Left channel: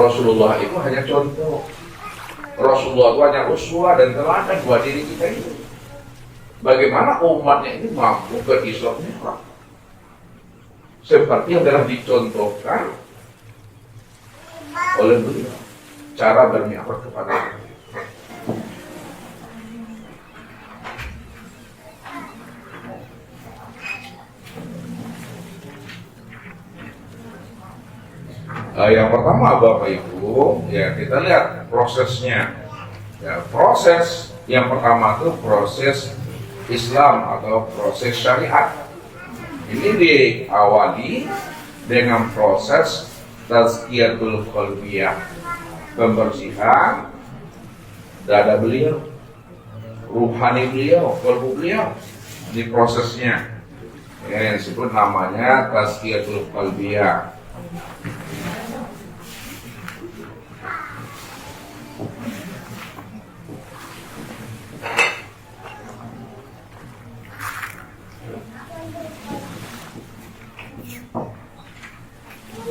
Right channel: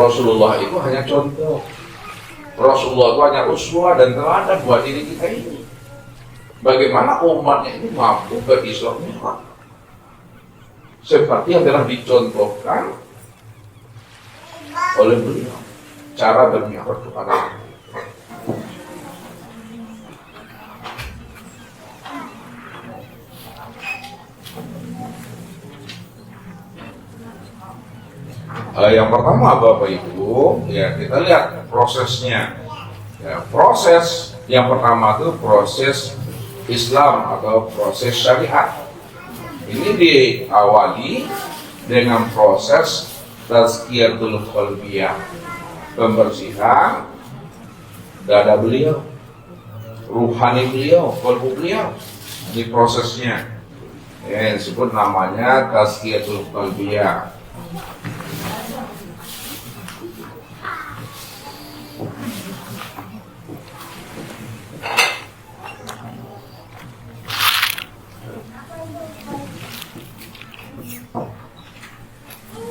Rasulullah itu hanya contoh. Rasulullah itu hanya uswah dan teladan buat diri kita ini. Bagaimana umatnya ini mampu berislam Mi'raj seperti yang telah dicontohkan oleh beliau, cara bermi'raj kepada Allah. Yang pertama Bapak Ibu, ya kita lihat prosesnya. Ya, proses yang pertama itu proses Islam atau proses syariat. Ini diawali dengan proses tazkiyatul qalbiyah, pembersihan dada beliau, ruhani beliau, qalbu beliau. Ini prosesnya. Ya, disebut namanya tazkiyatul qalbiyah.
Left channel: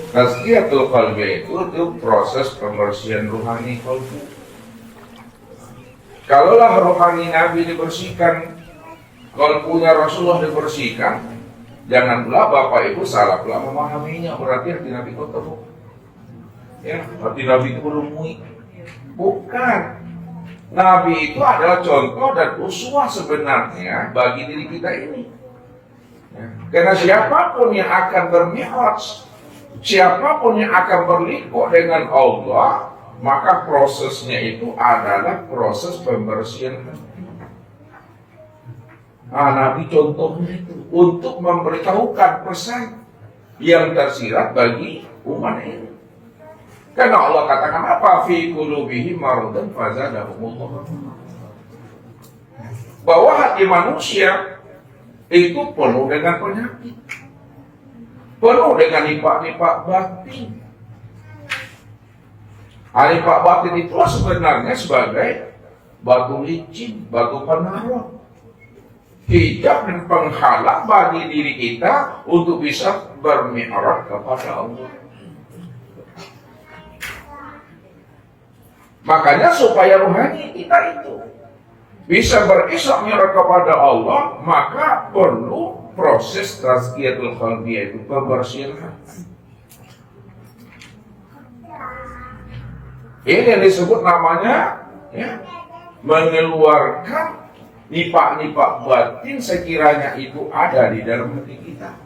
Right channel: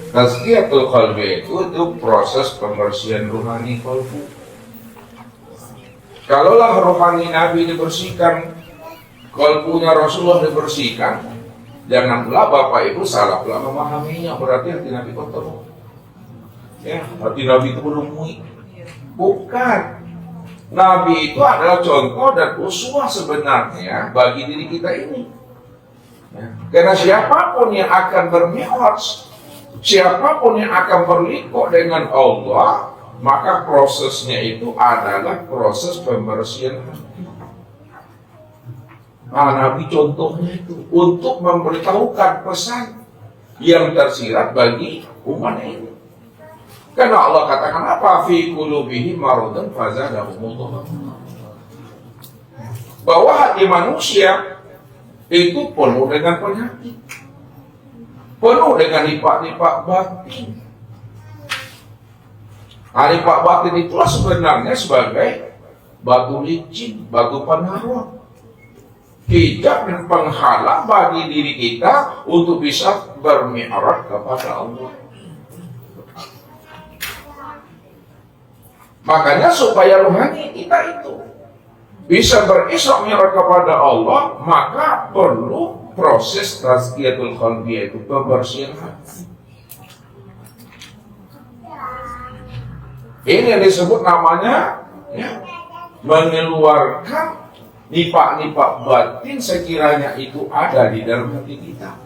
Tazkiyatul qalbi itu proses pembersihan ruhani qalbu. Kalaulah ruhani Nabi dibersihkan, qalbunya Rasulullah dibersihkan, jangan pula Bapak Ibu salah pula memahaminya, berarti hati Nabi kotor. Ya, hati Nabi itu berumui. Bukan. Nabi itu adalah contoh dan uswah sebenarnya bagi diri kita ini. Ya. Karena siapapun yang akan bermi'raj, siapapun yang akan berliku dengan Allah, maka prosesnya itu adalah proses pembersihan hati. Nah, Nabi contohnya itu untuk memberitahukan pesan yang tersirat bagi umat ini. Karena Allah katakan apa? Fi qulubihim maradun fazadahumullah. Bahwa hati manusia itu penuh dengan penyakit, penuh dengan nipak-nipak batin. Nipak batin itulah sebenarnya sebagai batu licin, batu pengaruh, hijab dan penghalang bagi diri kita untuk bisa bermi'raj kepada Allah. Makanya supaya rohani kita itu bisa berisra mi'raj kepada Allah, maka perlu proses tazkiyatul qalbi, yaitu pembersihan hati. Ini yang disebut namanya ya, mengeluarkan nipak-nipak batin sekiranya itu ada di dalam hati kita.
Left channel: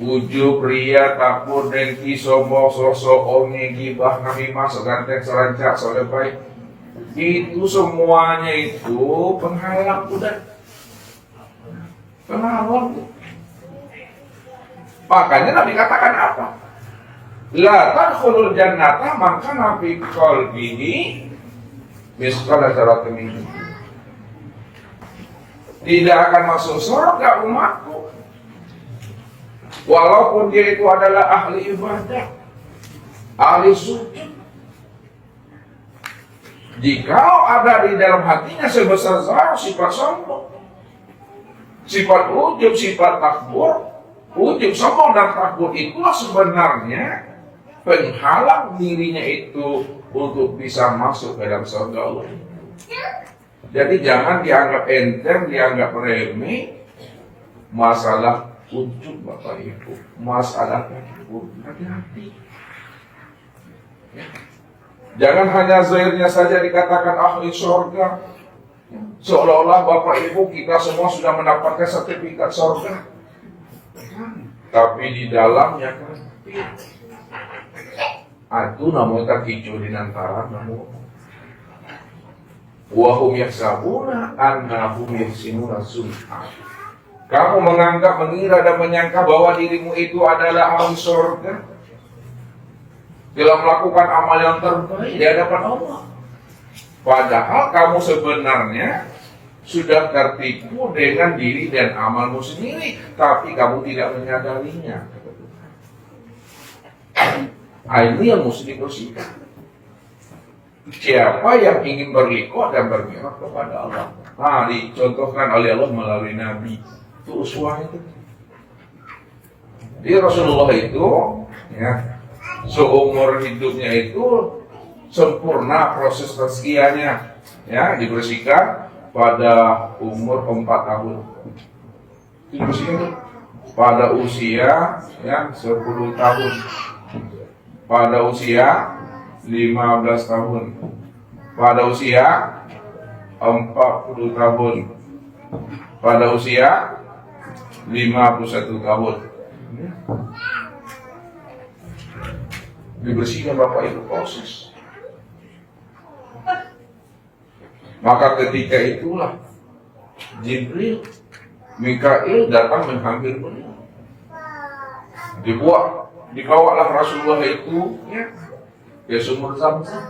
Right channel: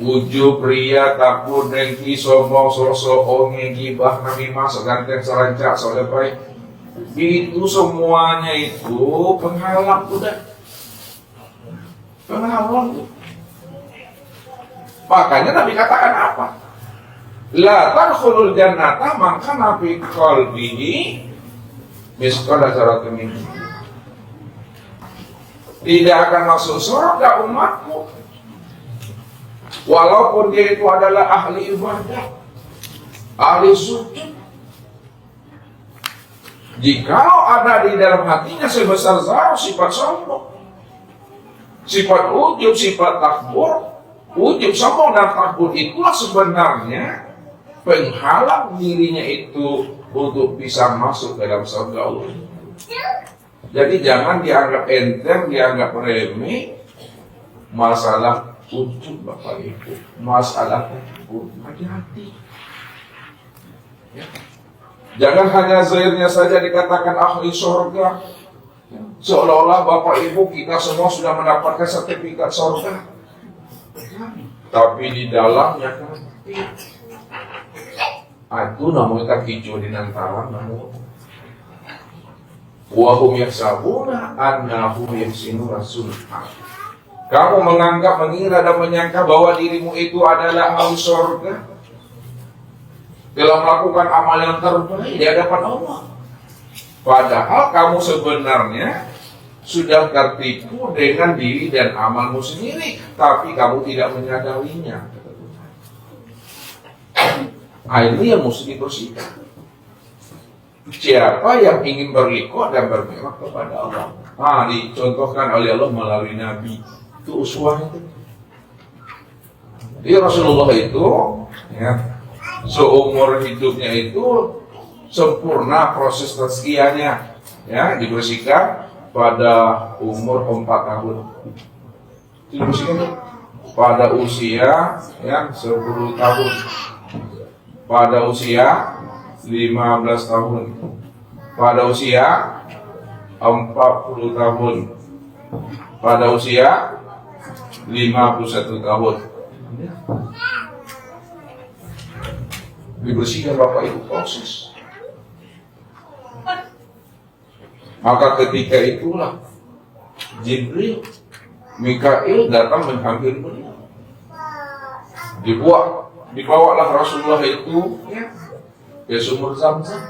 Ujub, ria, takut, dengki, sombong, sosok, onge, gibah, namimah, seganteng, serancak, solepai. Itu semuanya itu penghalang udah. Penghalang tuh. Makanya Nabi katakan apa? La tadkhulul jannata man kana fi qalbihi misqala dzarratin min. Tidak akan masuk surga umatku walaupun dia itu adalah ahli ibadah, ahli sujud. Jikalau ada di dalam hatinya sebesar zarah sifat sombong, sifat ujub, sifat takbur, ujub, sombong dan takbur, itulah sebenarnya penghalang dirinya itu untuk bisa masuk ke dalam surga Allah. Jadi jangan dianggap enteng, dianggap remeh masalah ujub Bapak Ibu, masalah takbur. Hati-hati. Ya. Jangan hanya zahirnya saja dikatakan ahli surga, ya. Seolah-olah Bapak Ibu kita semua sudah mendapatkan sertifikat surga, tapi di dalamnya kan itu namanya hijau di antara namun wahum yahsabuna annahum yuhsinuna sun'a. Kamu menganggap, mengira dan menyangka bahwa dirimu itu adalah ahli surga, dalam melakukan amal yang terbaik di hadapan Allah. Padahal kamu sebenarnya sudah tertipu dengan diri dan amalmu sendiri, tapi kamu tidak menyadarinya. Ini yang mesti dibersihkan. Siapa yang ingin berliku dan bermi'raj kepada Allah, dicontohkan oleh Allah melalui Nabi. Itu uswah itu. Jadi Rasulullah itu ya, seumur hidupnya itu sempurna proses tazkiyahnya, ya, dibersihkan pada umur 4 tahun. Dibersihkan tuh pada usia ya 10 tahun, pada usia 15 tahun, pada usia 40 tahun, pada usia 51 tahun. Dibersihkan Bapak Ibu proses. Maka ketika itulah Jibril, Mikail datang menghampiri beliau. Dibawalah Rasulullah itu ke sumur Zam-Zam.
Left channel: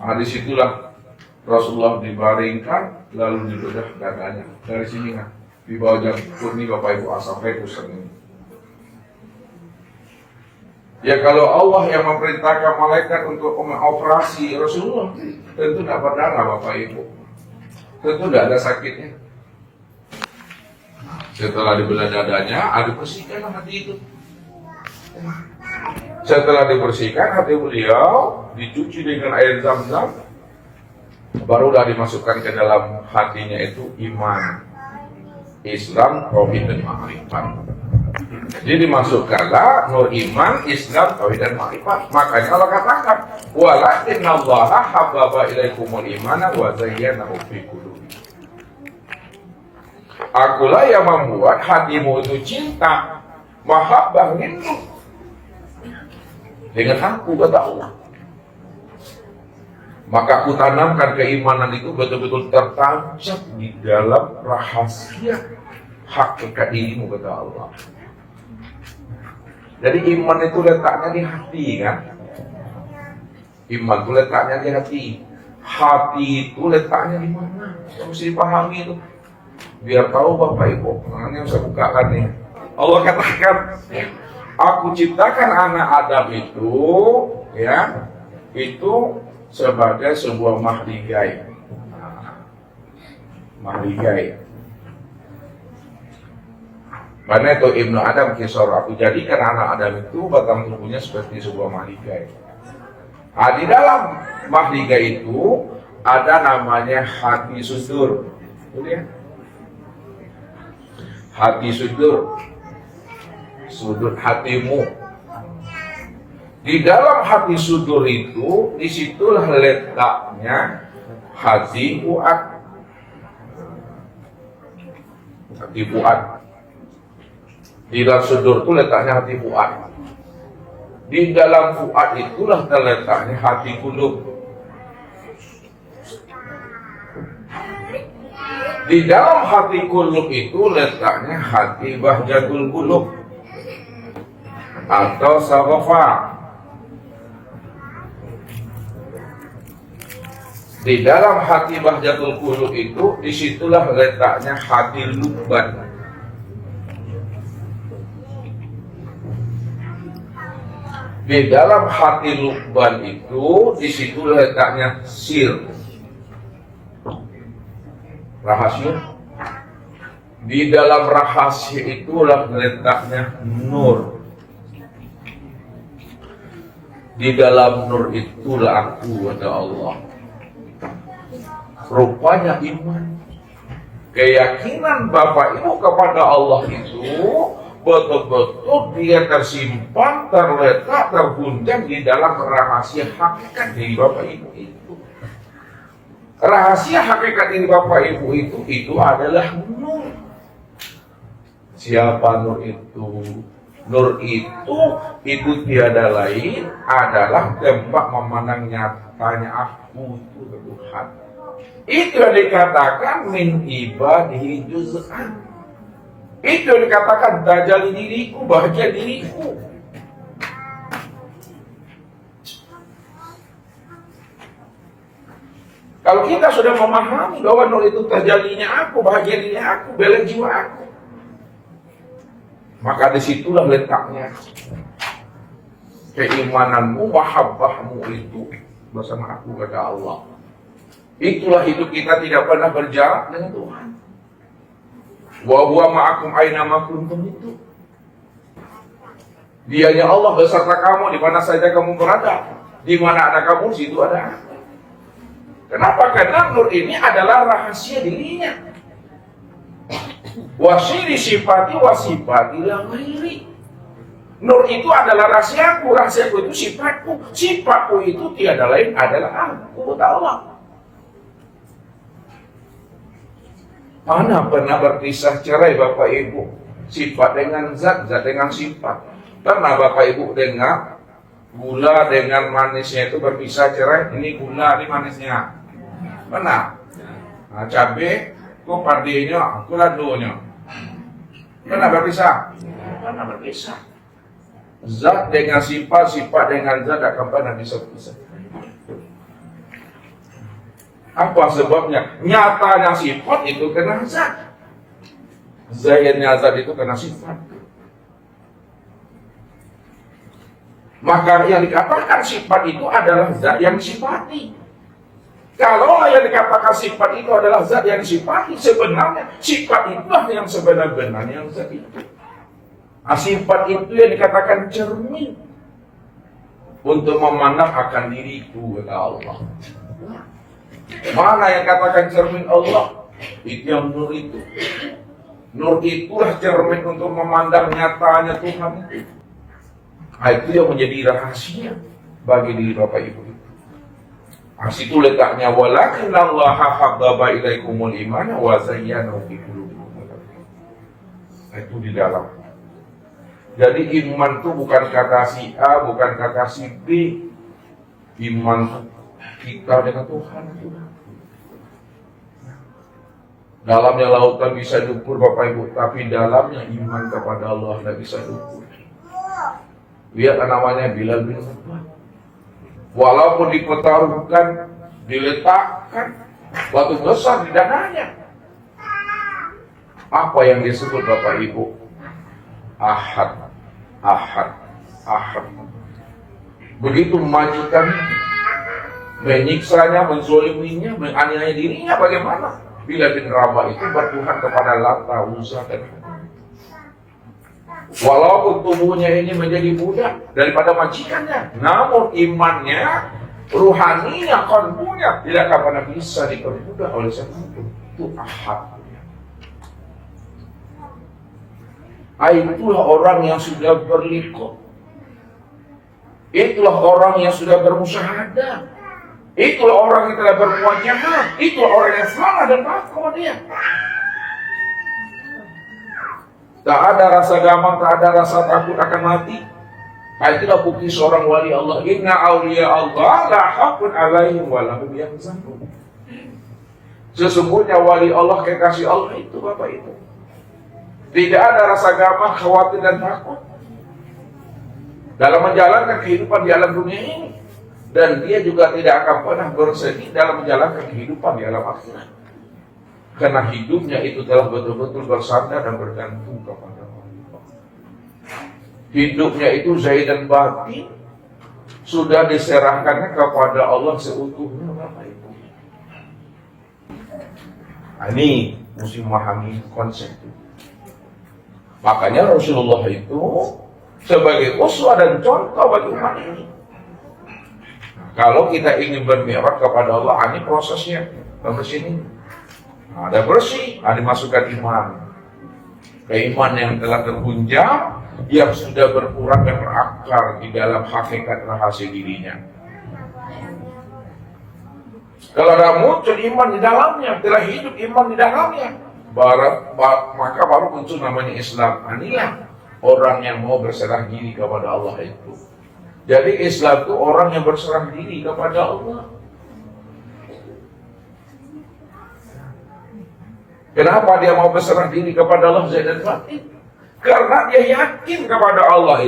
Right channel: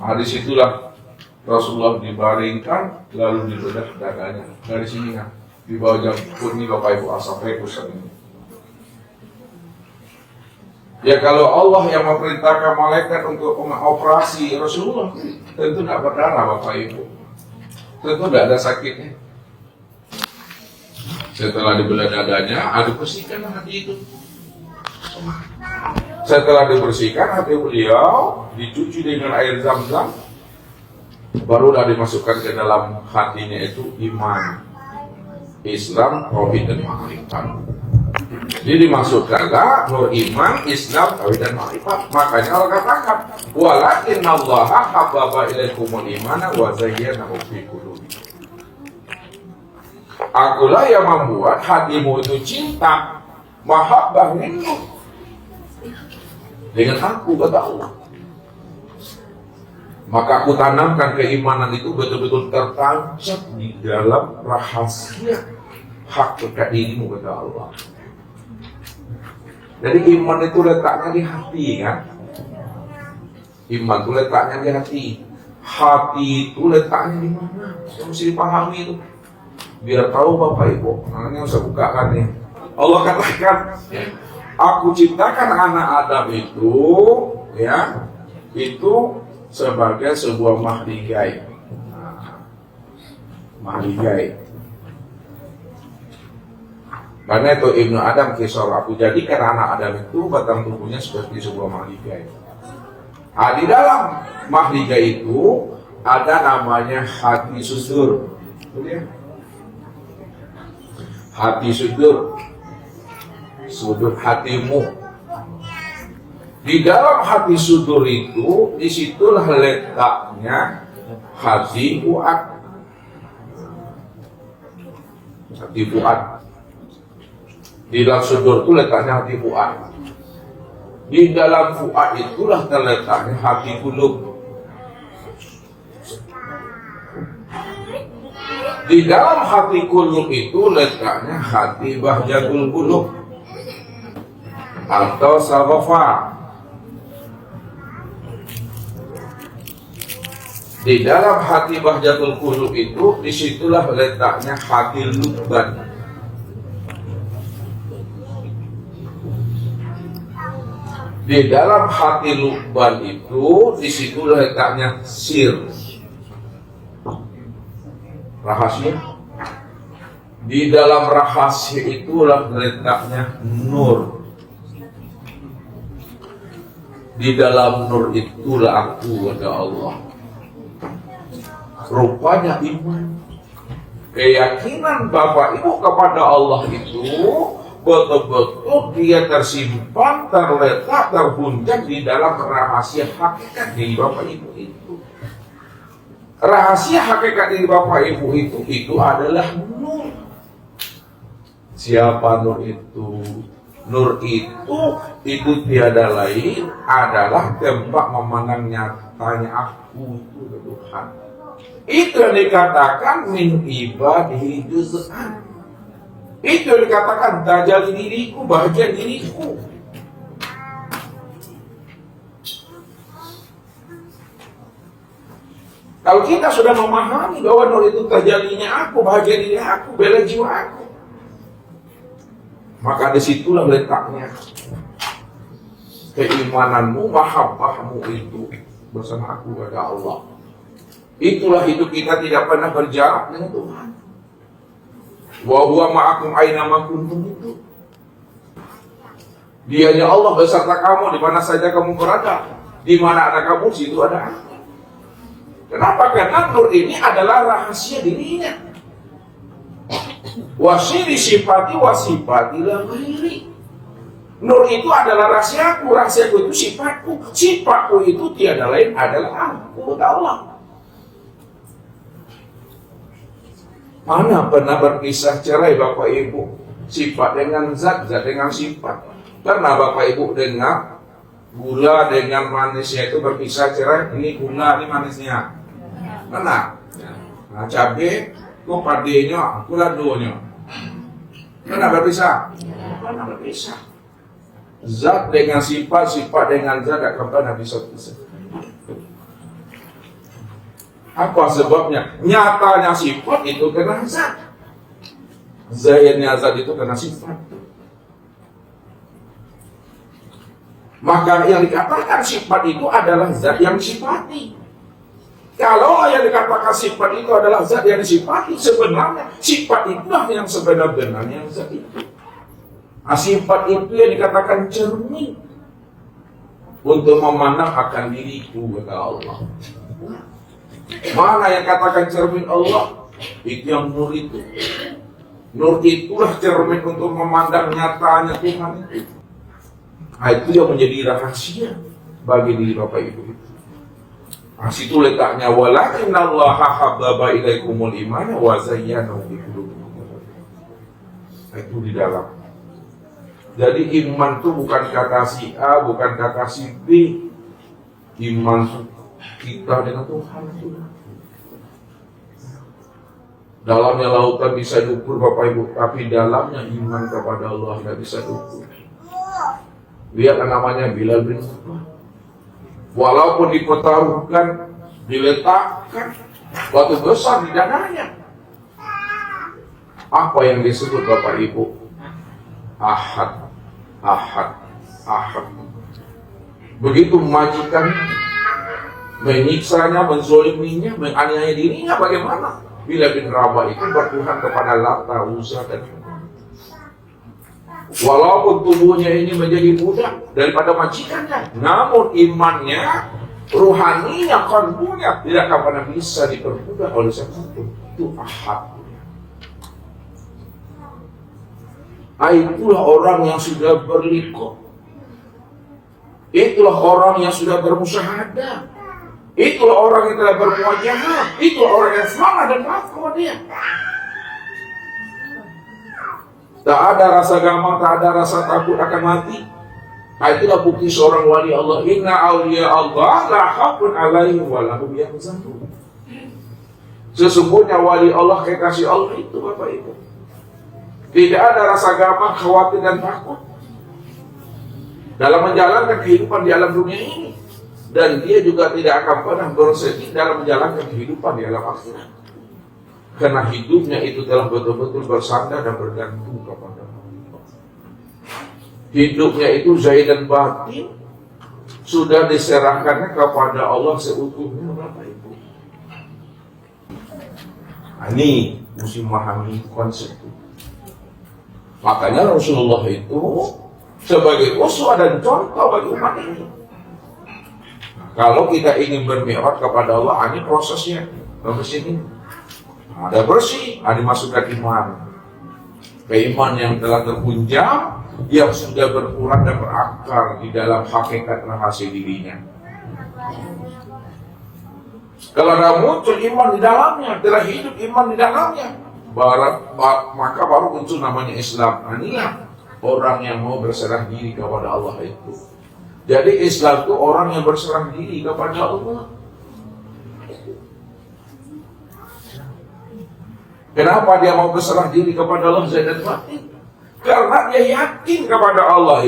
Nah, disitulah Rasulullah dibaringkan lalu dibedah dadanya. Dari sini kan di bawah jangkut ini Bapak Ibu sampai pusat ini. Ya kalau Allah yang memerintahkan malaikat untuk mengoperasi Rasulullah, tentu tidak berdarah Bapak Ibu, tentu tidak ada sakitnya. Setelah dibelah dadanya, dibersihkan hati itu. Setelah dibersihkan hati beliau, dicuci dengan air Zam-Zam, barulah dimasukkan ke dalam hatinya itu iman, Islam, tauhid dan ma'rifat. Jadi dimasukkanlah nur iman, Islam, tauhid dan ma'rifat. Makanya Allah katakan, walakinnallaha habbaba ilaikumul imana wa zayyanahu fi qulubikum. Akulah yang membuat hatimu itu cinta, mahabbah minhu, dengan aku, kata Allah. Maka aku tanamkan keimanan itu betul-betul tertancap di dalam rahasia hakikat dirimu, kata Allah. Jadi iman itu letaknya di hati, kan? Iman itu letaknya di hati. Hati itu letaknya di mana? Harus dipahami itu. Biar tahu Bapak Ibu. Nah, ini harus bukakan nih. Allah katakan, ya, aku ciptakan anak Adam itu, ya, itu sebagai sebuah mahligai. Mahligai. Mana itu Ibnu Adam kisor, aku jadikan anak Adam itu batang tubuhnya seperti sebuah mahligai. Di dalam mahligai itu ada namanya hati sudur. Ya? Hati sudur, sudur hatimu. Di dalam hati sudur itu, disitulah letaknya hati fuad. Hati fuad. Di dalam sudur itu letaknya hati fuad. Di dalam fuad itulah terletaknya hati kulub. Di dalam hati kulub itu letaknya hati bahjatul kulub atau sawafa. Di dalam hati bahjatul kulub itu, disitulah letaknya hati lubban. Di dalam hati lubban itu, disitulah letaknya sir, rahasia. Di dalam rahasia itulah letaknya nur. Di dalam nur itulah aku, kata Allah. Rupanya iman, keyakinan Bapak Ibu kepada Allah itu betul-betul dia tersimpan, terletak, terhunjam di dalam rahasia hakikat diri Bapak Ibu itu. Rahasia hakikat diri Bapak Ibu itu adalah nur. Siapa nur itu? Nur itu tiada lain adalah tempat memandang nyatanya aku itu Tuhan. Itu yang dikatakan min ibadihi juz'an. Itu yang dikatakan tajalli diriku, bahagia diriku. Kalau kita sudah memahami bahwa nur itu tajallinya aku, bahagia dirinya aku, bela jiwa aku, maka disitulah letaknya keimananmu, mahabbahmu itu bersama aku, kata Allah. Itulah hidup kita tidak pernah berjarak dengan Tuhan. Wa huwa ma'akum aina ma kuntum itu. Dianya Allah beserta kamu di mana saja kamu berada. Di mana ada kamu, situ ada aku. Kenapa? Karena nur ini adalah rahasia dirinya. Wasiri sifati wasifati la ghairi. Nur itu adalah rahasiaku, rahasiaku itu sifatku, sifatku itu tiada lain adalah aku, kata Allah. Mana pernah berpisah cerai Bapak Ibu? Sifat dengan zat, zat dengan sifat. Pernah Bapak Ibu dengar gula dengan manisnya itu berpisah cerai? Ini gula, ini manisnya. Pernah? Nah, cabai, kok padenya, kuladonya. Pernah berpisah? Pernah berpisah. Zat dengan sifat, sifat dengan zat akan pernah bisa berpisah. Apa sebabnya? Nyatanya sifat itu kena zat. Zahirnya zat itu kena sifat. Maka yang dikatakan sifat itu adalah zat yang disifati. Kalau yang dikatakan sifat itu adalah zat yang disifati, sebenarnya sifat itulah yang sebenar-benarnya zat itu. Sifat itu yang dikatakan cermin untuk memandang akan diriku, kata Allah. Mana yang katakan cermin Allah? Itu yang nur itu. Nur itulah cermin untuk memandang nyatanya Tuhan itu. Itu yang menjadi rahasia bagi diri Bapak Ibu. Itu letaknya walakin Allah habbaba ilaikumul iman wa zayyanahu fi qulubikum. Itu di dalam. Jadi iman itu bukan kata si A, bukan kata si B. Iman kita dengan Tuhan. Dalamnya lautan bisa diukur Bapak Ibu, tapi dalamnya iman kepada Allah tidak bisa diukur. Lihat namanya Bilal bin Rabah. Walaupun dipertaruhkan, diletakkan batu besar di dananya. Apa yang disebut Bapak Ibu? Ahad, ahad, ahad. Begitu majikan menyiksanya, menzoliminya, menganiaya dirinya, bagaimana? Bilal bin Rabah itu bertuhan kepada Lata, Uzza dan walaupun tubuhnya ini menjadi budak daripada majikannya, namun imannya, ruhaninya, kalbunya tidak akan pernah bisa diperbudak oleh siapapun. Itu ahad. Itulah orang yang sudah berliqah. Itulah orang yang sudah bermusyahadah. Itulah orang yang telah bermuajahah. Itulah orang yang semangat dan takwa dia. Tak ada rasa gamang, tak ada rasa takut akan mati. Itulah bukti seorang wali Allah. Inna awliya Allah la haqqun alaihim wa lahum yahzanun. Sesungguhnya wali Allah, kekasih Allah itu Bapak Ibu, tidak ada rasa gamang, khawatir dan takut dalam menjalankan kehidupan di alam dunia ini. Dan dia juga tidak akan pernah bersedih dalam menjalankan kehidupan di alam akhirat. Karena hidupnya itu telah betul-betul bersandar dan bergantung kepada Allah. Hidupnya itu zahir dan batin sudah diserahkan kepada Allah seutuhnya. Nah, ini mesti memahami konsep itu. Makanya Rasulullah itu sebagai uswah dan contoh bagi umat ini. Kalau kita ingin bermi'raj kepada Allah, ini prosesnya. Sampai sini ada bersih, ada dimasukkan iman. Iman yang telah terhunjam, yang sudah berkurang dan berakar di dalam hakikat rahasia dirinya. Kalau ada muncul iman di dalamnya, telah hidup iman di dalamnya, maka baru muncul namanya Islam. Inilah orang yang mau berserah diri kepada Allah itu. Jadi Islam itu orang yang berserah diri kepada Allah. Kenapa dia mau berserah diri kepada Allah? Karena dia yakin kepada Allah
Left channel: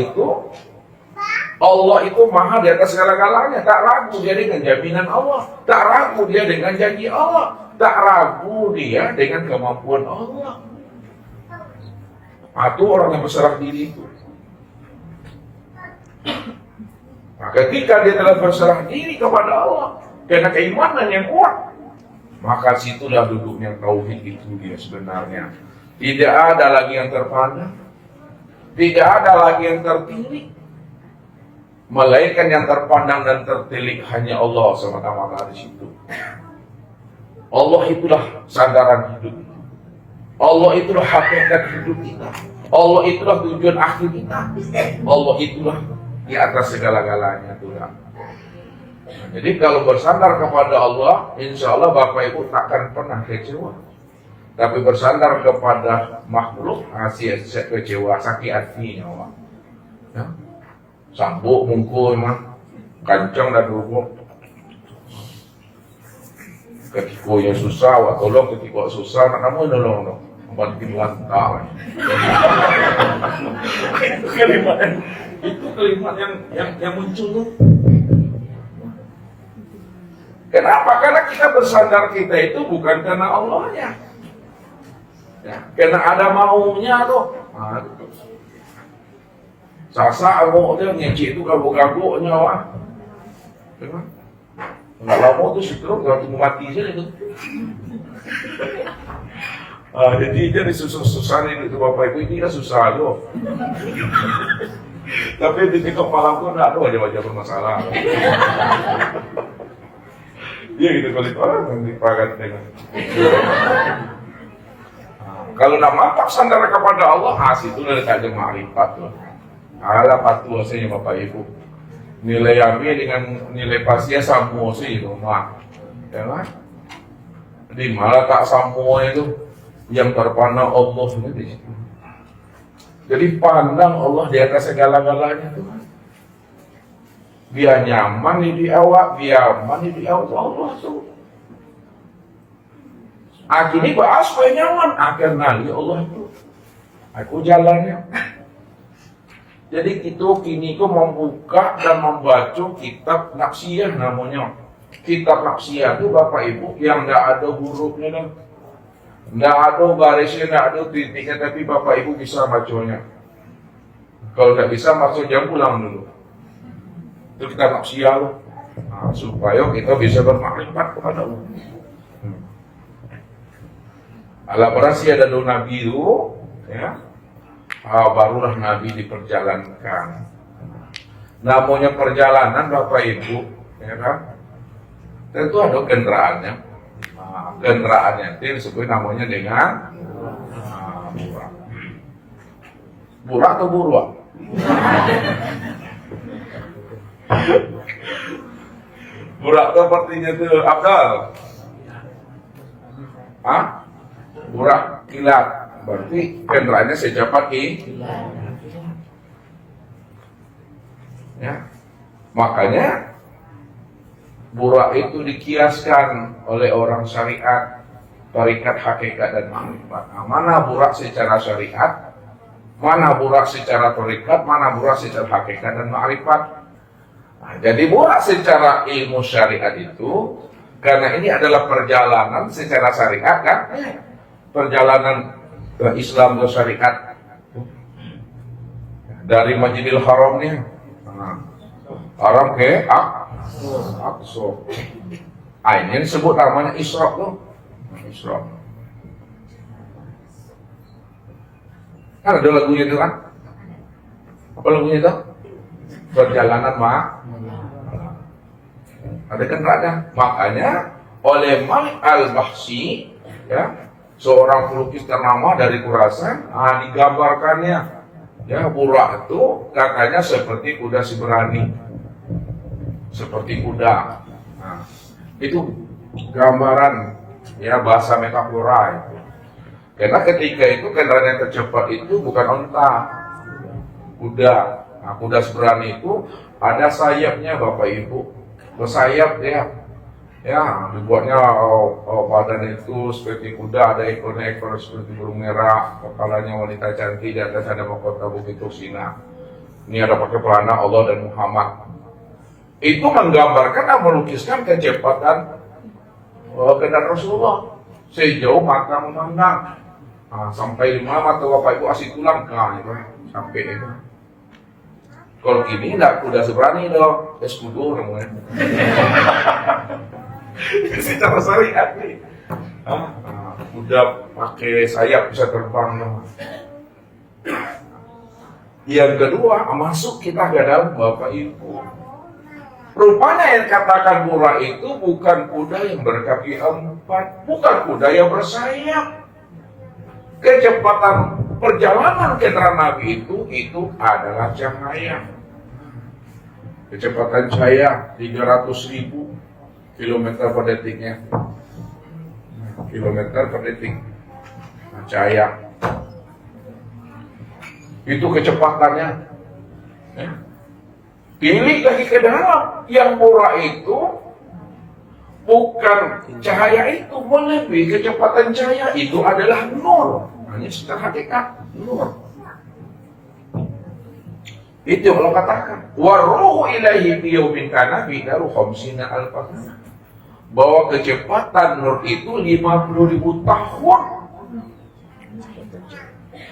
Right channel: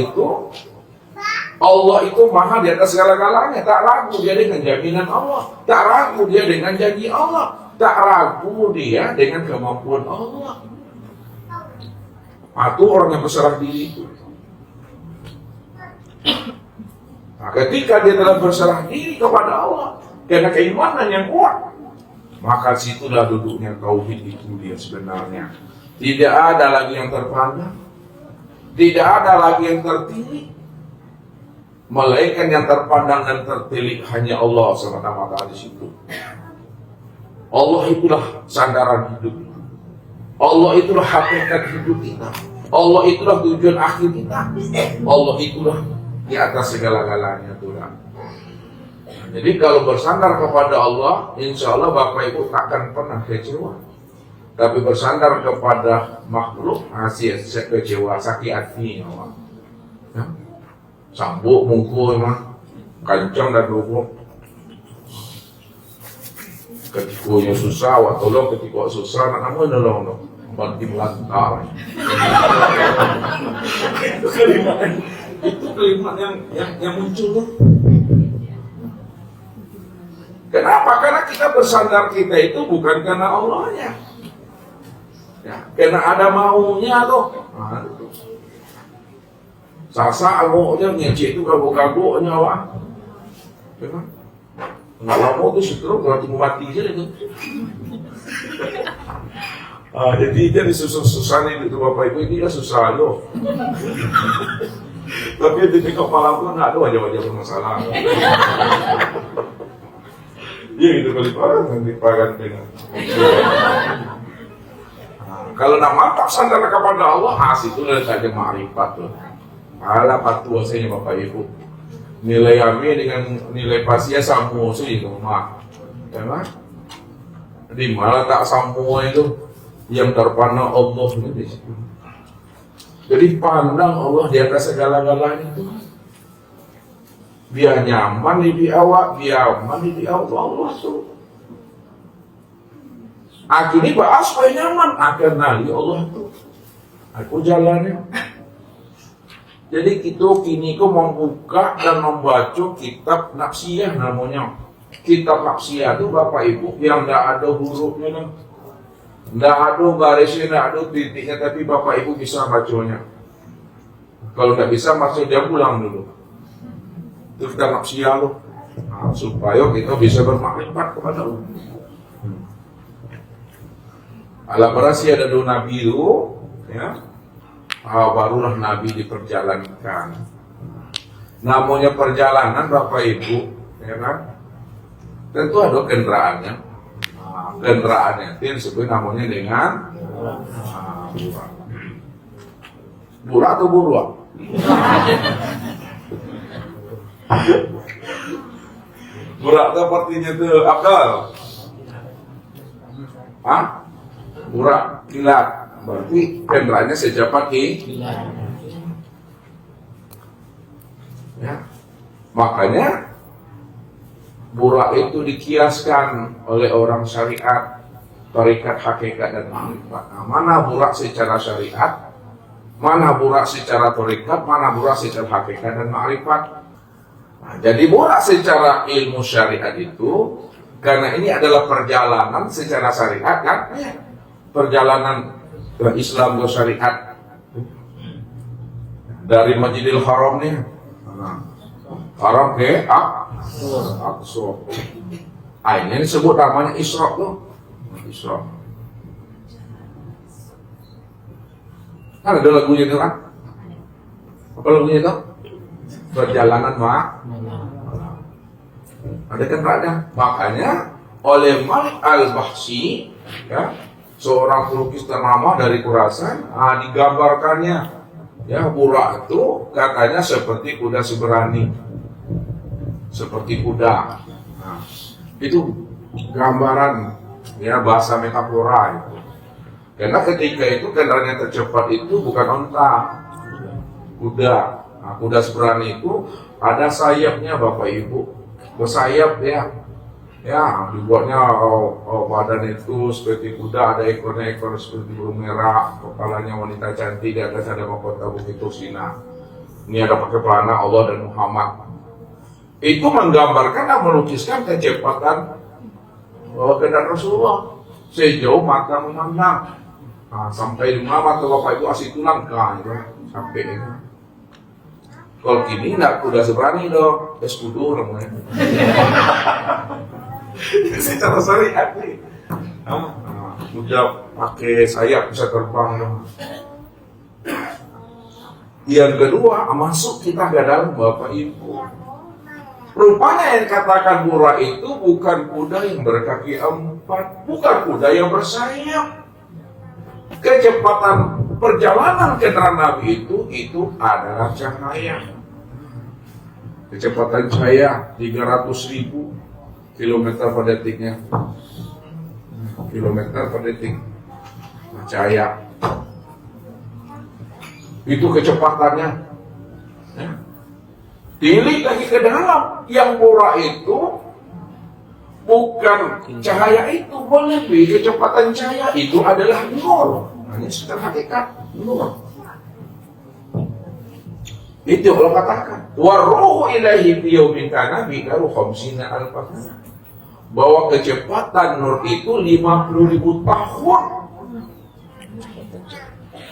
itu maha di atas segala-galanya. Tak ragu dia dengan jaminan Allah, tak ragu dia dengan janji Allah, tak ragu dia dengan kemampuan Allah. Itu orang yang berserah diri itu. Nah, ketika dia telah berserah diri kepada Allah karena keimanan yang kuat, maka situlah duduknya tauhid itu dia sebenarnya. Tidak ada lagi yang terpandang, Tidak ada lagi yang tertilik, melainkan yang terpandang dan tertilik hanya Allah semata-mata di situ. Allah itulah sandaran hidup. Allah itulah hakikat hidup kita. Allah itulah tujuan akhir kita. Allah itulah di atas segala-galanya Tuhan. Jadi kalau bersandar kepada Allah, insya Allah Bapak Ibu takkan pernah kecewa. Tapi bersandar kepada makhluk, masih kecewa, sakit hati Allah. Ya. Sambuk mungkul mah, kancang dan dulu. Ketika susah, wah tolong ketika susah, nak kamu nolong dong. Banting lantai. Itu kalimat yang muncul tuh. Kenapa? Karena kita bersandar kita itu bukan karena Allahnya, ya, karena ada maunya tuh. Sasa aku dia ngecek itu gabung-gabung nyawa. Nggak mau tuh syukur kalau tunggu mati aja itu. Jadi susah-susah itu Bapak Ibu ini kan susah loh. Tapi di tiktok malam tuh nggak ada wajah-wajah bermasalah. Iya gitu kali orang yang dipakai dengan. Kalau nak mantap sandar kepada Allah, hasil itu saja ma'rifat loh. Alah patuh saya Bapak Ibu. Nilai kami dengan nilai pasia sama sih itu mah. Karena di malah tak samuanya itu yang terpandang Allah di situ. Jadi pandang Allah di atas segala-galanya Tuhan. Biar nyaman di awak, biar aman di Allah tuh. Akhirnya bahas supaya nyaman, akhir nali Allah itu. Aku jalannya. Jadi kita kini membuka dan membaca kitab nafsiyah namanya. Kitab nafsiyah itu Bapak Ibu yang tidak ada hurufnya, tidak ada barisnya, tidak ada titiknya, tapi Bapak Ibu bisa bacanya. Kalau tidak bisa baca jangan pulang dulu. Itu kitab nafsiyah loh. Nah, supaya kita bisa bermakrifat kepada Allah. Ala berasi ada dua nabi itu, ya. Barulah Nabi diperjalankan. Namanya perjalanan Bapak Ibu, ya kan? Tentu ada kendaraannya. Kendaraannya itu disebut namanya dengan burak. Burak atau buruak? Burak itu artinya itu akal. Burak kilat. Berarti kendaraannya secepat ya. Makanya burak itu dikiaskan oleh orang syariat, tarikat, hakikat dan ma'rifat. Nah, mana burak secara syariat, mana burak secara tarikat, mana burak secara hakikat dan ma'rifat. Nah, jadi burak secara ilmu syariat itu karena ini adalah perjalanan secara syariat kan, perjalanan Islam dan syariat dari Masjidil Haram nih, Haram ke Aqsa. Ini disebut namanya Isra tuh. Isra. Kan ada lagunya itu kan? Apa lagunya itu? Perjalanan ada kan ada. Makanya oleh Malik Al-Bahsi, ya, seorang pelukis ternama dari Khurasan, digambarkannya, ya, burak itu katanya seperti kuda seberani, seperti kuda. Nah, itu gambaran, ya, bahasa metafora itu. Karena ketika itu kendaraan yang tercepat itu bukan onta, kuda. Nah, kuda seberani itu ada sayapnya Bapak Ibu, bersayap ya. Ya, dibuatnya badan itu seperti kuda, ada ekor seperti burung merah, kepalanya wanita cantik, di atas ada mahkota bukit Tursina. Ini ada pakai pelana Allah dan Muhammad. Itu menggambarkan dan melukiskan kecepatan kendaraan Rasulullah sejauh mata memandang. Nah, sampai di mana tuh Bapak Ibu asih tulang, nah itu sampai itu. Kalau kini enggak kuda seberani dong, eskudo namanya. Secara syariat ini, udah pakai sayap bisa terbang. Yang kedua, masuk kita ke dalam Bapak Ibu. Rupanya yang katakan murah itu bukan kuda yang berkaki 4, bukan kuda yang bersayap. Kecepatan perjalanan kendaraan Nabi itu adalah cahaya. Kecepatan cahaya 300.000 kilometer per detiknya. Kilometer per detik. Cahaya. Itu kecepatannya. Ya. Pilih lagi ke dalam. Yang murah itu bukan cahaya itu, lebih kecepatan cahaya itu adalah nur. Hanya secara hakikat nur. Itu Allah katakan. Wa ruhu ilahi biyaumin kana bidaru khamsina alfasana. Bahwa kecepatan nur itu 50.000 tahun.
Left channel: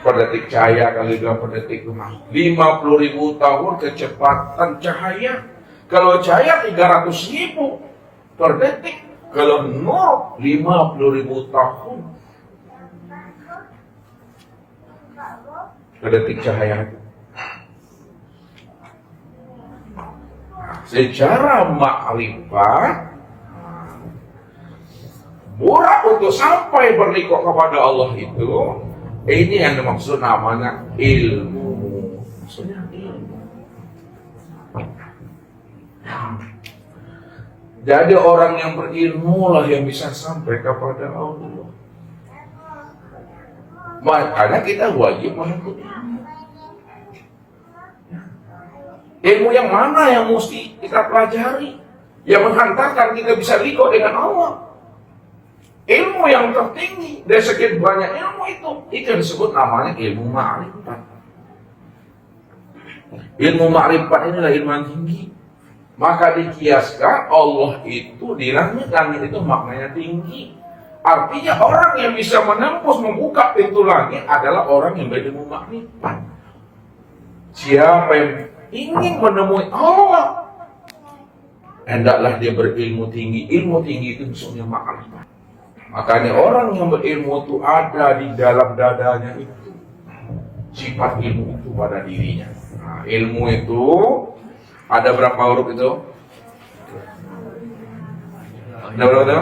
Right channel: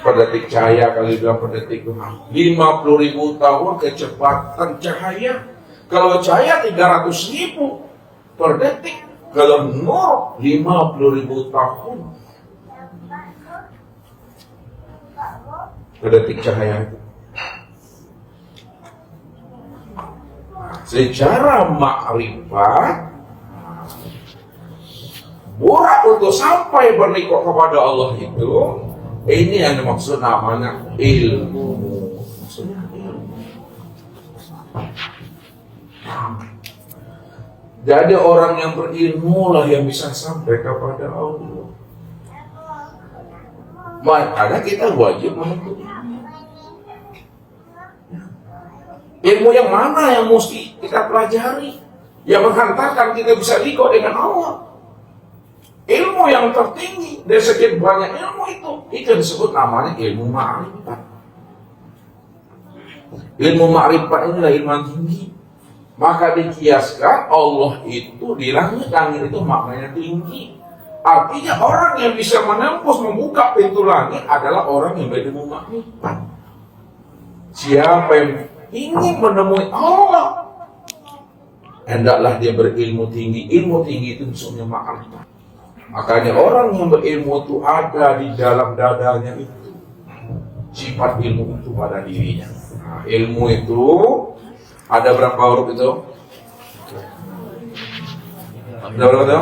Per detik cahaya kali 2 per detik 50.000 tahun kecepatan cahaya. Kalau cahaya 300.000 per detik, kalau nur 50.000 tahun per detik cahaya itu. Secara makrifat murah untuk sampai bernikah kepada Allah itu, ini yang dimaksud namanya ilmu. Jadi orang yang berilmu lah yang bisa sampai kepada Allah. Makanya kita wajib menuntut ilmu yang mana yang mesti kita pelajari, yang menghantarkan kita bisa liqo dengan Allah. Ilmu yang tertinggi dari sekian banyak ilmu itu disebut namanya ilmu ma'rifat. Ilmu ma'rifat inilah ilmu yang tinggi. Maka dikiaskan Allah itu di langit itu maknanya tinggi. Artinya orang yang bisa menembus membuka pintu langit adalah orang yang berilmu ma'rifat. Siapa yang ingin menemui Allah, hendaklah dia berilmu tinggi. Ilmu tinggi itu maksudnya ma'rifat. Makanya orang yang berilmu itu ada di dalam dadanya itu sifat ilmu itu pada dirinya. Nah, ilmu itu ada berapa huruf itu? Ada berapa itu?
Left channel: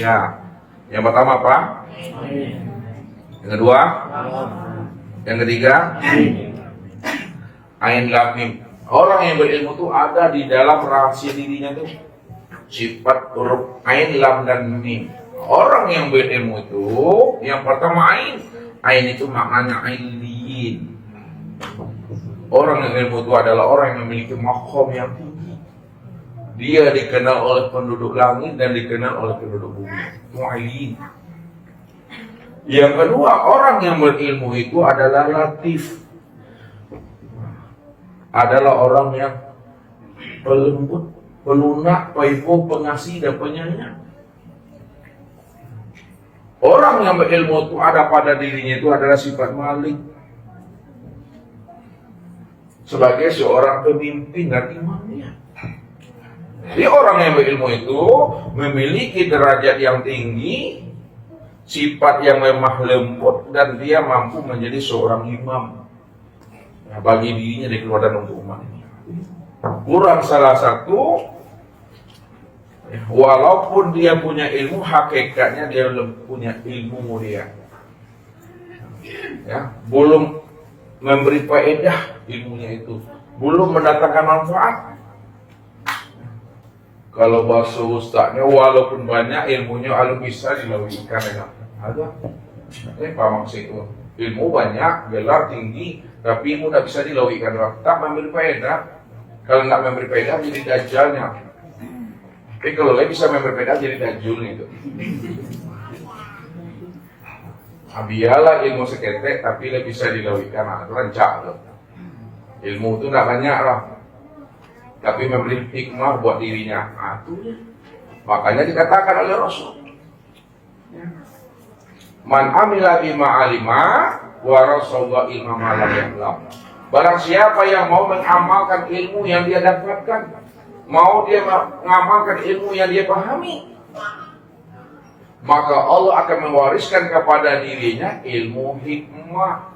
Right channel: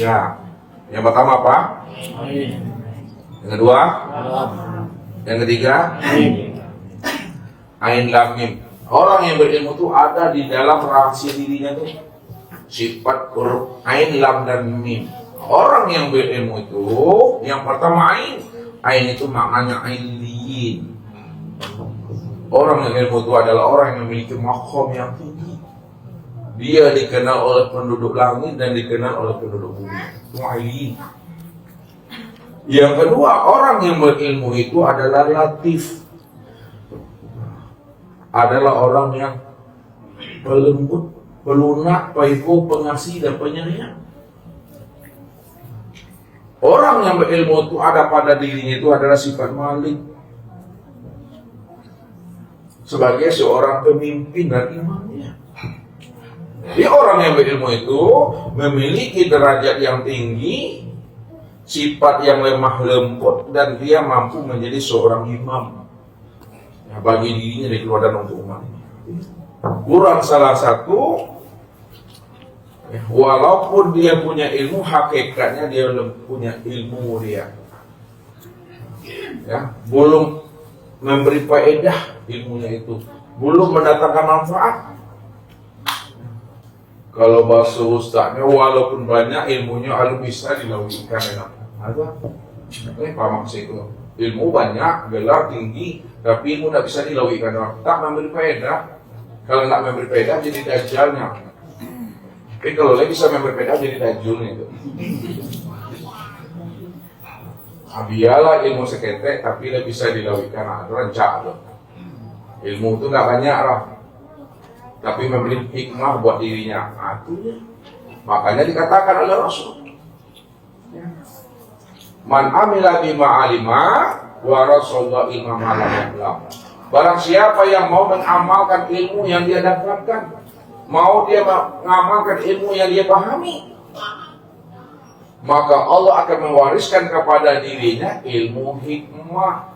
Ya. Yang pertama apa? Yang kedua? Yang ketiga? Ain lam mim. Orang yang berilmu itu ada di dalam rahasia dirinya itu sifat huruf ain, lam dan mim. Orang yang berilmu itu yang pertama ain itu maknanya ailiin. Orang yang berilmu itu adalah orang yang memiliki makom yang tinggi. Dia dikenal oleh penduduk langit dan dikenal oleh penduduk bumi. Itu ailiin. Yang kedua, orang yang berilmu itu adalah latif. Adalah orang yang pelembut, pelunak, paifu, pengasih dan penyayang. Orang yang berilmu itu ada pada dirinya itu adalah sifat malik. Sebagai seorang pemimpin dan imamnya. Jadi orang yang berilmu itu memiliki derajat yang tinggi, sifat yang lemah lembut, dan dia mampu menjadi seorang imam bagi dirinya di keluarga untuk umat ini. Kurang salah satu, walaupun dia punya ilmu, hakikatnya dia belum punya ilmu dia. Ya, belum memberi faedah ilmunya itu, belum mendatangkan manfaat. Kalau bahasa ustaznya, walaupun banyak ilmunya, alu bisa dilauikan ya. Ada, apa maksud itu? Ilmu banyak, gelar tinggi, tapi ilmu tidak bisa dilauikan. Tak memberi faedah. Kalau tidak memberi faedah jadi dajjalnya. Tapi kalau dia bisa memberi faedah jadi dajjul gitu. Biarlah ilmu seketek, tapi dia bisa dilauikan. Nah, itu rancak tuh. Ilmu itu tidak banyak lah, tapi memberi hikmah buat dirinya. Nah, itu makanya dikatakan oleh Rasul, man amila bima alima wa rasulullah ilma malam yang. Barang siapa yang mau mengamalkan ilmu yang dia dapatkan, mau dia mengamalkan ilmu yang dia pahami, maka Allah akan mewariskan kepada dirinya ilmu hikmah.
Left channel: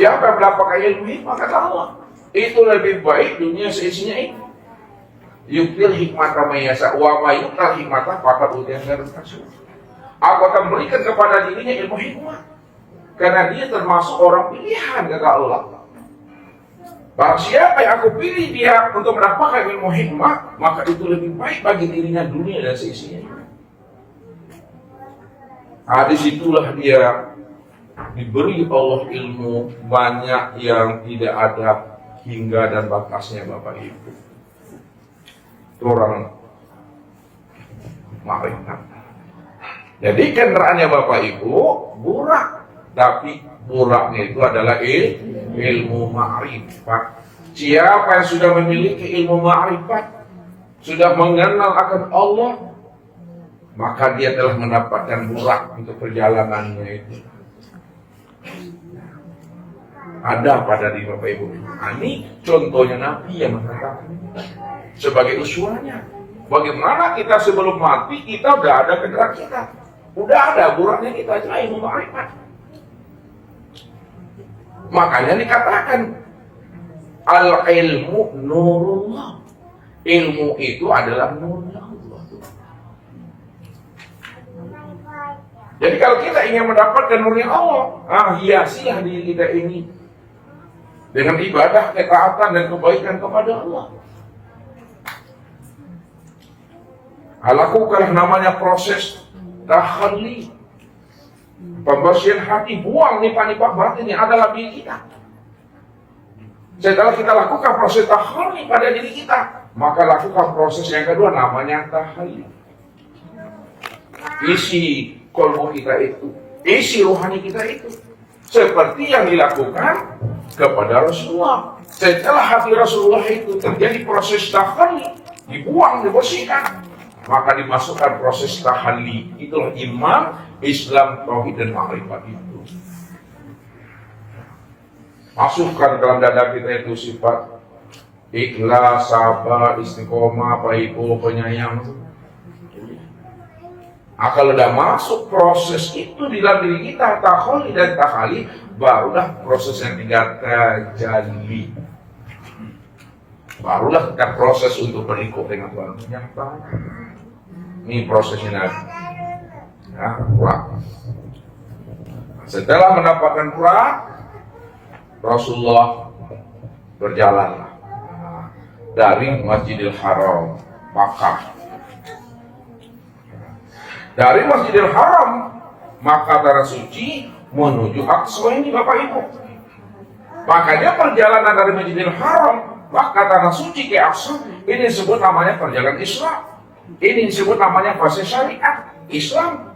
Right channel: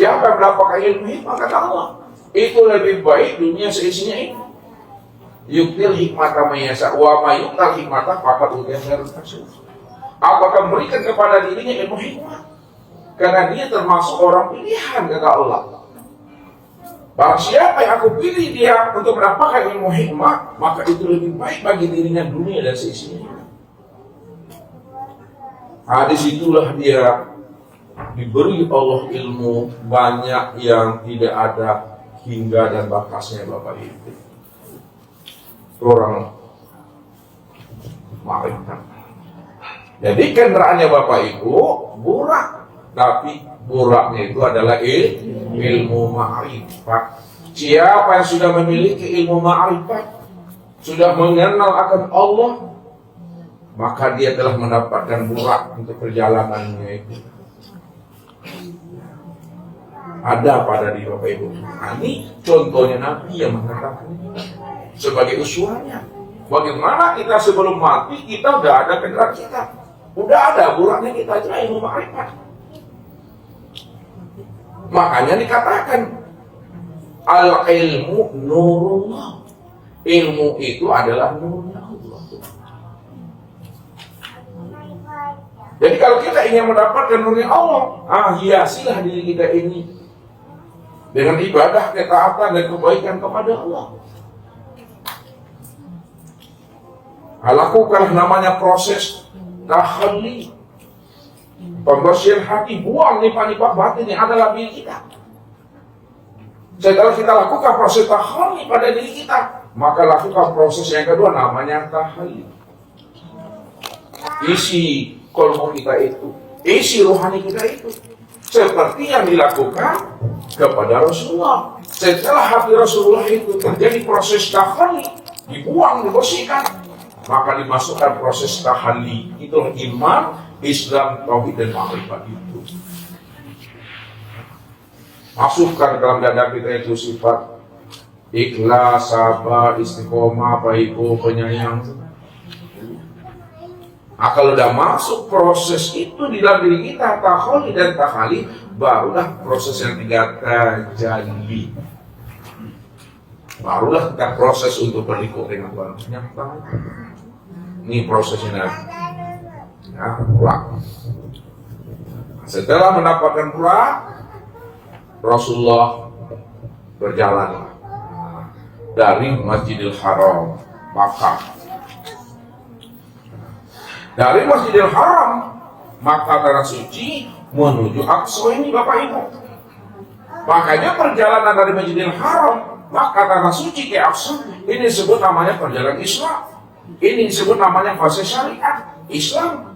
Siapa yang mendapatkan ilmu hikmah? Kata Allah, itu lebih baik dunia seisinya itu. Yuktil hikmata mayasa wa mayuktal hikmata faqad utiya khairan katsira. Aku akan berikan kepada dirinya ilmu hikmah karena dia termasuk orang pilihan, kata Allah. Barang siapa yang aku pilih dia untuk mendapatkan ilmu hikmah, maka itu lebih baik bagi dirinya dunia dan seisinya. Disitulah dia diberi Allah ilmu banyak yang tidak ada hingga dan batasnya, Bapak Ibu. Orang makrifat. Jadi kendaraannya Bapak Ibu burak, tapi buraknya itu adalah ilmu ma'rifat. Siapa yang sudah memiliki ilmu ma'rifat, sudah mengenal akan Allah, maka dia telah mendapatkan burak untuk perjalanannya itu. Ada pada diri Bapak Ibu. Nah, ini contohnya Nabi yang mengatakan sebagai uswahnya. Bagaimana kita sebelum mati kita udah ada kendara kita, udah ada buraknya kita, itulah ilmu ma'rifat. Makanya dikatakan al-ilmu nurullah. Ilmu itu adalah nurullah. Jadi kalau kita ingin mendapatkan nurnya Allah, hiasilah diri kita ini dengan ibadah, ketaatan dan kebaikan kepada Allah. Lakukanlah namanya proses tahalli, pembersihan hati, buang nifak-nifak batin yang ada dalam diri kita. Setelah kita lakukan proses tahalli pada diri kita, maka lakukan proses yang kedua namanya tahalli. Isi kolbu kita itu, isi rohani kita itu seperti yang dilakukan kepada Rasulullah. Setelah hati Rasulullah itu terjadi proses tahalli, dibuang, dibersihkan, maka dimasukkan proses tahalli. Itulah iman, Islam, tauhid dan ma'rifat itu. Masukkan dalam dada kita itu sifat ikhlas, sabar, istiqomah, baiku, penyayang. Kalau udah masuk proses itu di dalam diri kita, tahalli dan tahalli, barulah proses yang tiga terjadi. Barulah kita proses untuk berikut dengan Tuhan. Nyata. Ini prosesnya. Ya, pulang. Setelah mendapatkan pulang, Rasulullah berjalan dari Masjidil Haram, Makkah. Dari Masjidil Haram, maka tanah suci menuju Aqsa ini, Bapak Ibu. Makanya perjalanan dari Masjidil Haram, maka tanah suci ke Aqsa ini disebut namanya perjalanan Islam. Ini disebut namanya fase syariat Islam.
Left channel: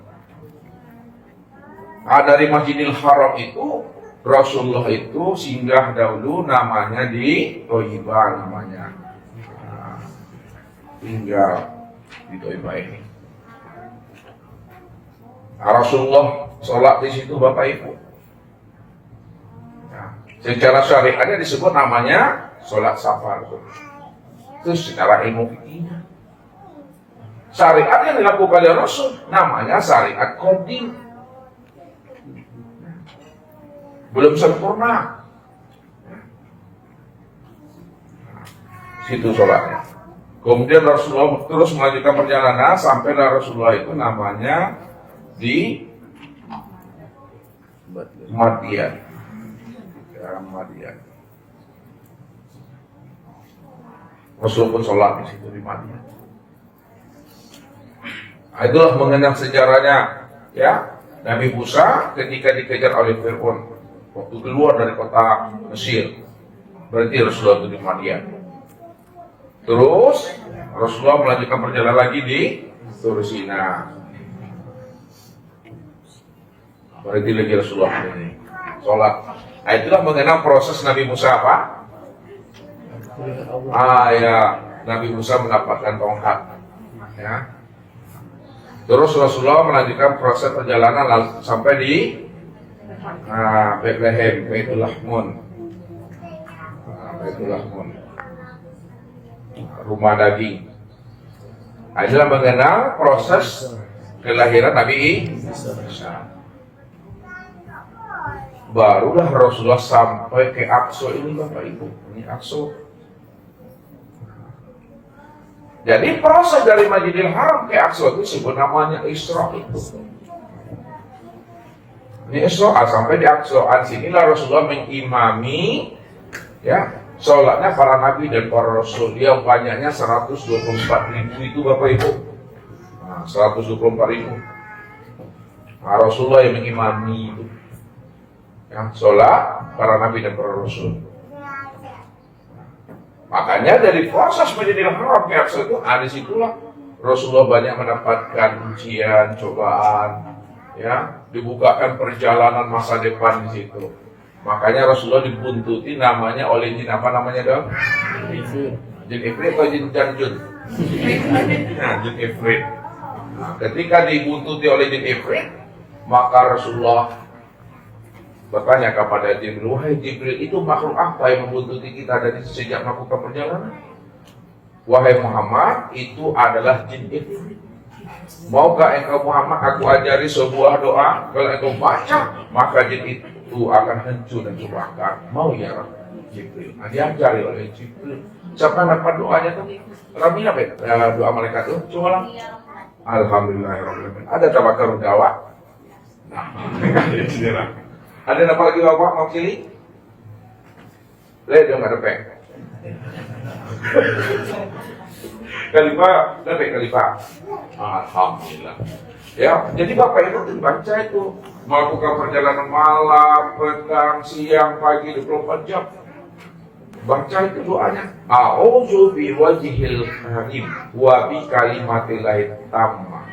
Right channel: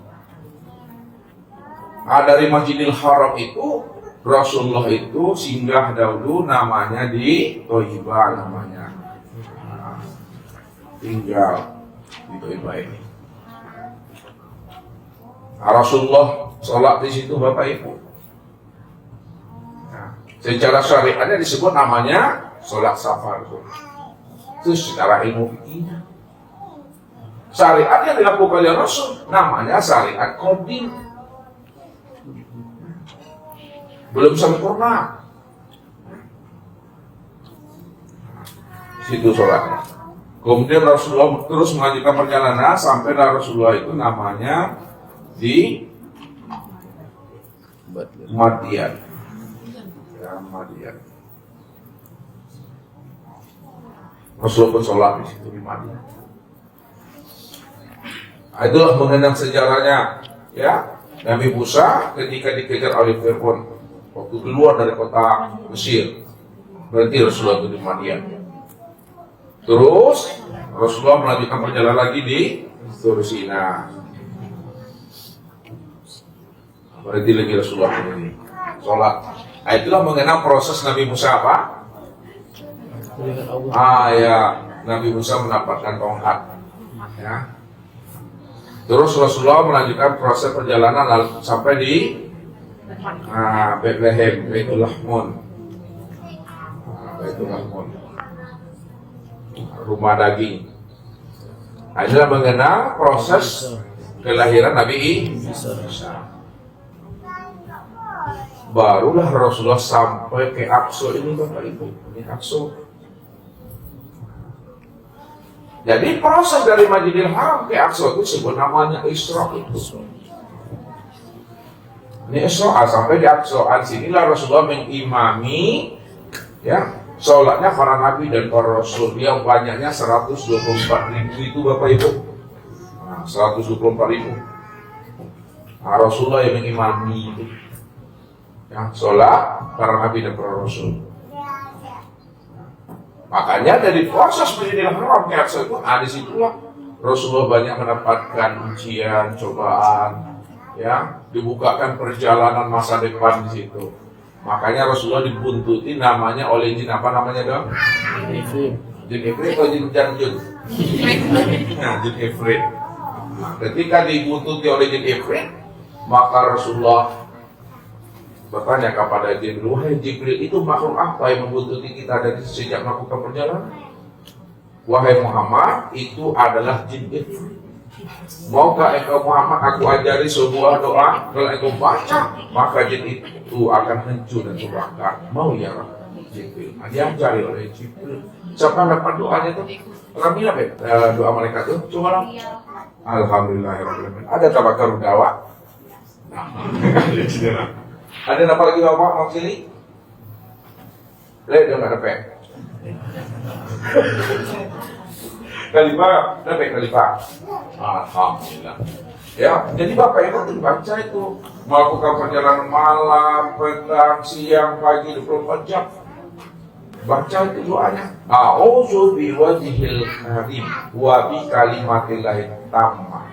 Dari Masjidil Haram itu Rasulullah itu singgah dahulu namanya di Thayyibah namanya. Tinggal di Thayyibah ini. Rasulullah sholat di situ, Bapak Ibu. Secara syariatnya disebut namanya sholat safar. Itu secara ilmu fikih. Syariat yang dilakukan oleh Rasul namanya syariat qadim. Belum sempurna. Situ sholatnya. Kemudian Rasulullah terus melanjutkan perjalanan sampai Rasulullah itu namanya di Madian. Ya, Madian. Rasulullah pun sholat di situ di Madian. Itulah mengenang sejarahnya, ya. Nabi Musa ketika dikejar oleh Fir'aun waktu keluar dari kota Mesir, berarti Rasulullah itu di Madian. Terus Rasulullah melanjutkan perjalanan lagi di Tursina. Berarti lagi Rasulullah ini sholat. Itulah mengenang proses Nabi Musa apa? Ya, Nabi Musa mendapatkan tongkat. Ya. Terus Rasulullah melanjutkan proses perjalanan lalu sampai di Bethlehem, Baitul Lahmun, rumah daging. Inilah mengenal proses kelahiran Nabi Isa. barulah Rasulullah sampai ke Aqsa ini Bapak Ibu. Ini Aqsa. Jadi proses dari Masjidil Haram ke Aqsa itu sebut namanya Isra itu. Ini Isra sampai di Aqsa. Sinilah Rasulullah mengimami ya sholatnya para nabi dan para rasul yang banyaknya 124.000 itu Bapak Ibu. 124.000. Nah, Rasulullah yang mengimami itu. Ya, sholat para nabi dan para rasul. Makanya dari proses Masjidil Haram ke Aqsa itu, disitulah Rasulullah banyak mendapatkan ujian, cobaan, ya, dibukakan perjalanan masa depan di situ. Makanya Rasulullah dibuntuti namanya oleh jin apa namanya dong? Jin Ifrit atau jin Janjun? Jin Ifrit. Ketika dibuntuti oleh jin Ifrit, maka Rasulullah bertanya kepada Jibril, wahai Jibril, itu makhluk apa yang membuntuti kita dari sejak melakukan perjalanan? Wahai Muhammad, itu adalah jin Ifrit. Maukah engkau Muhammad aku ajari sebuah doa? Kalau engkau baca, maka jin itu akan hancur dan terbakar. Mau ya Jibril? Diajari oleh Jibril. Siapa dapat doanya tuh? Ramia doa malaikat tuh? Coba. Alhamdulillahirrahmanirrahim. Ada tabakar dawa? Nah, ada dapat lagi Bapak Mang Cili? Dong ada pek. Kalifah, ada pek kalifah. Alhamdulillah. Ya, jadi Bapak Ibu baca itu melakukan perjalanan malam, petang, siang, pagi 24 jam. Baca itu doanya. A'udzu biwajhil karim wa bi kalimatillahi tammah.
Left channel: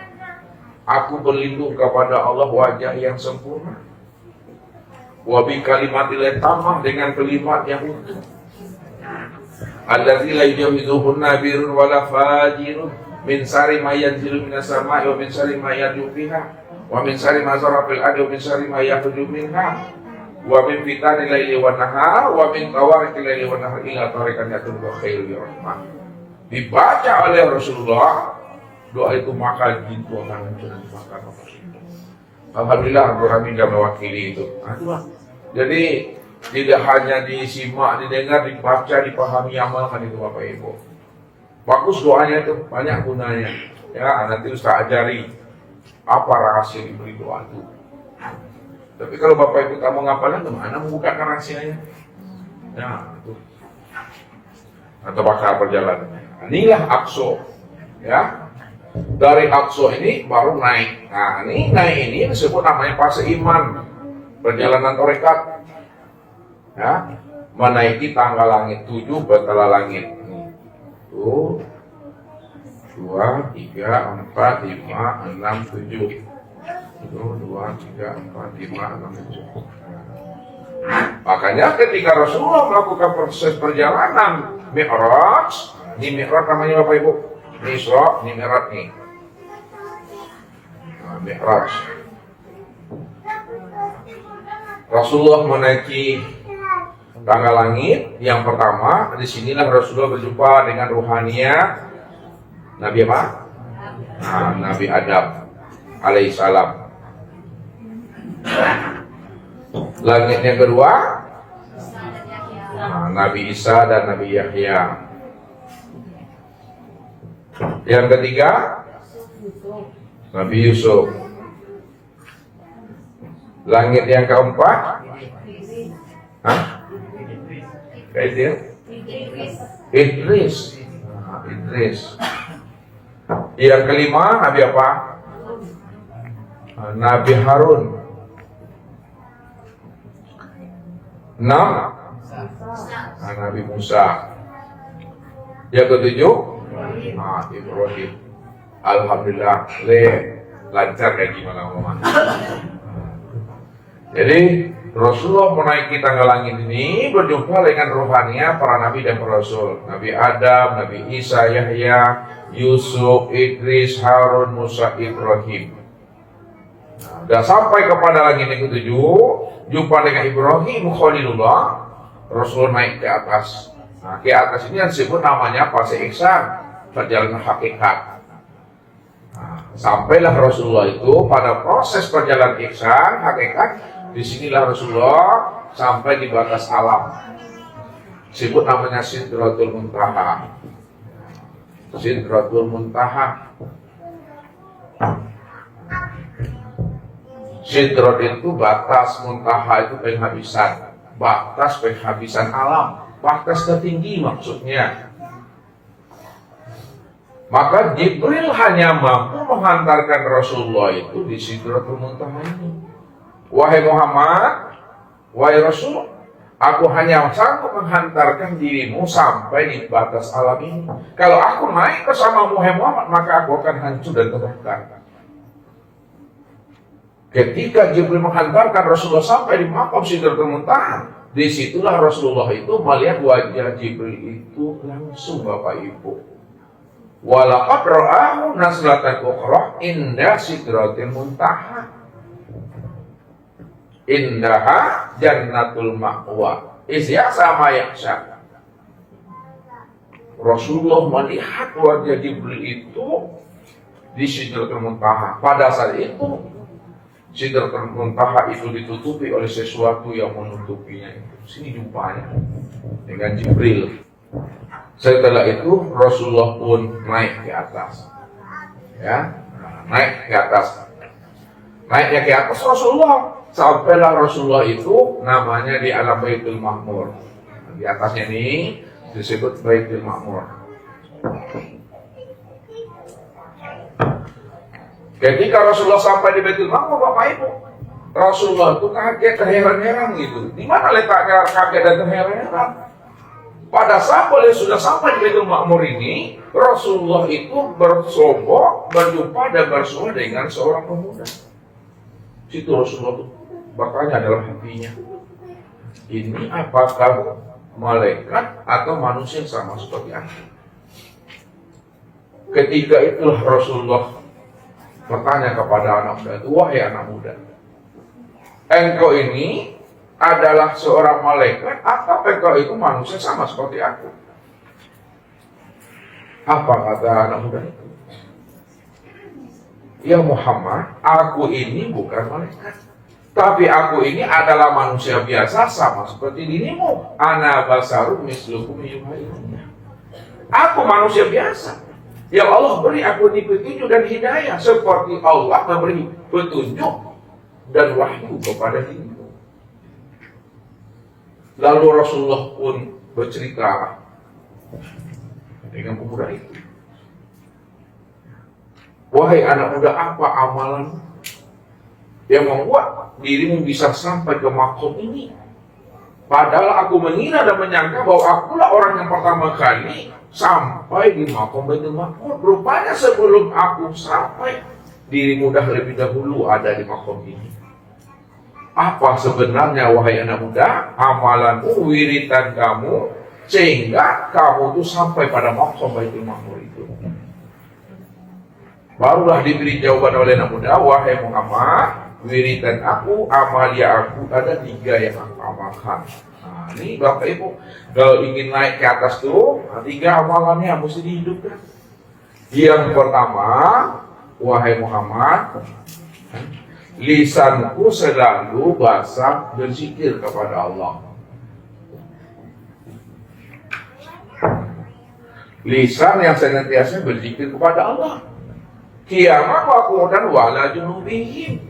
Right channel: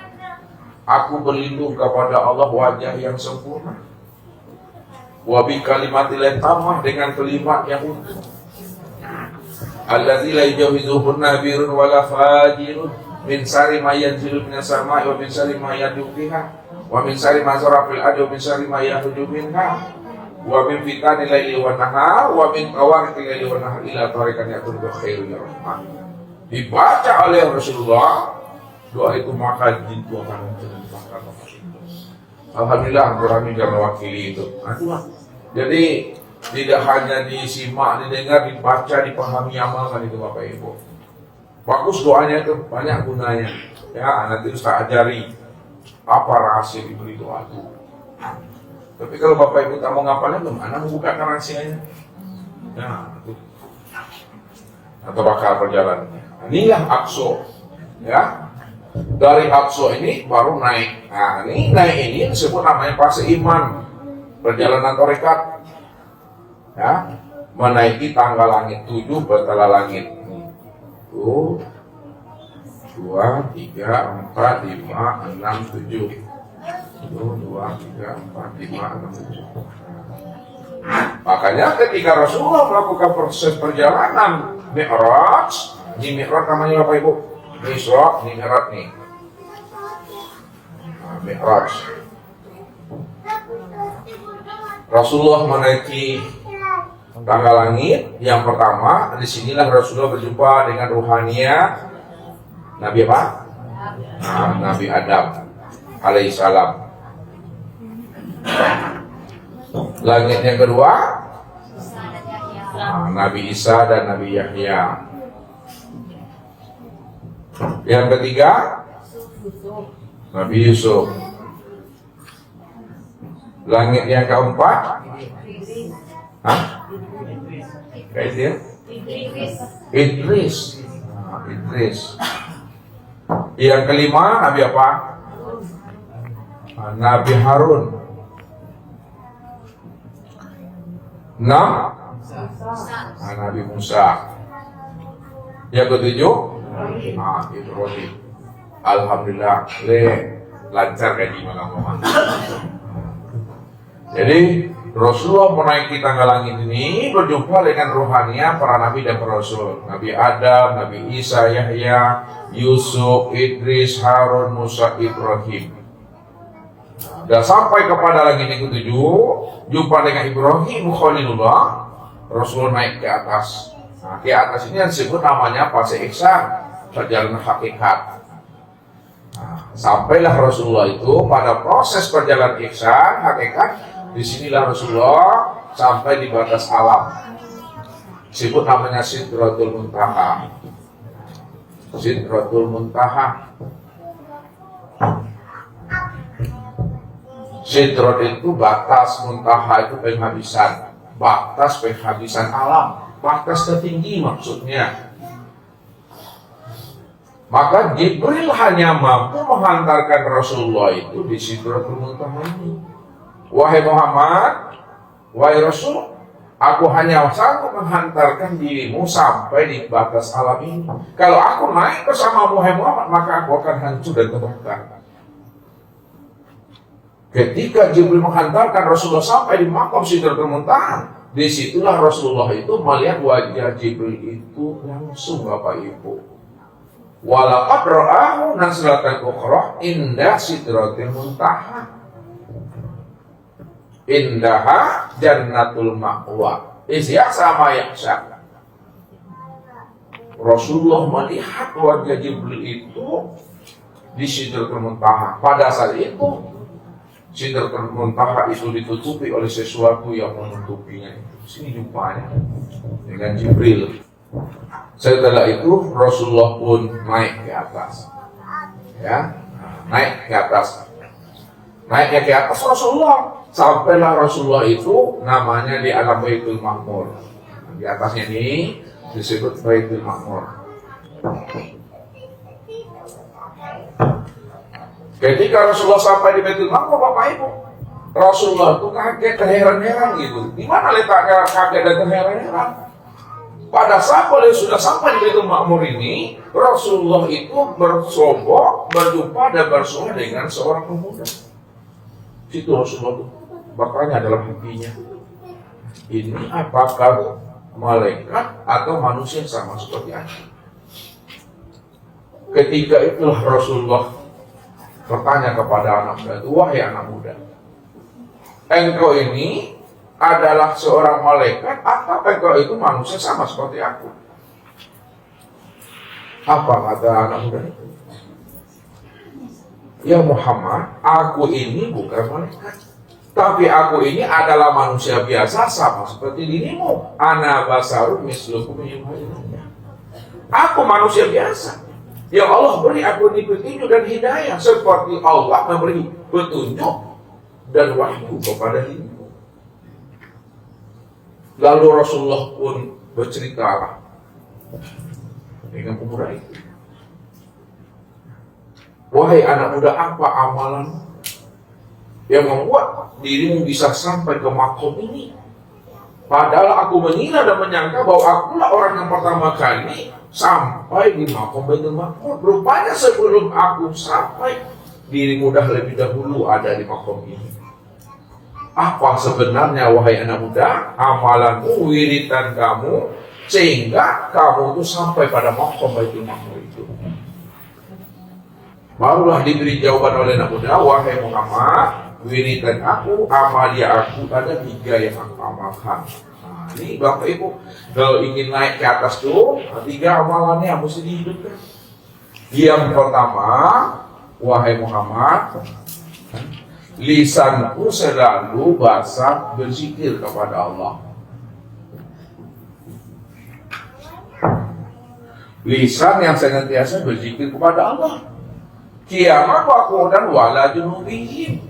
Aku berlindung kepada Allah wajah yang sempurna. Wa bi kalimatillahi tammah, dengan kalimat yang utuh. Allazi la yujawizuhun nabirun wala fajirun min sari ma yanzilu minas sama'i wa min sari ma yadu fiha wa min sari ma zara fil ardi wa min sari ma yakhruju minha wa min fitani laili wan nahar wa min tawarikil laili wan nahar ila tariqan yatul khairu rahmah. Dibaca oleh Rasulullah doa itu, maka jin itu akan muncul. Alhamdulillah kami sudah mewakili itu. Jadi tidak hanya disimak, didengar, dibaca, dipahami, amalkan itu Bapak Ibu. Bagus doanya itu, banyak gunanya. Ya, nanti Ustaz ajari apa rahasia diberi doa itu. Tapi kalau Bapak Ibu tak mau ngapalin, gimana membukakan rahasianya? Ya, itu. Atau bakal perjalanannya. Inilah Aqsa. Ya. Dari Aqsa ini baru naik. Nah, naik ini disebut namanya fase iman, perjalanan tarekat. Ya, menaiki tangga langit 7 batala langit. 1, 2, 3, 4, 5, 6, 7. 1, 2, 3, 4, 5, 6, 7. Makanya ketika Rasulullah melakukan proses perjalanan Mi'raj, di Mi'raj namanya Bapak Ibu, Isra, ini Mi'raj nih. Mi'raj. Rasulullah menaiki tangga langit yang pertama. Disinilah Rasulullah berjumpa dengan ruhania Nabi apa? Nabi Adam alaihissalam. Langit yang kedua Nabi Isa dan Nabi Yahya. Yang ketiga Nabi Yusuf. Langit yang keempat Idris. Yang kelima Nabi apa? Nabi Harun. 6 Nabi Musa. Yang ketujuh Ibrahim. Alhamdulillah, lancar gaji maka. Jadi Rasulullah menaiki tangga langit ini berjumpa dengan rohania para nabi dan para rasul. Nabi Adam, Nabi Isa, Yahya, Yusuf, Idris, Harun, Musa, Ibrahim. Dan sampai kepada langit yang ketujuh, jumpa dengan Ibrahim Khalilullah, Rasulullah naik ke atas. Nah, ke atas ini yang disebut namanya fase ihsan, perjalanan hakikat. Sampailah Rasulullah itu pada proses perjalanan ihsan hakikat Disinilah Rasulullah sampai di batas alam. Disebut namanya Sidratul Muntaha. Sidratul Muntaha. Sidrat itu batas, muntaha itu penghabisan. Batas penghabisan alam. Batas tertinggi maksudnya. Maka Jibril hanya mampu menghantarkan Rasulullah itu di Sidratul Muntaha ini. Wahai Muhammad, wahai Rasul, aku hanya sanggup menghantarkan dirimu sampai di batas alam ini. Kalau aku naik bersama wahai Muhammad, maka aku akan hancur dan terbakar. Ketika Jibril menghantarkan Rasulullah sampai di makam Sidratul Muntaha, disitulah Rasulullah itu melihat wajah Jibril itu langsung, Bapak Ibu. Walaqad ra'ahu nazlatan ukhra inda Sidratil Muntaha. Indaha jannatul ma'wa. Isya'sa ma yaksha. Rasulullah melihat wajah Jibril itu di Sidratul Muntaha. Pada saat itu Sidratul Muntaha itu ditutupi oleh sesuatu yang menutupinya. Sini jumpanya dengan Jibril. Setelah itu Rasulullah pun naik ke atas. Ya, naik ke atas. Naiknya ke atas Rasulullah. Sampailah Rasulullah itu namanya di alam Baitul Ma'mur. Di atasnya ini disebut Baitul Ma'mur. Ketika Rasulullah sampai di Baitul Ma'mur, Bapak Ibu, Rasulullah itu kaget, terheran-heran gitu. Di mana letaknya kaget dan terheran-heran? Pada saat beliau sudah sampai di Baitul Ma'mur ini, Rasulullah itu bersombong, berjumpa dan bersuara dengan seorang pemuda. Situ Rasulullah itu bertanya dalam hatinya, ini apakah malaikat atau manusia sama seperti aku? Ketika itulah Rasulullah bertanya kepada anak muda itu, wahai anak muda, engkau ini adalah seorang malaikat atau engkau itu manusia sama seperti aku? Apa kata anak muda itu? Ya Muhammad, aku ini bukan malaikat, tapi aku ini adalah manusia biasa sama seperti dirimu. Ana basarun mislukum yuhayyin. Aku manusia biasa. Ya Allah beri aku petunjuk dan hidayah seperti Allah memberi petunjuk dan wahyu kepada dirimu. Lalu Rasulullah pun bercerita dengan pemuda itu. Wahai anak muda, apa amalan yang membuat dirimu bisa sampai ke makom ini? Padahal aku mengira dan menyangka bahwa akulah orang yang pertama kali sampai di makom Baitul Ma'mur. Rupanya sebelum aku sampai, dirimu dah lebih dahulu ada di makom ini. Apa sebenarnya wahai anak muda amalanmu, wiridan kamu, sehingga kamu itu sampai pada makom Baitul Ma'mur itu? Barulah diberi jawaban oleh anak muda, wahai Muhammad, wiridan aku, amalia aku, ada 3 yang aku amalkan. Nah, ini Bapak Ibu, kalau ingin naik ke atas tuh, 3 amalannya mesti dihidupkan. Yang pertama, wahai Muhammad, lisanku selalu basah berzikir kepada Allah. Lisan yang senantiasa berzikir kepada Allah. Kiamat waqudan wala junubihim.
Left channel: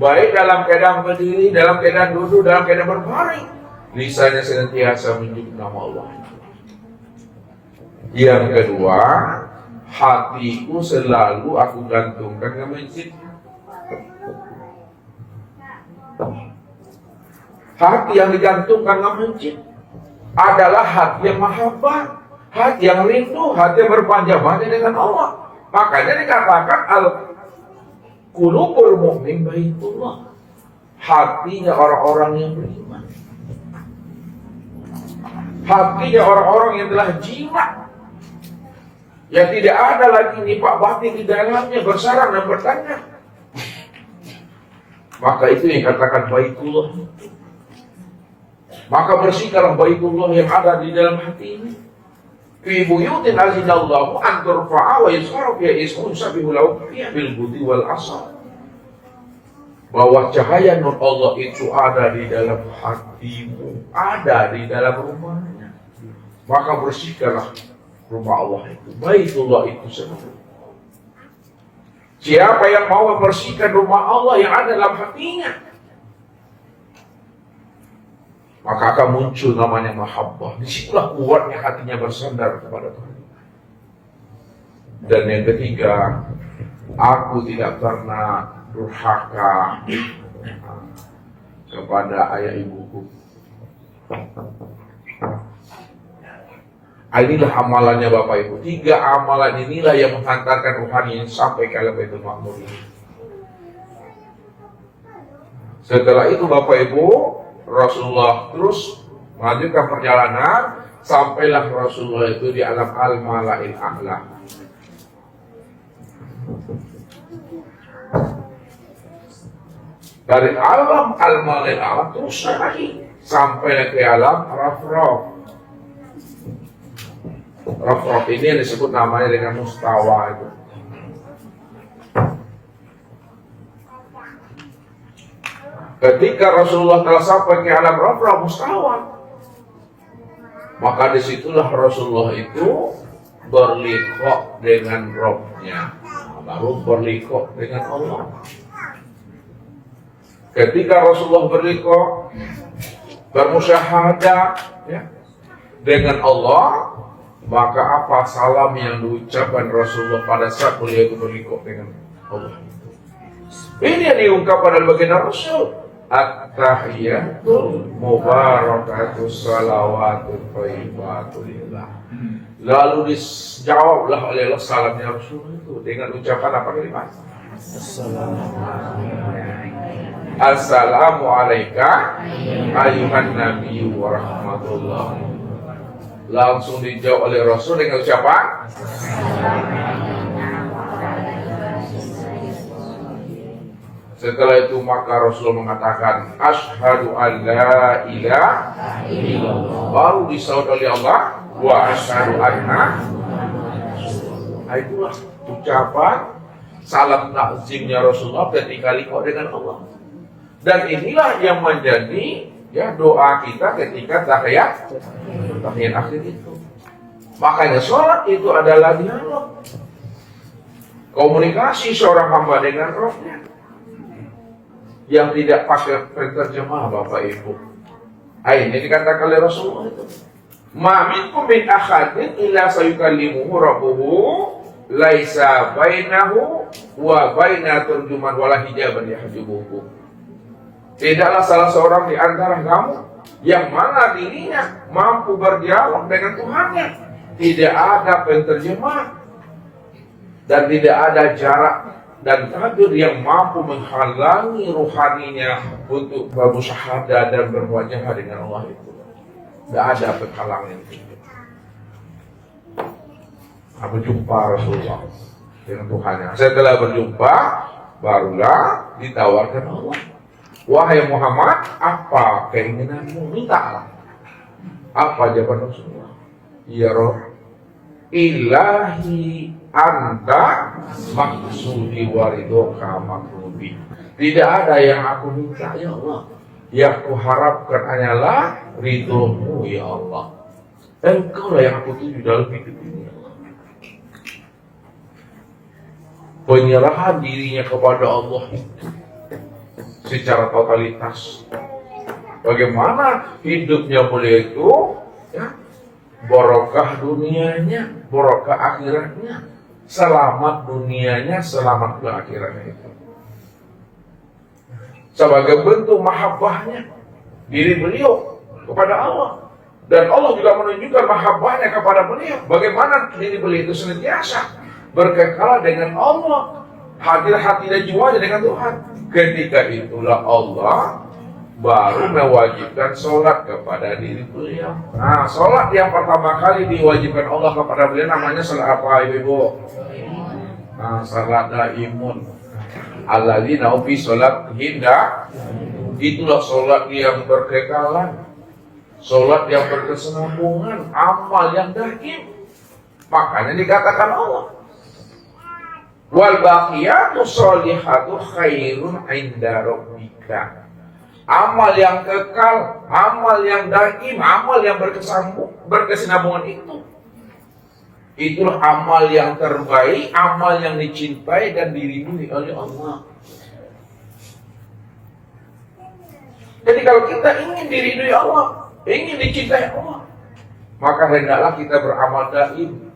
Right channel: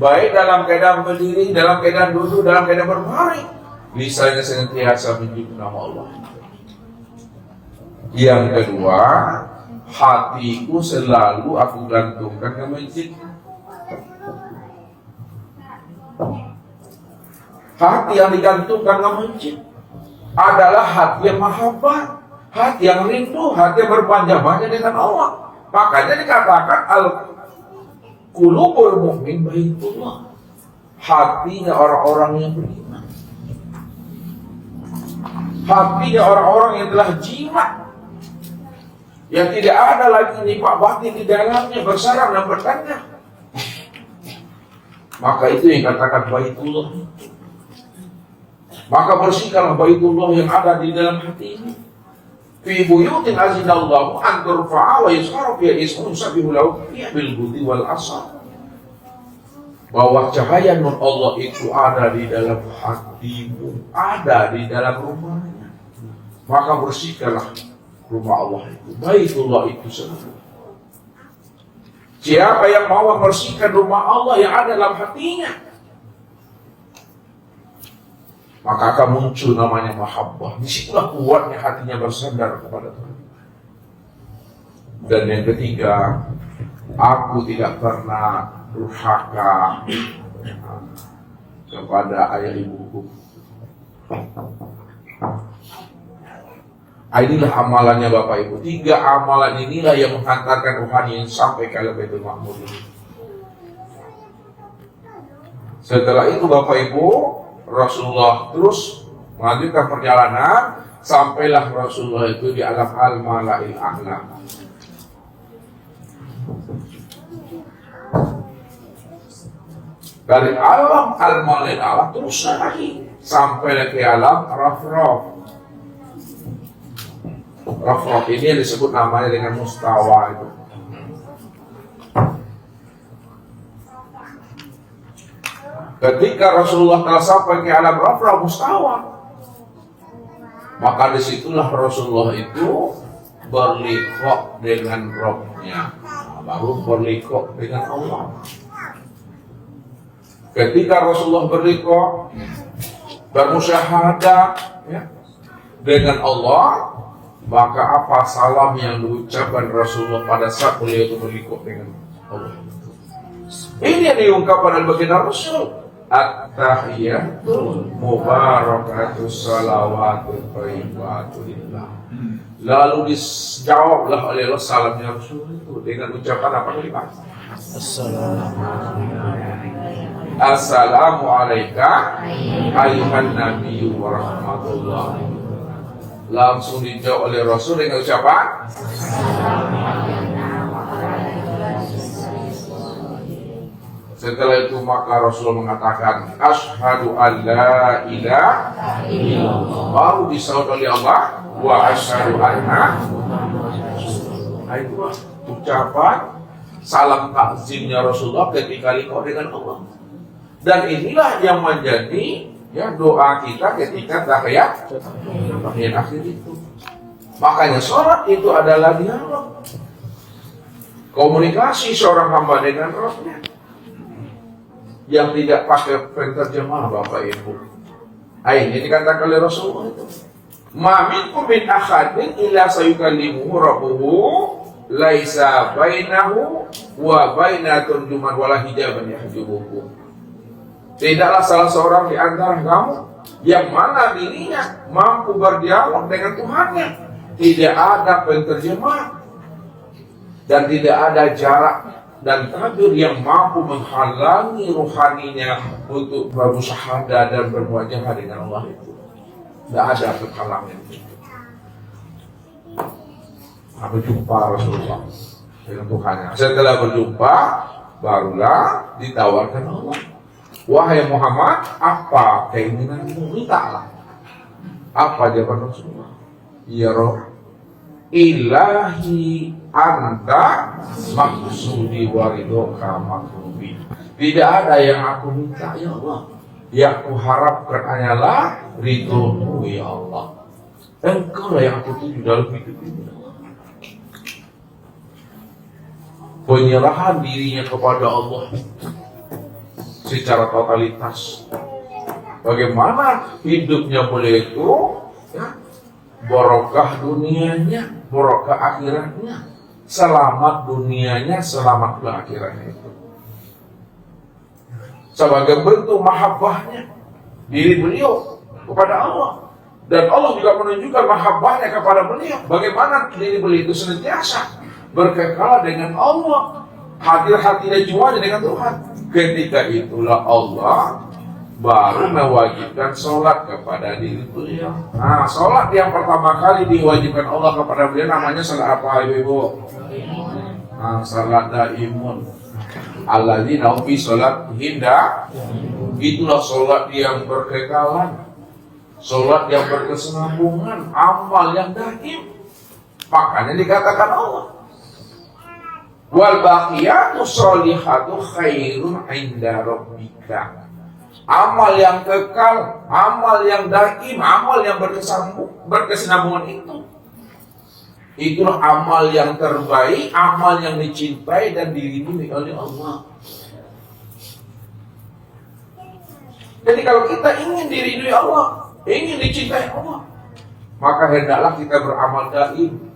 Baik dalam keadaan berdiri, dalam keadaan duduk, dalam keadaan berbaring, lisannya senantiasa menyebut nama Allah. Yang kedua, hatiku selalu aku gantungkan ke masjid. Hati yang digantungkan ke masjid adalah hati yang mahabbah, hati yang rindu, hati yang berpanjang-panjang dengan Allah. Makanya dikatakan al-qulubul mu'min baitullah, hatinya orang-orang yang beriman, hatinya orang-orang yang telah jimat, yang tidak ada lagi nifaq batin di dalamnya, bersarang dan bertanya. Maka itu yang katakan baitullah. Maka bersihkanlah baitullah yang ada di dalam hati ini. Fi buyutin azinallahu an turfa'a wa yuzkara fiha ismuhu yusabbihu lahu fiha bil ghudwi wal asal. bahwa cahaya nur Allah itu ada di dalam hatimu, ada di dalam rumahnya. Maka bersihkanlah rumah Allah itu, Baitullah itu sendiri. Siapa yang mau membersihkan rumah Allah yang ada dalam hatinya, maka akan muncul namanya mahabbah. Disitulah kuatnya hatinya bersandar kepada Tuhan. Dan yang ketiga, aku tidak pernah durhaka kepada ayah ibuku. Inilah amalannya Bapak Ibu. 3 amalan inilah yang menghantarkan rohani sampai ke alam Baitul Ma'mur. Setelah itu Bapak Ibu, Rasulullah terus melanjutkan perjalanan sampailah Rasulullah itu di alam al-mala'il a'la. Dari alam al-mala'il a'la terus lagi sampai ke alam Raf-Raf. Raf-Raf ini disebut namanya dengan mustawa itu. Ketika Rasulullah telah sampai ke alam Raf-Raf mustawa, maka disitulah Rasulullah itu berliqa dengan Rabb-nya, baru berliqa dengan Allah. Ketika Rasulullah berliqa, bermusyahadah ya, dengan Allah, maka apa salam yang diucapkan Rasulullah pada saat beliau itu berliqa dengan Allah? Ini yang diungkapkan dalam baginda Rasul. At-tahiyatul mubarakatus salawatu thayyibatu lillah. Lalu dijawablah oleh Allah salamnya Rasul itu dengan ucapan apa tadi Pak? Assalamu alayka ayyuhan nabiyyu wa rahmatullah. Langsung dijawab oleh Rasul dengan ucapan setelah itu maka Rasul mengatakan asyhadu an la ilaha illallah, baru disahut oleh Allah wa asyhadu anna. Itulah ucapan salam takzimnya Rasulullah ketika liqa dengan Allah. Dan inilah yang menjadi ya doa kita ketika tahiyat akhir itu. Makanya sholat itu adalah dialog, komunikasi seorang hamba dengan Rabb-nya yang tidak pakai penterjemah Bapak Ibu. Ini dikatakan oleh Rasulullah itu. Ma minkum min ahadin illa sayukallimuhu rabbuhu laisa bainahu wa baina turjuman wala hijaban yahjubuhu. Tidaklah salah seorang di antara kamu yang mana dirinya mampu berdialog dengan Tuhannya, tidak ada penterjemah dan tidak ada jarak dan tabir yang mampu menghalangi ruhaninya untuk bermusyahadah dan berwajah dengan Allah itu. Tidak ada penghalangan itu. Berjumpa Rasulullah dengan Tuhannya. Setelah berjumpa, barulah ditawarkan Allah. Wahai Muhammad, apa keinginanmu? Mintalah. Apa jawaban Rasulullah? Ya Rabb, ilahi anta maksudi waridoka makrubi. Tidak ada yang aku minta ya Allah, yang aku harapkan hanyalah ridhomu ya Allah. Engkau lah yang aku tuju dalam hidup ini ya Allah. Penyerahan dirinya kepada Allah secara totalitas. Bagaimana hidupnya beliau itu ya, barokah dunianya, barokah akhiratnya, selamat dunianya, selamat akhiratnya itu. Sebagai bentuk mahabbahnya diri beliau kepada Allah. Dan Allah juga menunjukkan mahabbahnya kepada beliau. Bagaimana diri beliau itu senantiasa berkekal dengan Allah, hati-hati dan jiwanya dengan Tuhan. Ketika itulah Allah baru mewajibkan sholat kepada diri beliau. Nah, sholat yang pertama kali diwajibkan Allah kepada beliau namanya sholat apa Ibu? Nah, sholat daimun. Alladzina fi sholat hinda. Itulah sholat yang berkekalan, sholat yang berkesinambungan, amal yang daim. Makanya dikatakan Allah Wal baqiyatu sholihatu khairun 'inda rabbika. Amal yang kekal, amal yang daim, amal yang berkesinambungan itulah amal yang terbaik, amal yang dicintai dan diridhoi oleh Allah. Jadi kalau kita ingin diridhoi Allah, ingin dicintai Allah, maka hendaklah kita beramal daim,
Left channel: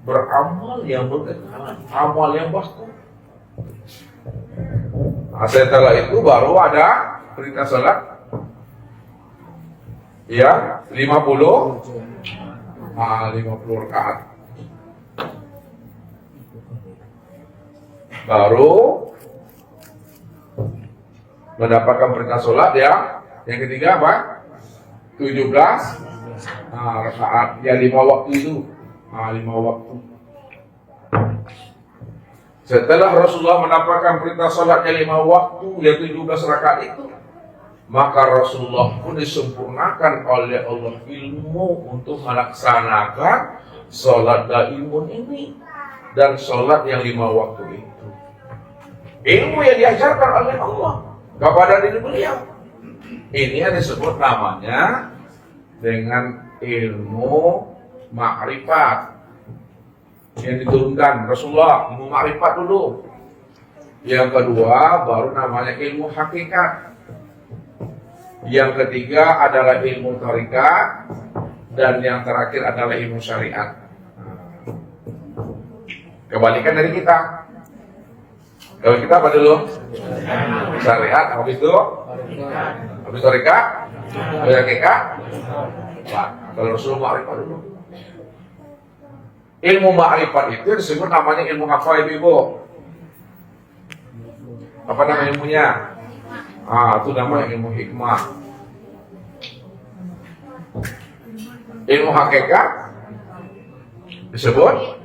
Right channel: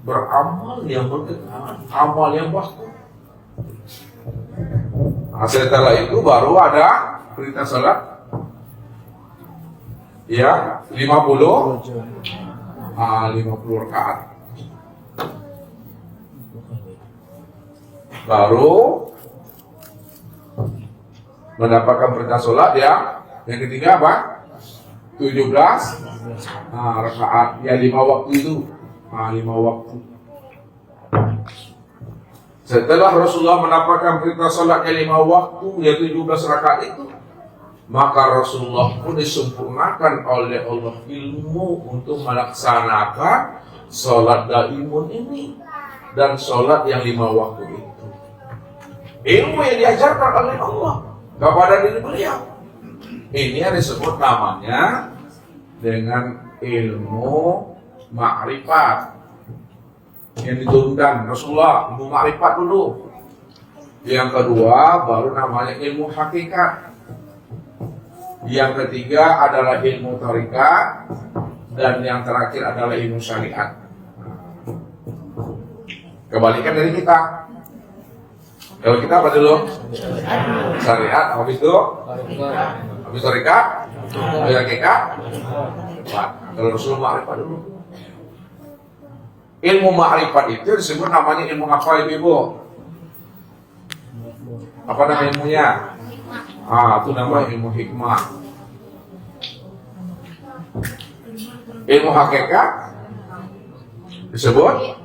beramal yang berkekalan, amal yang baik. Nah, setelah itu baru ada perintah salat. Ya, 50 rakaat. Baru mendapatkan perintah salat ya. Yang ketiga apa? 17 rakaat. Ya 5 waktu itu. 5 waktu. Setelah Rasulullah mendapatkan perintah salat yang 5 waktu, ya 17 rakaat itu, maka Rasulullah pun disempurnakan oleh Allah ilmu untuk melaksanakan salat daimun ini dan salat yang 5 waktu itu. Ilmu yang diajarkan oleh Allah kepada diri beliau. Ini yang disebut namanya dengan ilmu ma'rifat yang diturunkan Rasulullah, ilmu ma'rifat dulu. Yang kedua baru namanya ilmu hakikat. Yang ketiga adalah ilmu thariqat, dan yang terakhir adalah ilmu syariat. Kebalikan dari kita. Kalau kita apa dulu? Syariat, habis itu thariqat, habis hakikat. Kalau Rasulullah ma'rifat dulu. Ilmu ma'rifat itu disebut namanya ilmu apa ibu? Apa nama ilmunya? Itu namanya ilmu hikmah. Ilmu hakikat disebut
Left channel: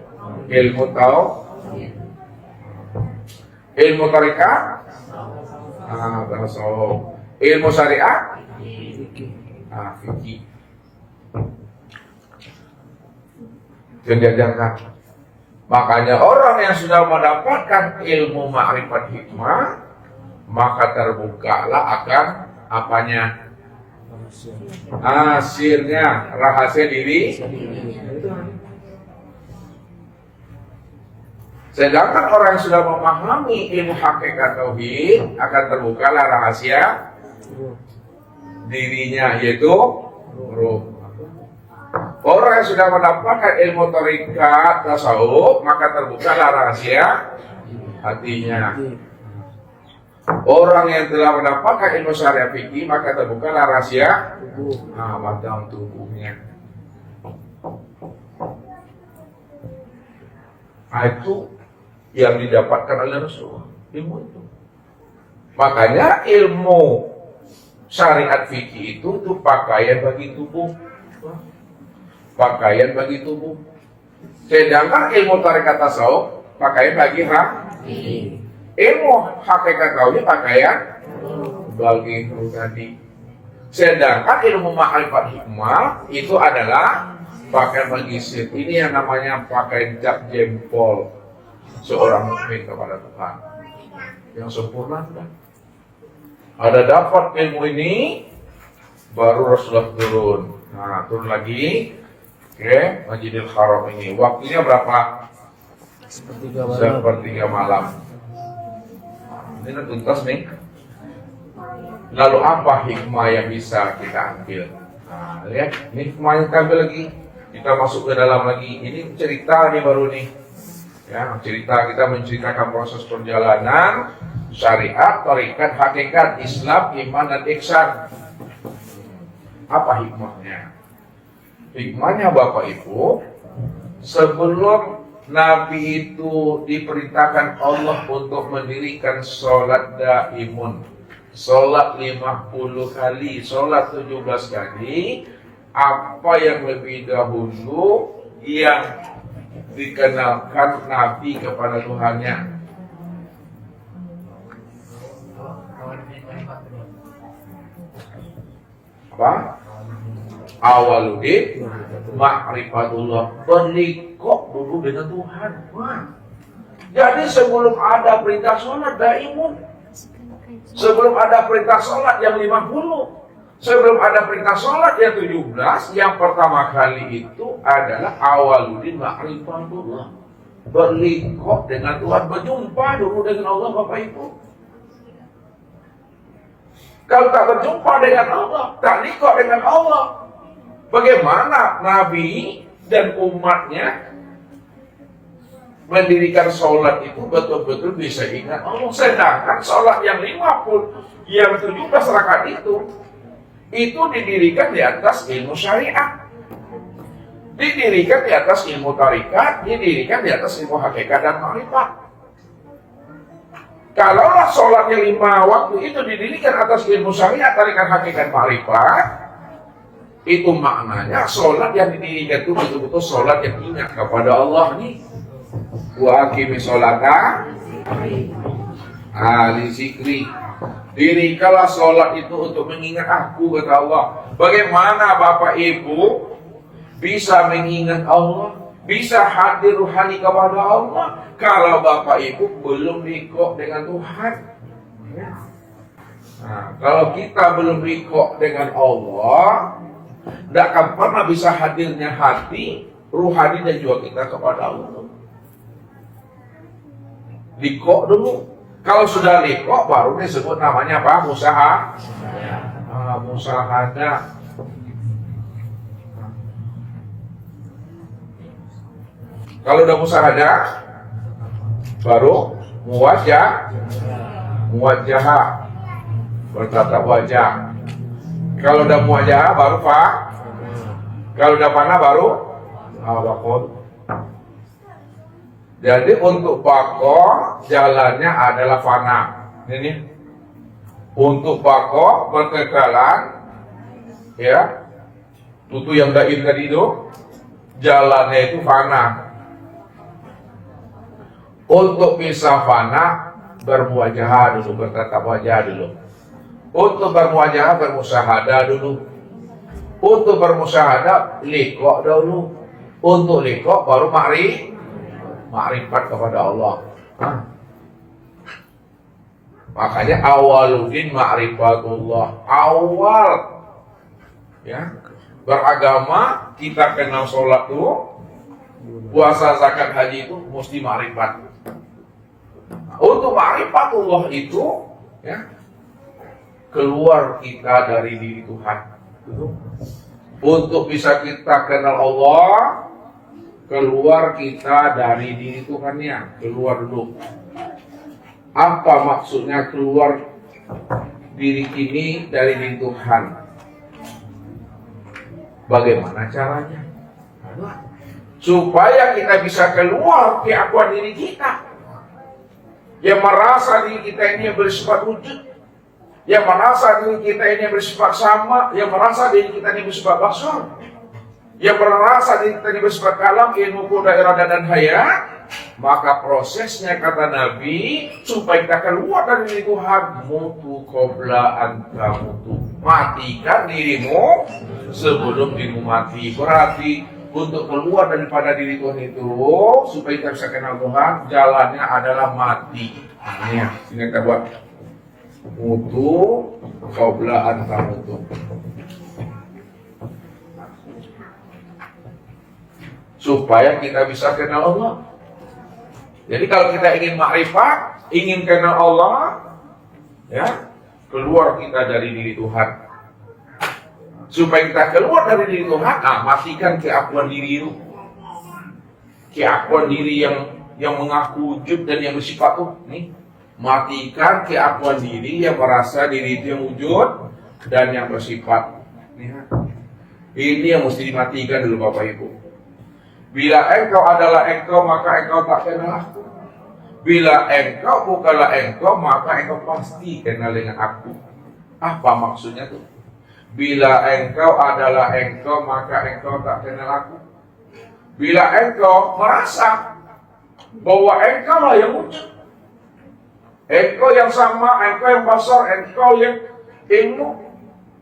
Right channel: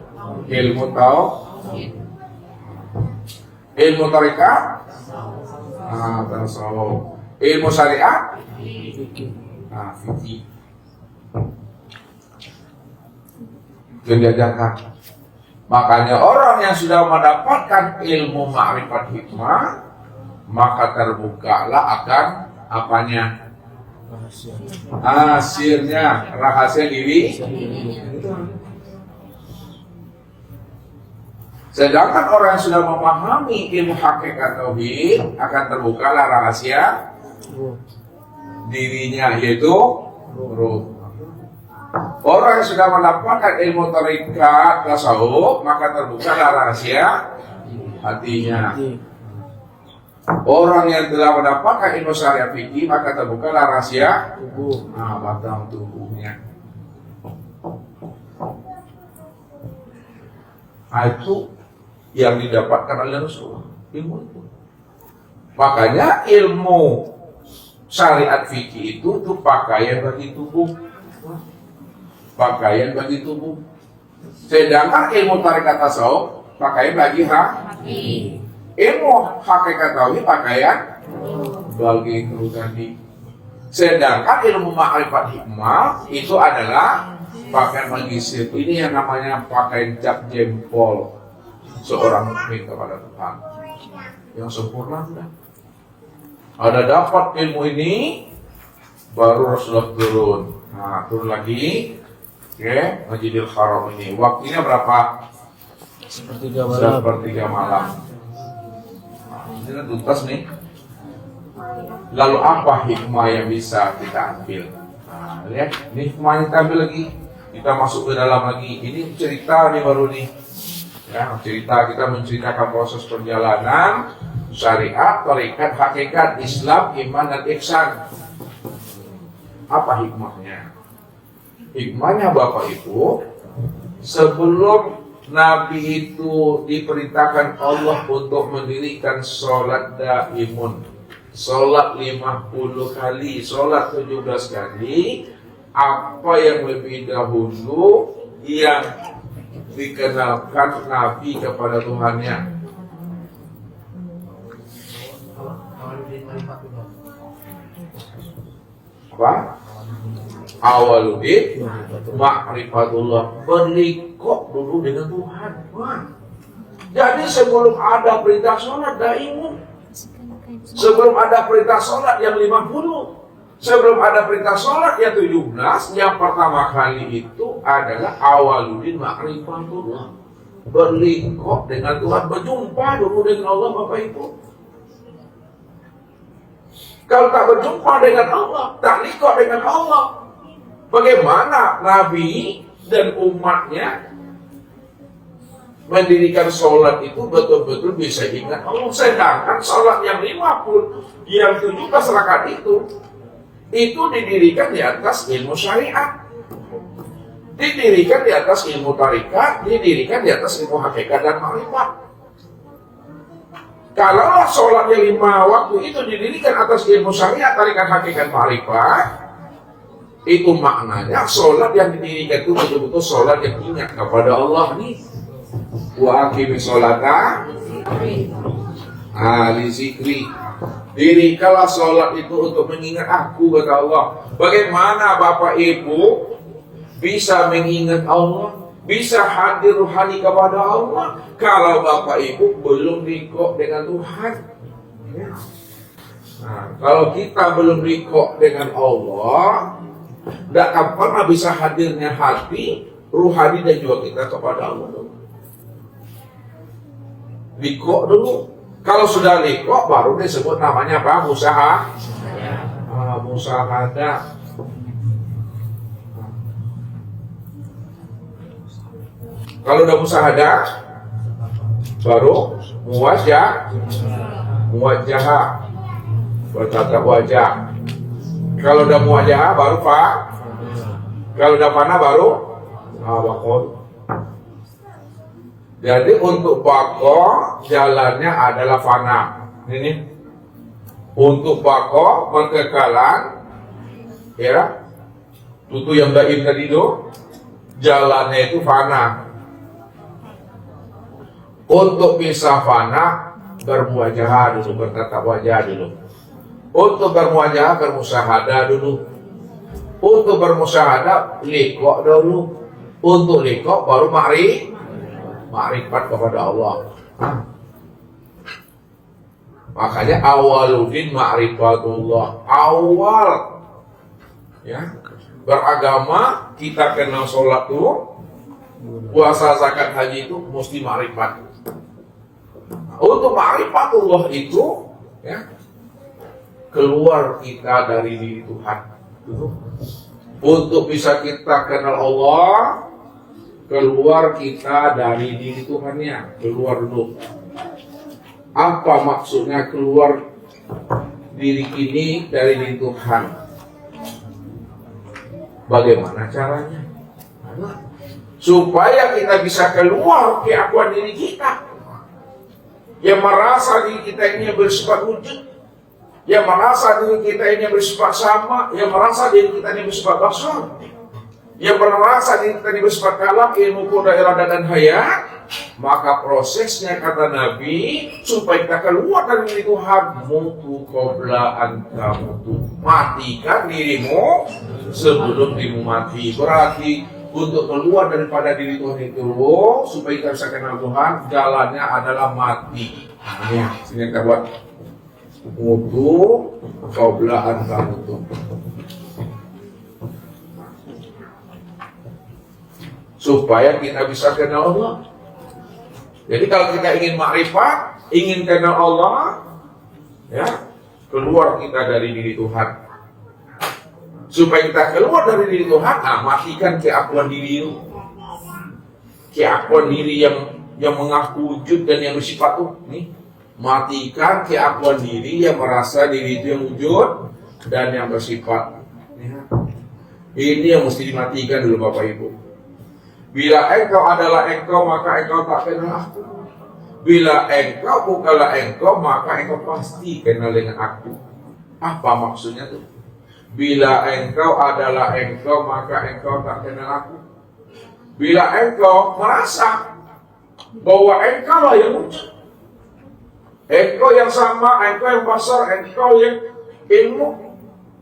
ilmu tauhid. Ilmu thariqat tasawuf. Ilmu syariat fikih. Yang diajarkan. Makanya orang yang sudah mendapatkan ilmu ma'rifat hikmah, maka terbukalah akan apanya? Sirnya, rahasia diri. Sedangkan orang yang sudah memahami ilmu hakikat tauhid, akan terbukalah rahasia dirinya, yaitu ruh. Orang yang sudah mendapatkan ilmu thariqat tasawuf, maka terbukalah rahasia hatinya. Orang yang telah mendapatkan ilmu syariat fikih, maka terbukalah rahasia batang tubuhnya. Itu yang didapatkan oleh Rasulullah, ilmu itu. Makanya ilmu syariat fikih itu tuh pakaian bagi tubuh. Pakaian bagi tubuh. Sedangkan ilmu thariqat tasawuf pakaian bagi hati. Ilmu hakikat tauhid pakaian bagi itu tadi. Sedangkan ilmu ma'rifat hikmah itu adalah pakaian bagi sir. Ini yang namanya pakaian cap jempol seorang mukmin kepada Tuhan yang sempurna. Ada dapat ilmu ini, baru Rasulullah turun. Turun lagi. Masjidil Haram ini. Waktunya berapa? Sepertiga malam. Ini kan tuntas nih. Lalu apa hikmah yang bisa kita ambil? Lihat, ini hikmah yang kita ambil lagi. Kita masuk ke dalam lagi. Ini cerita nih baru nih. Ya, cerita, kita menceritakan proses perjalanan syariat, thariqat, hakikat, Islam, iman dan ihsan. Apa hikmahnya? Hikmahnya Bapak Ibu, sebelum Nabi itu diperintahkan Allah untuk mendirikan sholat daimun, sholat 50 kali, sholat 17 kali, apa yang lebih dahulu yang dikenalkan Nabi kepada Tuhannya? Apa? Awaludin ma'rifatullah, berlikok dulu dengan Tuhan. Jadi sebelum ada perintah sholat daimun, sebelum ada perintah sholat yang 50, sebelum ada perintah sholat yang 17, yang pertama kali itu adalah awaludin ma'rifatullah, berlingkup dengan Tuhan, berjumpa dulu dengan Allah. Bapak Ibu, kalau tak berjumpa dengan Allah, tak lingkup dengan Allah, bagaimana Nabi dan umatnya mendirikan sholat itu betul-betul bisa ingat Allah? Sedangkan sholat yang 50, yang 17 rakaat itu didirikan di atas ilmu syariat, didirikan di atas ilmu tarikat, didirikan di atas ilmu hakikat dan makrifat. Kalaulah sholatnya 5 waktu itu didirikan atas ilmu syariat, tarikat, hakikat, makrifat, itu maknanya sholat yang didirikan itu betul-betul sholat yang ingat kepada Allah nih. Wa aqimi sholata li zikri. Dirikanlah sholat itu untuk mengingat aku, kata Allah. Bagaimana Bapak Ibu bisa mengingat Allah, bisa hadir ruhani kepada Allah, kalau Bapak Ibu belum liqo dengan Tuhan? Nah, kalau kita belum liqo dengan Allah, tidak akan pernah bisa hadirnya hati ruhani dan juga kita kepada Allah. Liqo dulu. Kalau sudah liqo, baru disebut namanya apa? Musahadah. Kalau udah musahadah, baru muwajjah, bertatap wajah. Kalau udah muwajjah, baru kalau udah fana, baru waqor. Jadi untuk bako jalannya adalah fana. Ini untuk bako berkekalan, ya, itu yang daim tadi itu jalannya itu fana. Untuk bisa fana bermuwajah dulu, bertatap wajah dulu. Untuk bermuwajah bermusahadah dulu. Untuk bermusahadah liqo dulu. Untuk liqo baru makrifat kepada Allah. Makanya awaludin ma'rifatullah, awal ya beragama kita kenal sholat tuh, puasa, zakat, haji itu mesti makrifat. Untuk ma'rifatullah itu ya keluar kita dari diri Tuhan. Untuk bisa kita kenal Allah, keluar kita dari diri Tuhannya, keluar dulu. Apa maksudnya keluar diri ini dari diri Tuhan? Bagaimana caranya? Supaya kita bisa keluar keakuan diri kita, yang merasa diri kita ini bersifat wujud, yang merasa diri kita ini bersifat sama, yang merasa diri kita ini bersifat basar, yang merasa diri kita ini bersifat kalam, ilmu, kuda, irada, dan hayat. Maka prosesnya, kata Nabi, supaya kita keluar dari diri Tuhan, mutu qabla anta mutu, matikan dirimu sebelum dirimu mati. Berarti untuk keluar daripada diri Tuhan itu, supaya kita bisa kenal Tuhan, jalannya adalah mati. Ini sini kita buat mutu qabla anta mutu. Supaya kita bisa kenal Allah. Jadi kalau kita ingin makrifat, ingin kenal Allah, ya, keluar kita dari diri Tuhan. Supaya kita keluar dari diri Tuhan, matikan keakuan diri itu. Keakuan diri yang mengaku wujud dan yang bersifat tuh, nih. Matikan keakuan diri yang merasa diri itu yang wujud dan yang bersifat. Ini yang mesti dimatikan dulu Bapak Ibu. Bila engkau adalah engkau, maka engkau tak kenal aku. Bila engkau bukanlah engkau, maka engkau pasti kenal dengan aku. Apa maksudnya tuh? Bila engkau adalah engkau, maka engkau tak kenal aku. Bila engkau merasa bahwa engkau lah yang wujud, engkau yang sama, engkau yang basar, engkau yang ilmu,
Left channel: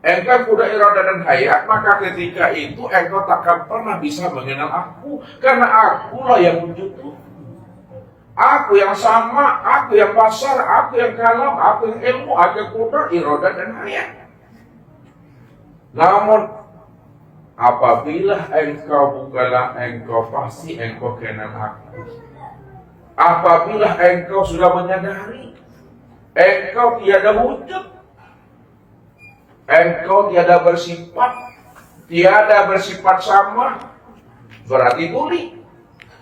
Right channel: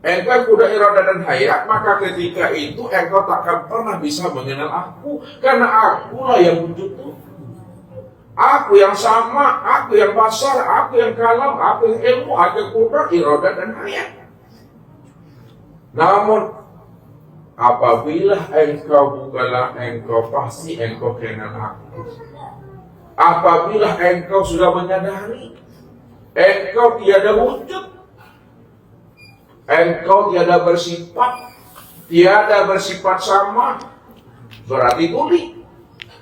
engkau kuda, irada, dan hayat, maka ketika itu engkau takkan pernah bisa mengenal aku, karena akulah yang wujud itu. Aku yang sama, aku yang basar, aku yang kalam, aku yang ilmu, aku yang kudrat, iradah dan hayat. Namun apabila engkau bukanlah engkau, pasti engkau kena aku. Apabila engkau sudah menyadari engkau tiada wujud, engkau tiada bersifat sama, berarti tuli.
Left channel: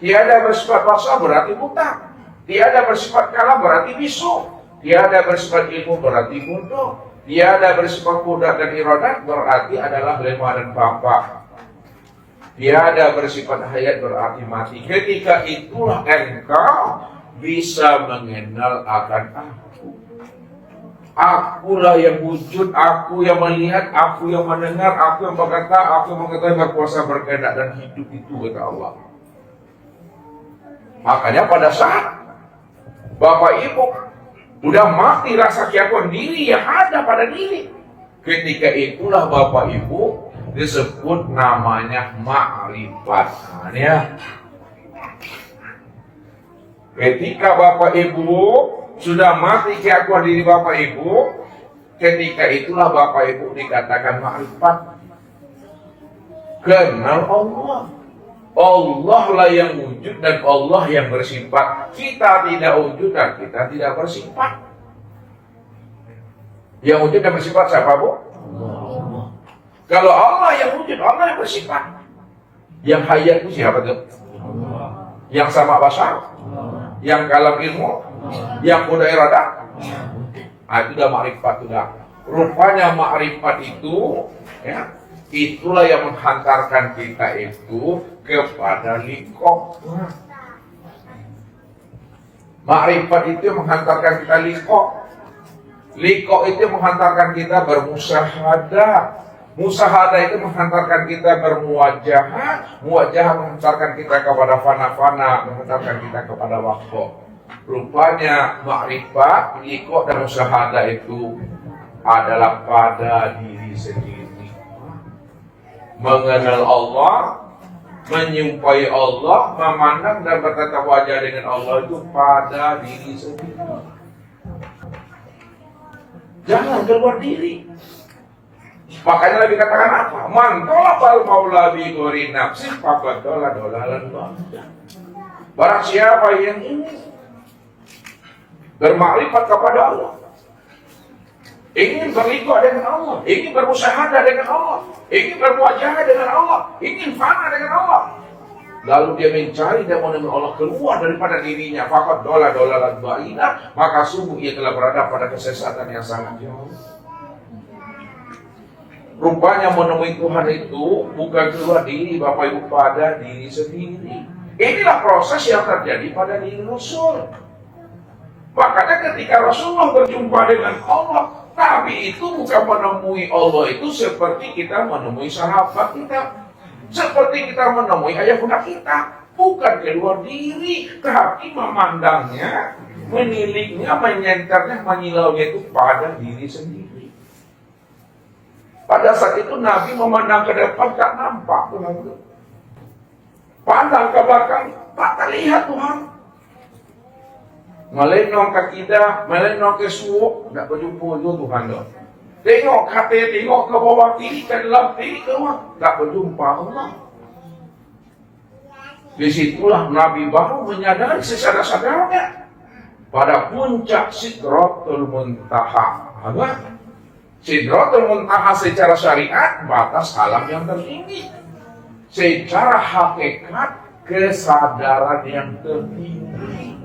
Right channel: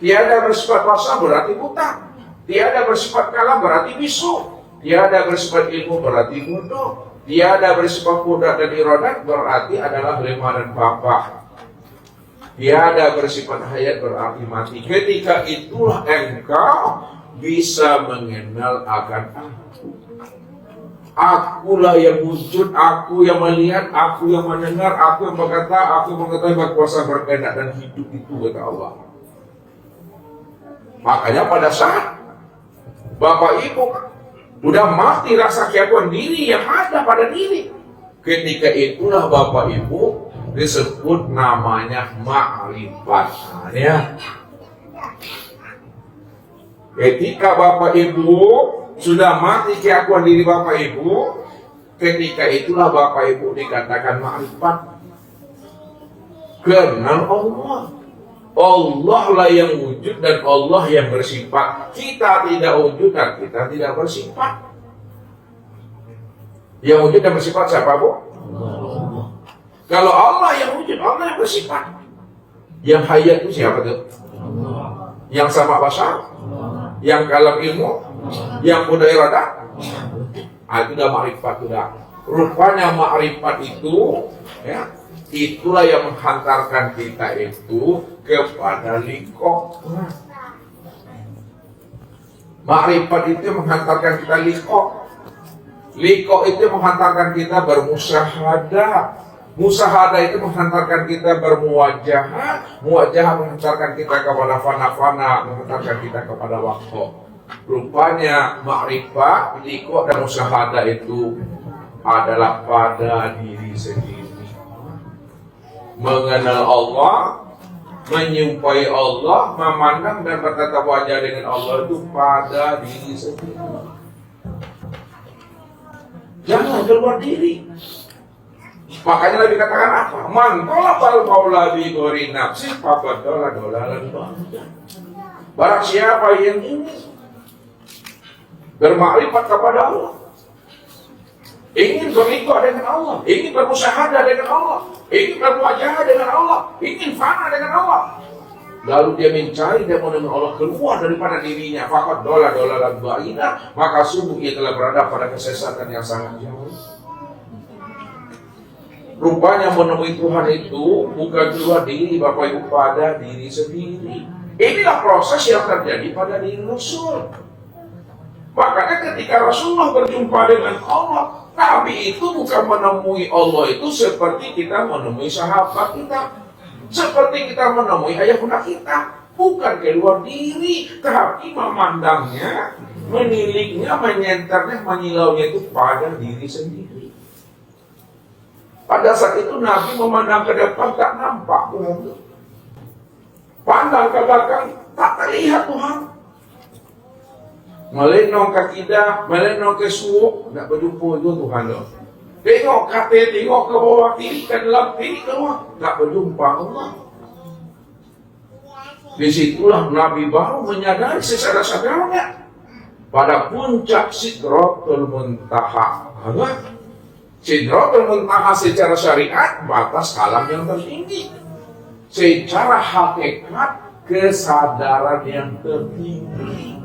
Tiada bersifat basar berarti buta. Tiada bersifat kalam berarti bisu. Tiada bersifat ilmu berarti bodoh. Tiada bersifat kudrat dan iradat berarti adalah lemah dan bapa. Tiada bersifat hayat berarti mati. Ketika itulah engkau bisa mengenal akan aku. Akulah yang wujud, aku yang melihat, aku yang mendengar, aku yang berkata, aku yang mengetahui berkuasa berkehendak dan hidup itu kata Allah. Makanya pada saat Bapak Ibu udah mati rasa keakuan diri yang ada pada diri, ketika itulah Bapak Ibu disebut namanya ma'rifat. Ya. Ketika Bapak Ibu sudah mati keakuan diri Bapak Ibu, ketika itulah Bapak Ibu dikatakan ma'rifat. Kenal Allah. Allah lah yang wujud dan Allah yang bersifat. Kita tidak wujud dan kita tidak bersifat. Yang wujud dan bersifat siapa, Bu? Allah. Kalau Allah yang wujud, Allah yang bersifat. Yang hayat itu siapa tuh? Allah. Yang sama basar? Allah. Yang kalam ilmu? Allah. Yang muda iradah? Itu udah ma'rifat sudah. Rupanya ma'rifat itu, ya, itulah yang menghantarkan kita itu kepada liqah. Ma'rifat itu menghantarkan kita liqah. Liqah itu menghantarkan kita bermusyahadah. Musyahadah itu menghantarkan kita bermuwajahah. Muwajahah menghantarkan kita kepada fana-fana, menghantarkan kita kepada waktu. Rupanya ma'rifat, liqah dan musyahadah itu adalah pada diri sendiri. Mengenal Allah, menyumpai Allah, memandang dan bertatap wajah dengan Allah itu pada diri sendiri. Jangan keluar diri. Makanya Nabi katakan apa? Man talabal maula bi ghairi nafsi faqad dolalan ba'ida. Barang siapa yang ini bermakrifat kepada Allah, ingin berliqah dengan Allah, ingin bermusyahadah dengan Allah, ingin berwajah dengan Allah, ingin fana dengan Allah, lalu dia mencari dan menemukan Allah keluar daripada dirinya, faqad dolalan ba'ida, maka sungguh ia telah berada pada kesesatan yang sangat jauh. Rupanya menemui Tuhan itu bukan keluar diri Bapak Ibu, pada diri sendiri. Inilah proses yang terjadi pada diri Rasul. Makanya ketika Rasulullah berjumpa dengan Allah, Nabi itu bukan menemui Allah itu seperti kita menemui sahabat kita, seperti kita menemui ayah bunda kita. Bukan keluar diri, tapi memandangnya, meniliknya, menyentarnya, menyilaunya itu pada diri sendiri. Pada saat itu Nabi memandang ke depan, tak nampak Tuhan itu. Pandang ke belakang, tak terlihat Tuhan. Melenong ke kita, melenong ke suuk, tak berjumpa itu Tuhan itu. Tengok kata, tengok ke bawah, tinggi ke dalam, tinggi ke bawah, tak berjumpa Allah. Disitulah Nabi baru menyadari sesadar-sadarnya pada puncak Sidratul Muntaha. Apa? Sidratul Muntaha secara syariat batas alam yang tertinggi. Secara hakikat kesadaran yang tertinggi.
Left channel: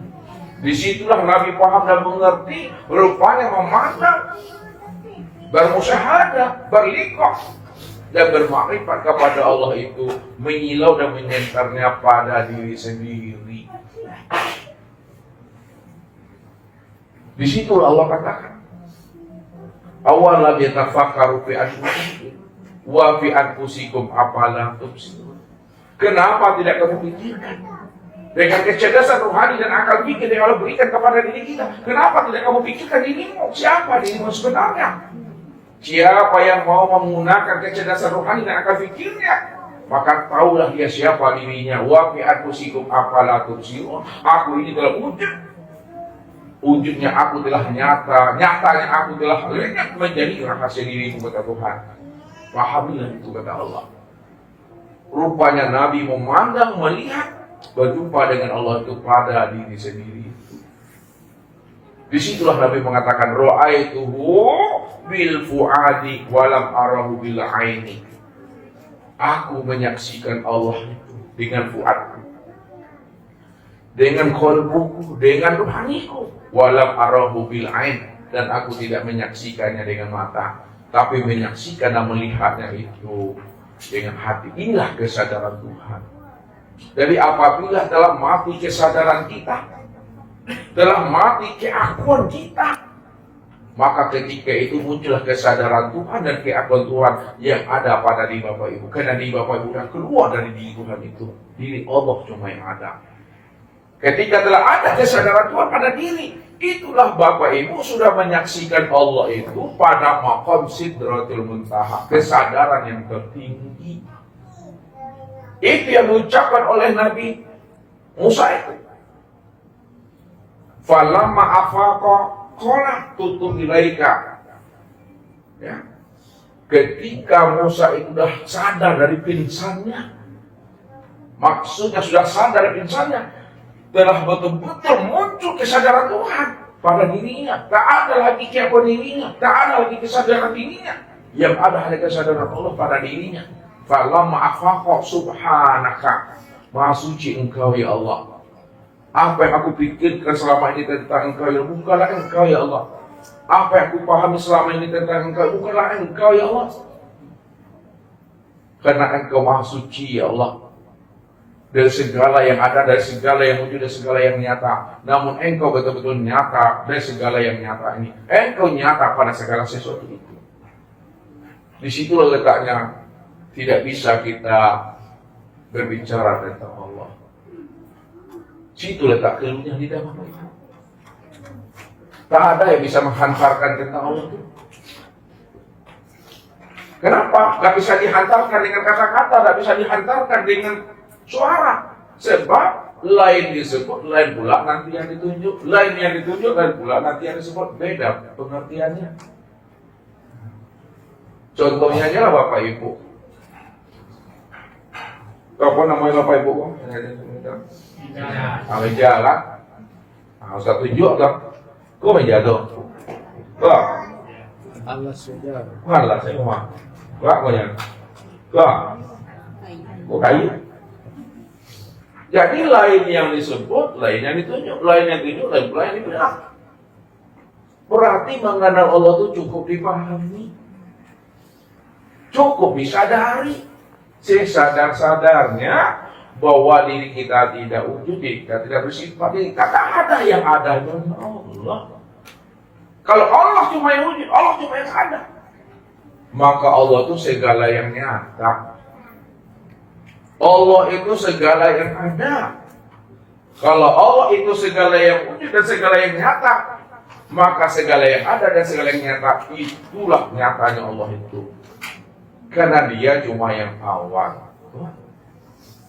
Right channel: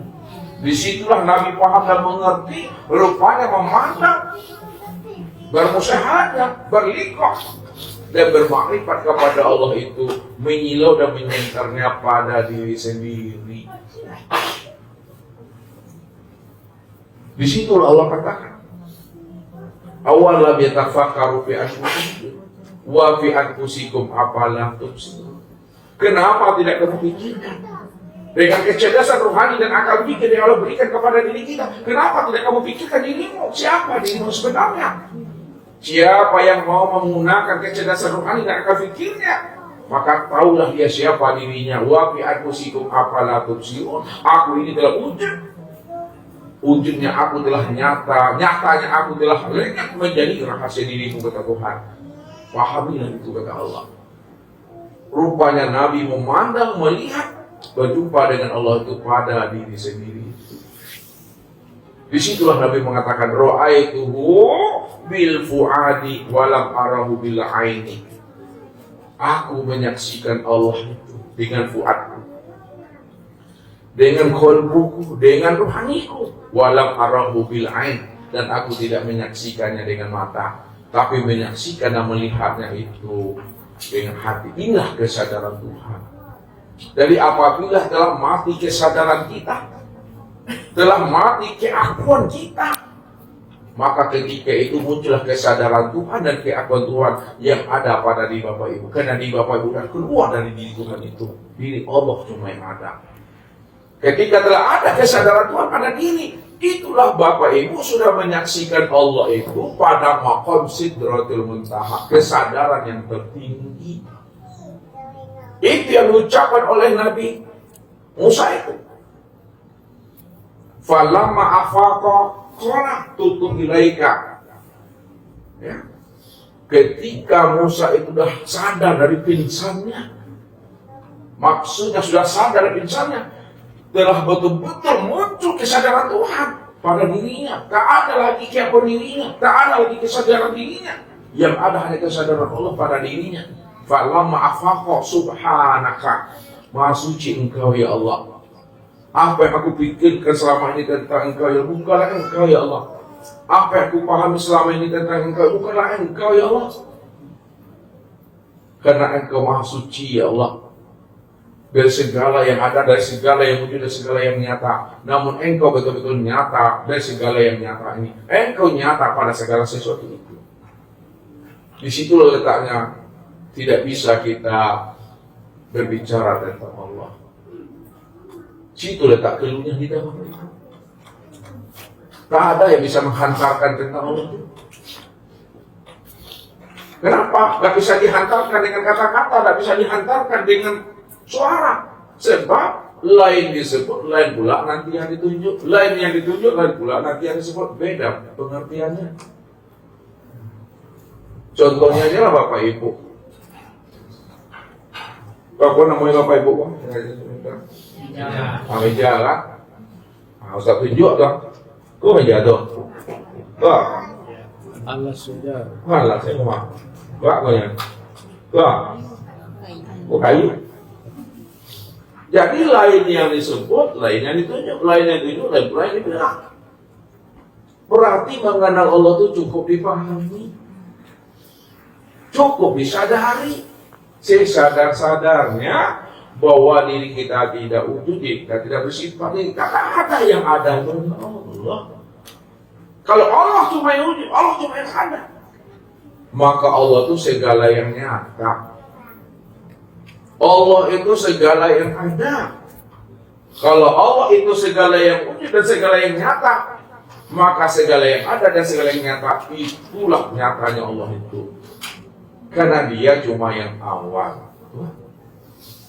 Disitulah Nabi paham dan mengerti, rupanya memandang, bermusyahadah, berliqah dan bermakrifat kepada Allah itu menyilau dan menyentarnya pada diri sendiri. Disitulah Allah katakan, awalam yatafakkaru fi anfusihim wa fi anfusikum afalam tubsirun. Kenapa tidak kamu pikirkan? Dengan kecerdasan rohani dan akal pikir yang Allah berikan kepada diri kita, kenapa tidak kamu pikirkan dirimu? Siapa dirimu sebenarnya? Siapa yang mau menggunakan kecerdasan rohani dan akal pikirnya maka taulah dia siapa dirinya. Wa fi anfusikum afala tubsirun. Aku ini telah wujudnya aku telah nyatanya aku telah lenyap menjadi rahasia diriku, kata Tuhan. Pahamilah itu, kata Allah. Rupanya Nabi memandang, melihat, berjumpa dengan Allah itu pada diri sendiri. Disitulah Nabi mengatakan, ra'aituhu bil fuadi walam arahu bil aini. Aku menyaksikan Allah itu dengan fuadku, dengan qalbuku, dengan ruhaniku, walam arahu bil ain, dan aku tidak menyaksikannya dengan mata, tapi menyaksikan dan melihatnya itu dengan hati. Inilah kesadaran Tuhan. Jadi apabila telah mati kesadaran kita, telah mati keakuan kita, maka ketika itu muncullah kesadaran Tuhan dan keakuan Tuhan yang ada pada diri Bapak Ibu. Karena diri Bapak Ibu dan keluar dari diri Tuhan itu, diri Allah cuma yang ada. Ketika telah ada kesadaran Tuhan pada diri, itulah Bapak Ibu sudah menyaksikan Allah itu pada maqam sidratul muntaha, kesadaran yang tertinggi. Itu yang diucapkan oleh Nabi Musa itu. Falamma afaqa qala tutu ilaika. Ya. Ketika Musa itu sudah sadar dari pingsannya, maksudnya sudah sadar dari pingsannya, telah betul-betul muncul kesadaran Tuhan pada dirinya. Tak ada lagi keakuan dirinya, tak ada lagi kesadaran dirinya. Yang ada hanya kesadaran Allah pada dirinya. Falamma afaqa subhanaka, maha suci engkau ya Allah. Apa yang aku pikirkan selama ini tentang engkau ya Allah, bukanlah engkau ya Allah. Apa yang aku pahami selama ini tentang engkau, bukanlah engkau ya Allah. Karena engkau maha suci ya Allah, dari segala yang ada, dari segala yang wujud, dari segala yang nyata. Namun engkau betul-betul nyata dari segala yang nyata ini. Engkau nyata pada segala sesuatu itu. Di situ letaknya tidak bisa kita berbicara tentang Allah. Situ letak keluhnya di dalam itu. Tak ada yang bisa menghantarkan tentang Allah itu. Kenapa? Gak bisa dihantarkan dengan kata-kata, gak bisa dihantarkan dengan suara. Sebab lain disebut, lain pula nanti yang ditunjuk. Lain yang ditunjuk, lain pula nanti yang disebut. Beda pengertiannya. Contohnya aja lah Bapak Ibu. Apa namanya Bapak Ibu? Meja lah. Usah tunjuk kan? Kok meja tuh? Wah. Alas sudah. Alas semua. Wah, kok yang? Wah. Kok kayu? Jadi lain yang disebut, lain yang ditunjuk, lain yang ditunjuk, lain yang dibilang. Berarti mengenal Allah itu cukup dipahami, cukup disadari, sesadar-sadarnya bahwa diri kita tidak wujud, kita tidak bersifat, tak ada yang ada itu Allah. Kalau Allah cuma yang wujud, Allah cuma yang ada, maka Allah itu segala yang nyata. Allah itu segala yang ada. Kalau Allah itu segala yang wujud dan segala yang nyata, maka segala yang ada dan segala yang nyata itulah nyatanya Allah itu. Karena dia cuma yang awal.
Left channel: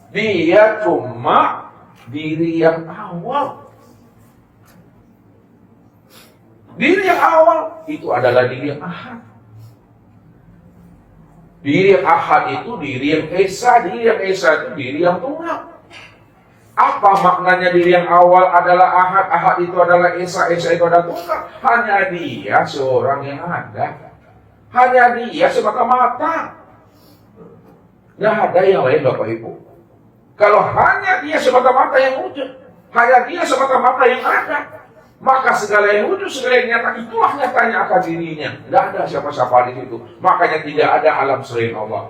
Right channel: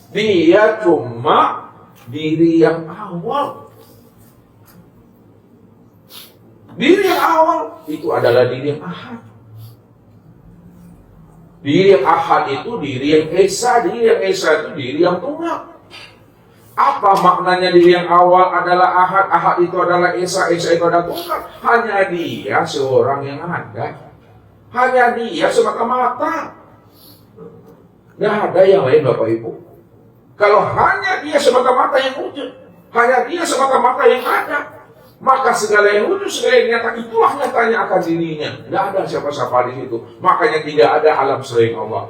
Dia cuma diri yang awal. Diri yang awal itu adalah diri yang ahad. Diri yang ahad itu diri yang esa. Diri yang esa itu diri yang tunggal. Apa maknanya diri yang awal adalah ahad, ahad itu adalah esa, esa itu adalah tunggal? Hanya dia seorang yang ada. Hanya dia semata-mata. Tidak ada yang lain Bapak Ibu. Kalau hanya dia semata-mata yang wujud, hanya dia semata-mata yang ada, maka segala yang wujud, segala yang nyata itulah nyatanya akan dirinya. Tidak ada siapa-siapa di situ. Makanya tidak ada alam selain Allah.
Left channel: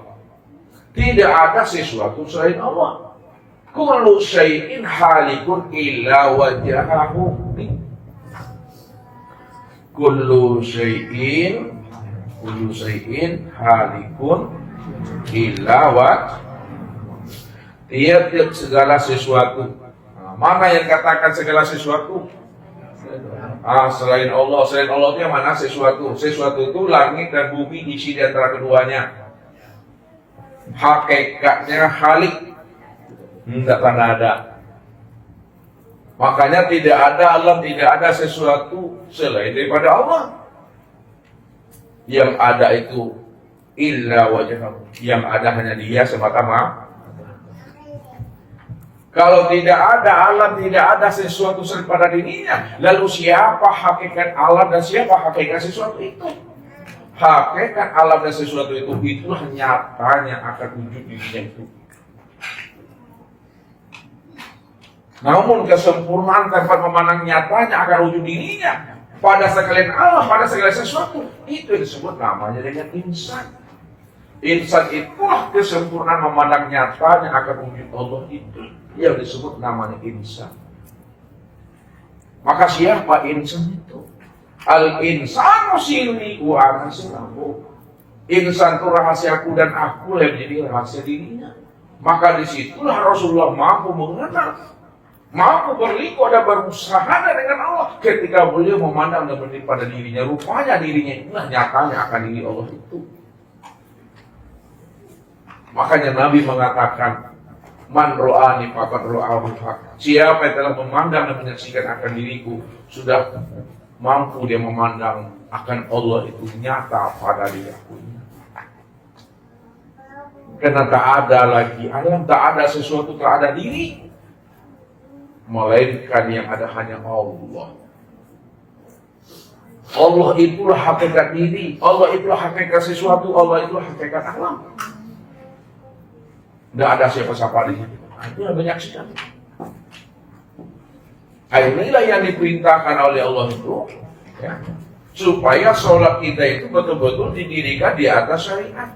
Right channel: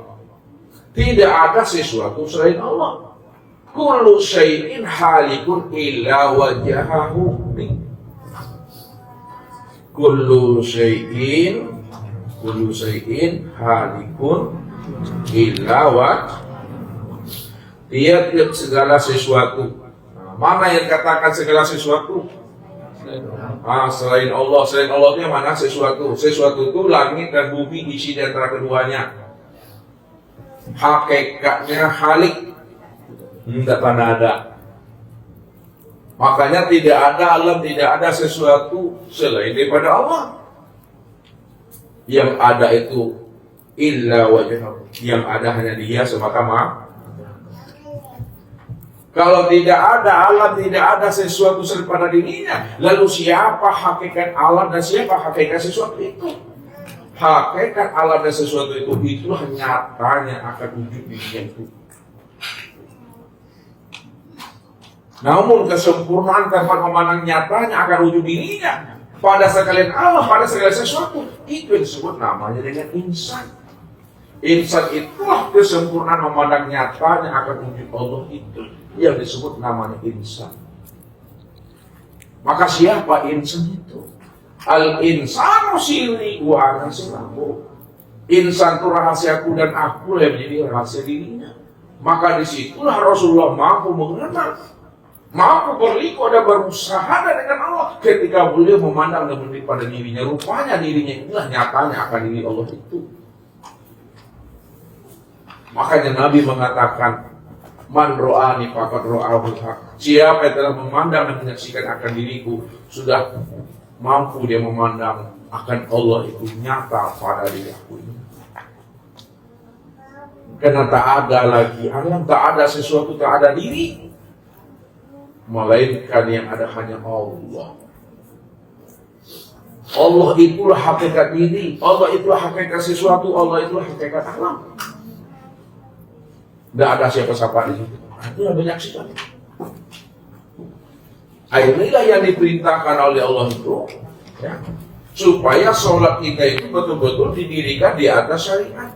Tidak ada sesuatu selain Allah. Kullu syai'in halikun illa wajahahu. Kullu syai'in halikun illa wajahahu. Tiap-tiap segala sesuatu. Mana yang katakan segala sesuatu? Selain Allah. Selain Allah itu yang mana sesuatu? Sesuatu itu langit dan bumi isi di antara keduanya. hakikatnya Khalik, enggak pernah ada. Makanya tidak ada alam, tidak ada sesuatu selain daripada Allah. Yang ada itu illa wajhahu, yang ada hanya Dia semata-mata. Kalau tidak ada alam, tidak ada sesuatu daripada dirinya, lalu siapa hakikat alam dan siapa hakikat sesuatu itu? Hakikat alam dan sesuatu itu, itulah nyatanya akan wujud dirinya itu. Namun kesempurnaan tanpa memandang nyatanya akan wujud dirinya pada sekalian Allah, pada sekalian sesuatu, itu yang disebut namanya dengan insan. Insan itulah kesempurnaan memandang nyatanya akan wujud Allah, itu yang disebut namanya insan. Maka siapa insan itu? Al-insanu sirri wa ana sirruhu. Insan itu rahasiaku dan aku yang jadi rahasia dirinya. Maka disitulah Rasulullah mampu mengenal, mampu berliku dan berusaha dengan Allah ketika beliau memandang pada dirinya. Rupanya dirinya itulah nyatanya akan diri Allah itu. Makanya Nabi mengatakan, man ro'ani faqad ro'ahu haq. Siapa yang telah memandang dan menyaksikan akan diriku, sudah mampu dia memandang akan Allah itu nyata pada diriku. Karena tak ada lagi alam, tak ada sesuatu, tak ada diri, melainkan yang ada hanya Allah. Allah itulah hakikat diri, Allah itulah hakikat sesuatu, Allah itulah hakikat alam. Tidak ada siapa-siapa di situ. Itu yang menyaksikan. Inilah yang diperintahkan oleh Allah itu, ya, supaya sholat kita itu betul-betul didirikan di atas syariat,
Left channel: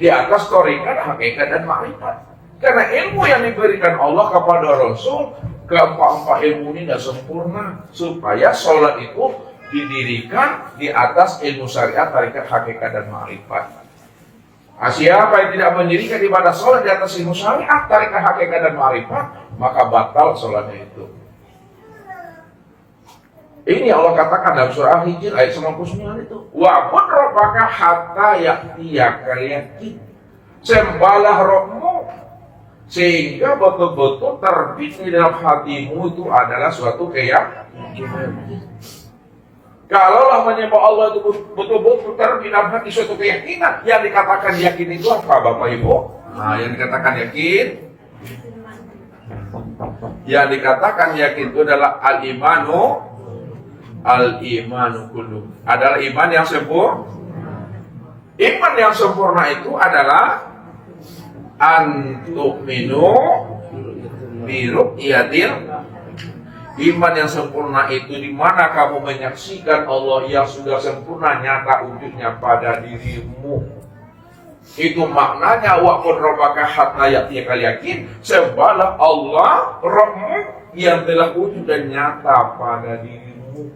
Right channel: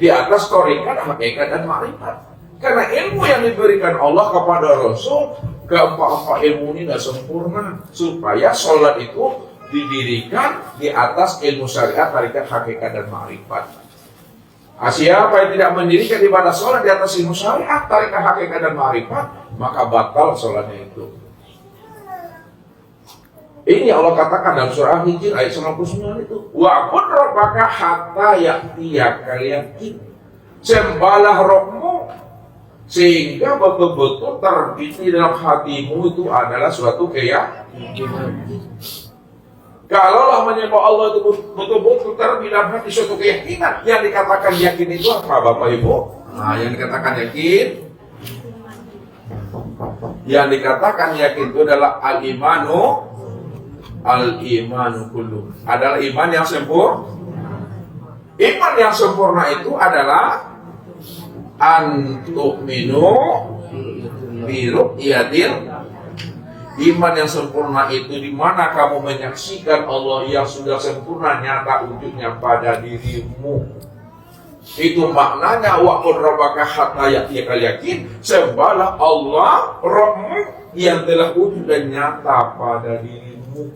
di atas thariqat, hakikat dan ma'rifat. Karena ilmu yang diberikan Allah kepada Rasul, keempat-empat ilmu ini tidak sempurna, supaya sholat itu didirikan di atas ilmu syariat, thariqat, hakikat dan ma'rifat. Siapa yang tidak mendirikan ibadah sholat di atas ilmu syariat, thariqat, hakikat dan ma'rifat, maka batal sholatnya itu. Ini Allah katakan dalam surah Hijr ayat 99 itu, wa'bud rabbaka hatta ya'tiyaka yakin. Sembahlah Rabbmu sehingga betul-betul terbit dalam hatimu itu adalah suatu keyakinan. Kalaulah menyembah Allah itu betul-betul terbit dalam hati suatu keyakinan, yang dikatakan yakin itu apa, Bapak Ibu? Nah, yang dikatakan yakin, yang dikatakan yakin itu adalah al-imanu kullu, adalah iman yang sempurna. Iman yang sempurna itu adalah antu'minu bi ru'yatil. Iman yang sempurna itu di mana kamu menyaksikan Allah yang sudah sempurna nyata wujudnya pada dirimu. Itu maknanya wa'bud rabbaka hatta ya'tiyaka yakin. Sembahlah Allah Rabbmu yang telah wujud dan nyata pada dirimu.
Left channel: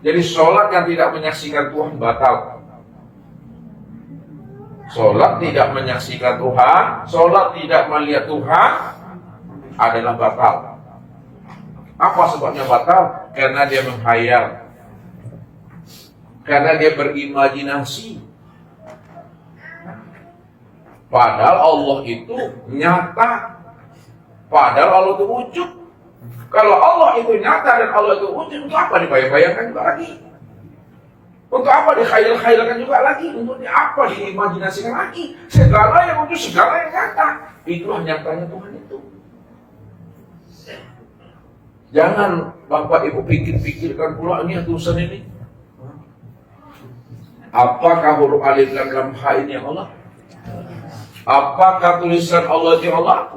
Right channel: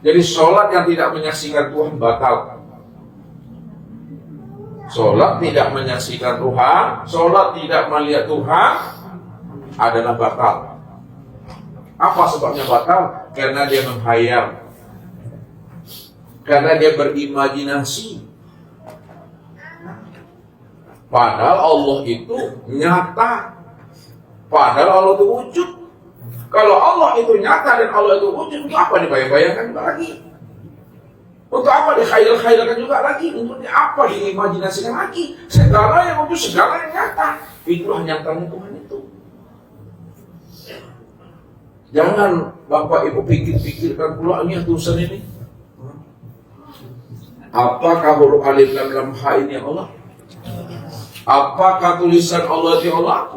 Jadi sholat yang tidak menyaksikan Tuhan batal. Sholat tidak menyaksikan Tuhan, sholat tidak melihat Tuhan adalah batal. Apa sebabnya batal? Karena dia menghayal, karena dia berimajinasi. Padahal Allah itu nyata, padahal Allah itu wujud. Kalau Allah itu nyata dan Allah itu wujud, untuk apa dibayang-bayangkan juga lagi? Untuk apa dikhayal-khayalkan juga lagi? Untuk apa diimajinasikan lagi? Segala yang wujud, segala yang nyata, itulah nyatanya Tuhan itu. Jangan Bapak Ibu pikir-pikirkan pula ini tulisan ini. Apakah huruf alif dan lam ha ini Allah? Apakah tulisan Allah itu Allah?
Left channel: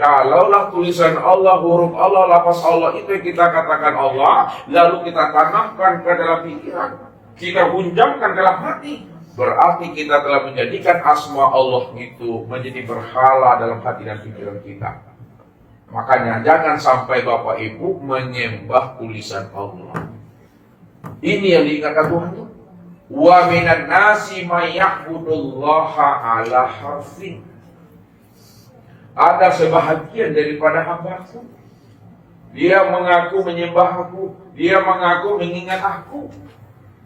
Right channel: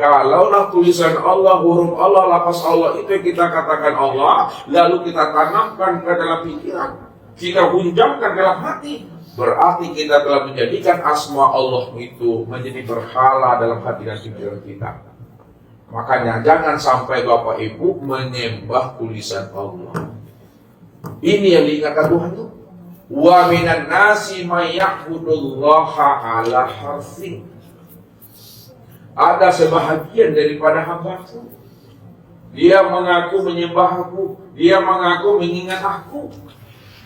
Kalaulah tulisan Allah, huruf Allah, lafaz Allah itu yang kita katakan Allah, lalu kita tanamkan ke dalam pikiran, kita hunjamkan dalam hati, berarti kita telah menjadikan asma Allah itu menjadi berhala dalam hati dan pikiran kita. Makanya jangan sampai Bapak Ibu menyembah tulisan Allah. Ini yang dikatakan Tuhan itu. Wa minan nasi may ya'budullaha ala harfin. Ada sebahagian daripada hamba-Ku, dia mengaku menyembah Aku, dia mengaku mengingat Aku,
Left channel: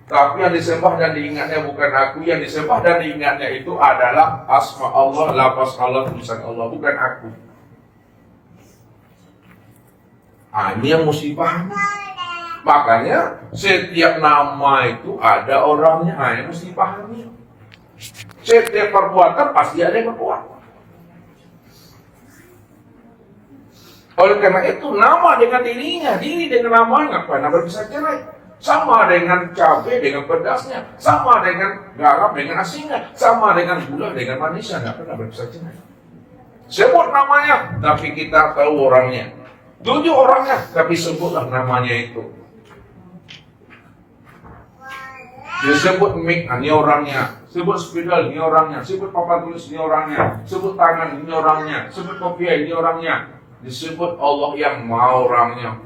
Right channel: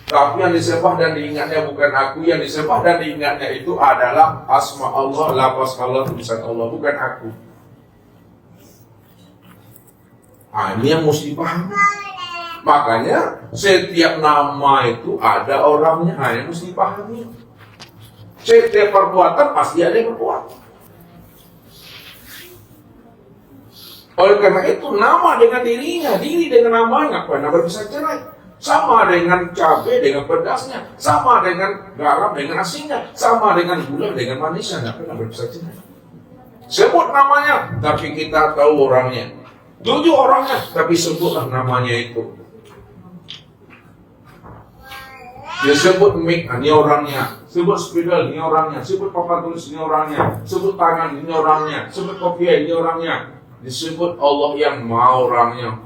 Tapi yang disembah dan diingatnya bukan aku, yang disembah dan diingatnya itu adalah asma Allah, lafaz Allah, tulisan Allah, bukan aku. Ini yang mesti paham. Makanya setiap nama itu ada orangnya, yang mesti pahami. Setiap perbuatan pasti ada yang berbuat. Oleh karena itu nama dengan dirinya, diri dengan namanya, apa yang bisa cerai. Sama dengan cabai dengan pedasnya, sama dengan garam dengan asinnya, sama dengan gula dengan manisnya, nggak pernah bisa cerai. Sebut namanya, tapi kita tahu orangnya. Tujuh orangnya, tapi sebutlah namanya itu. Disebut mic, ini orangnya. Sebut spidol, ini orangnya. Sebut papan tulis, ini orangnya. Sebut tangan, ini orangnya. Sebut kopiah, ini orangnya. Disebut Allah yang mau orangnya.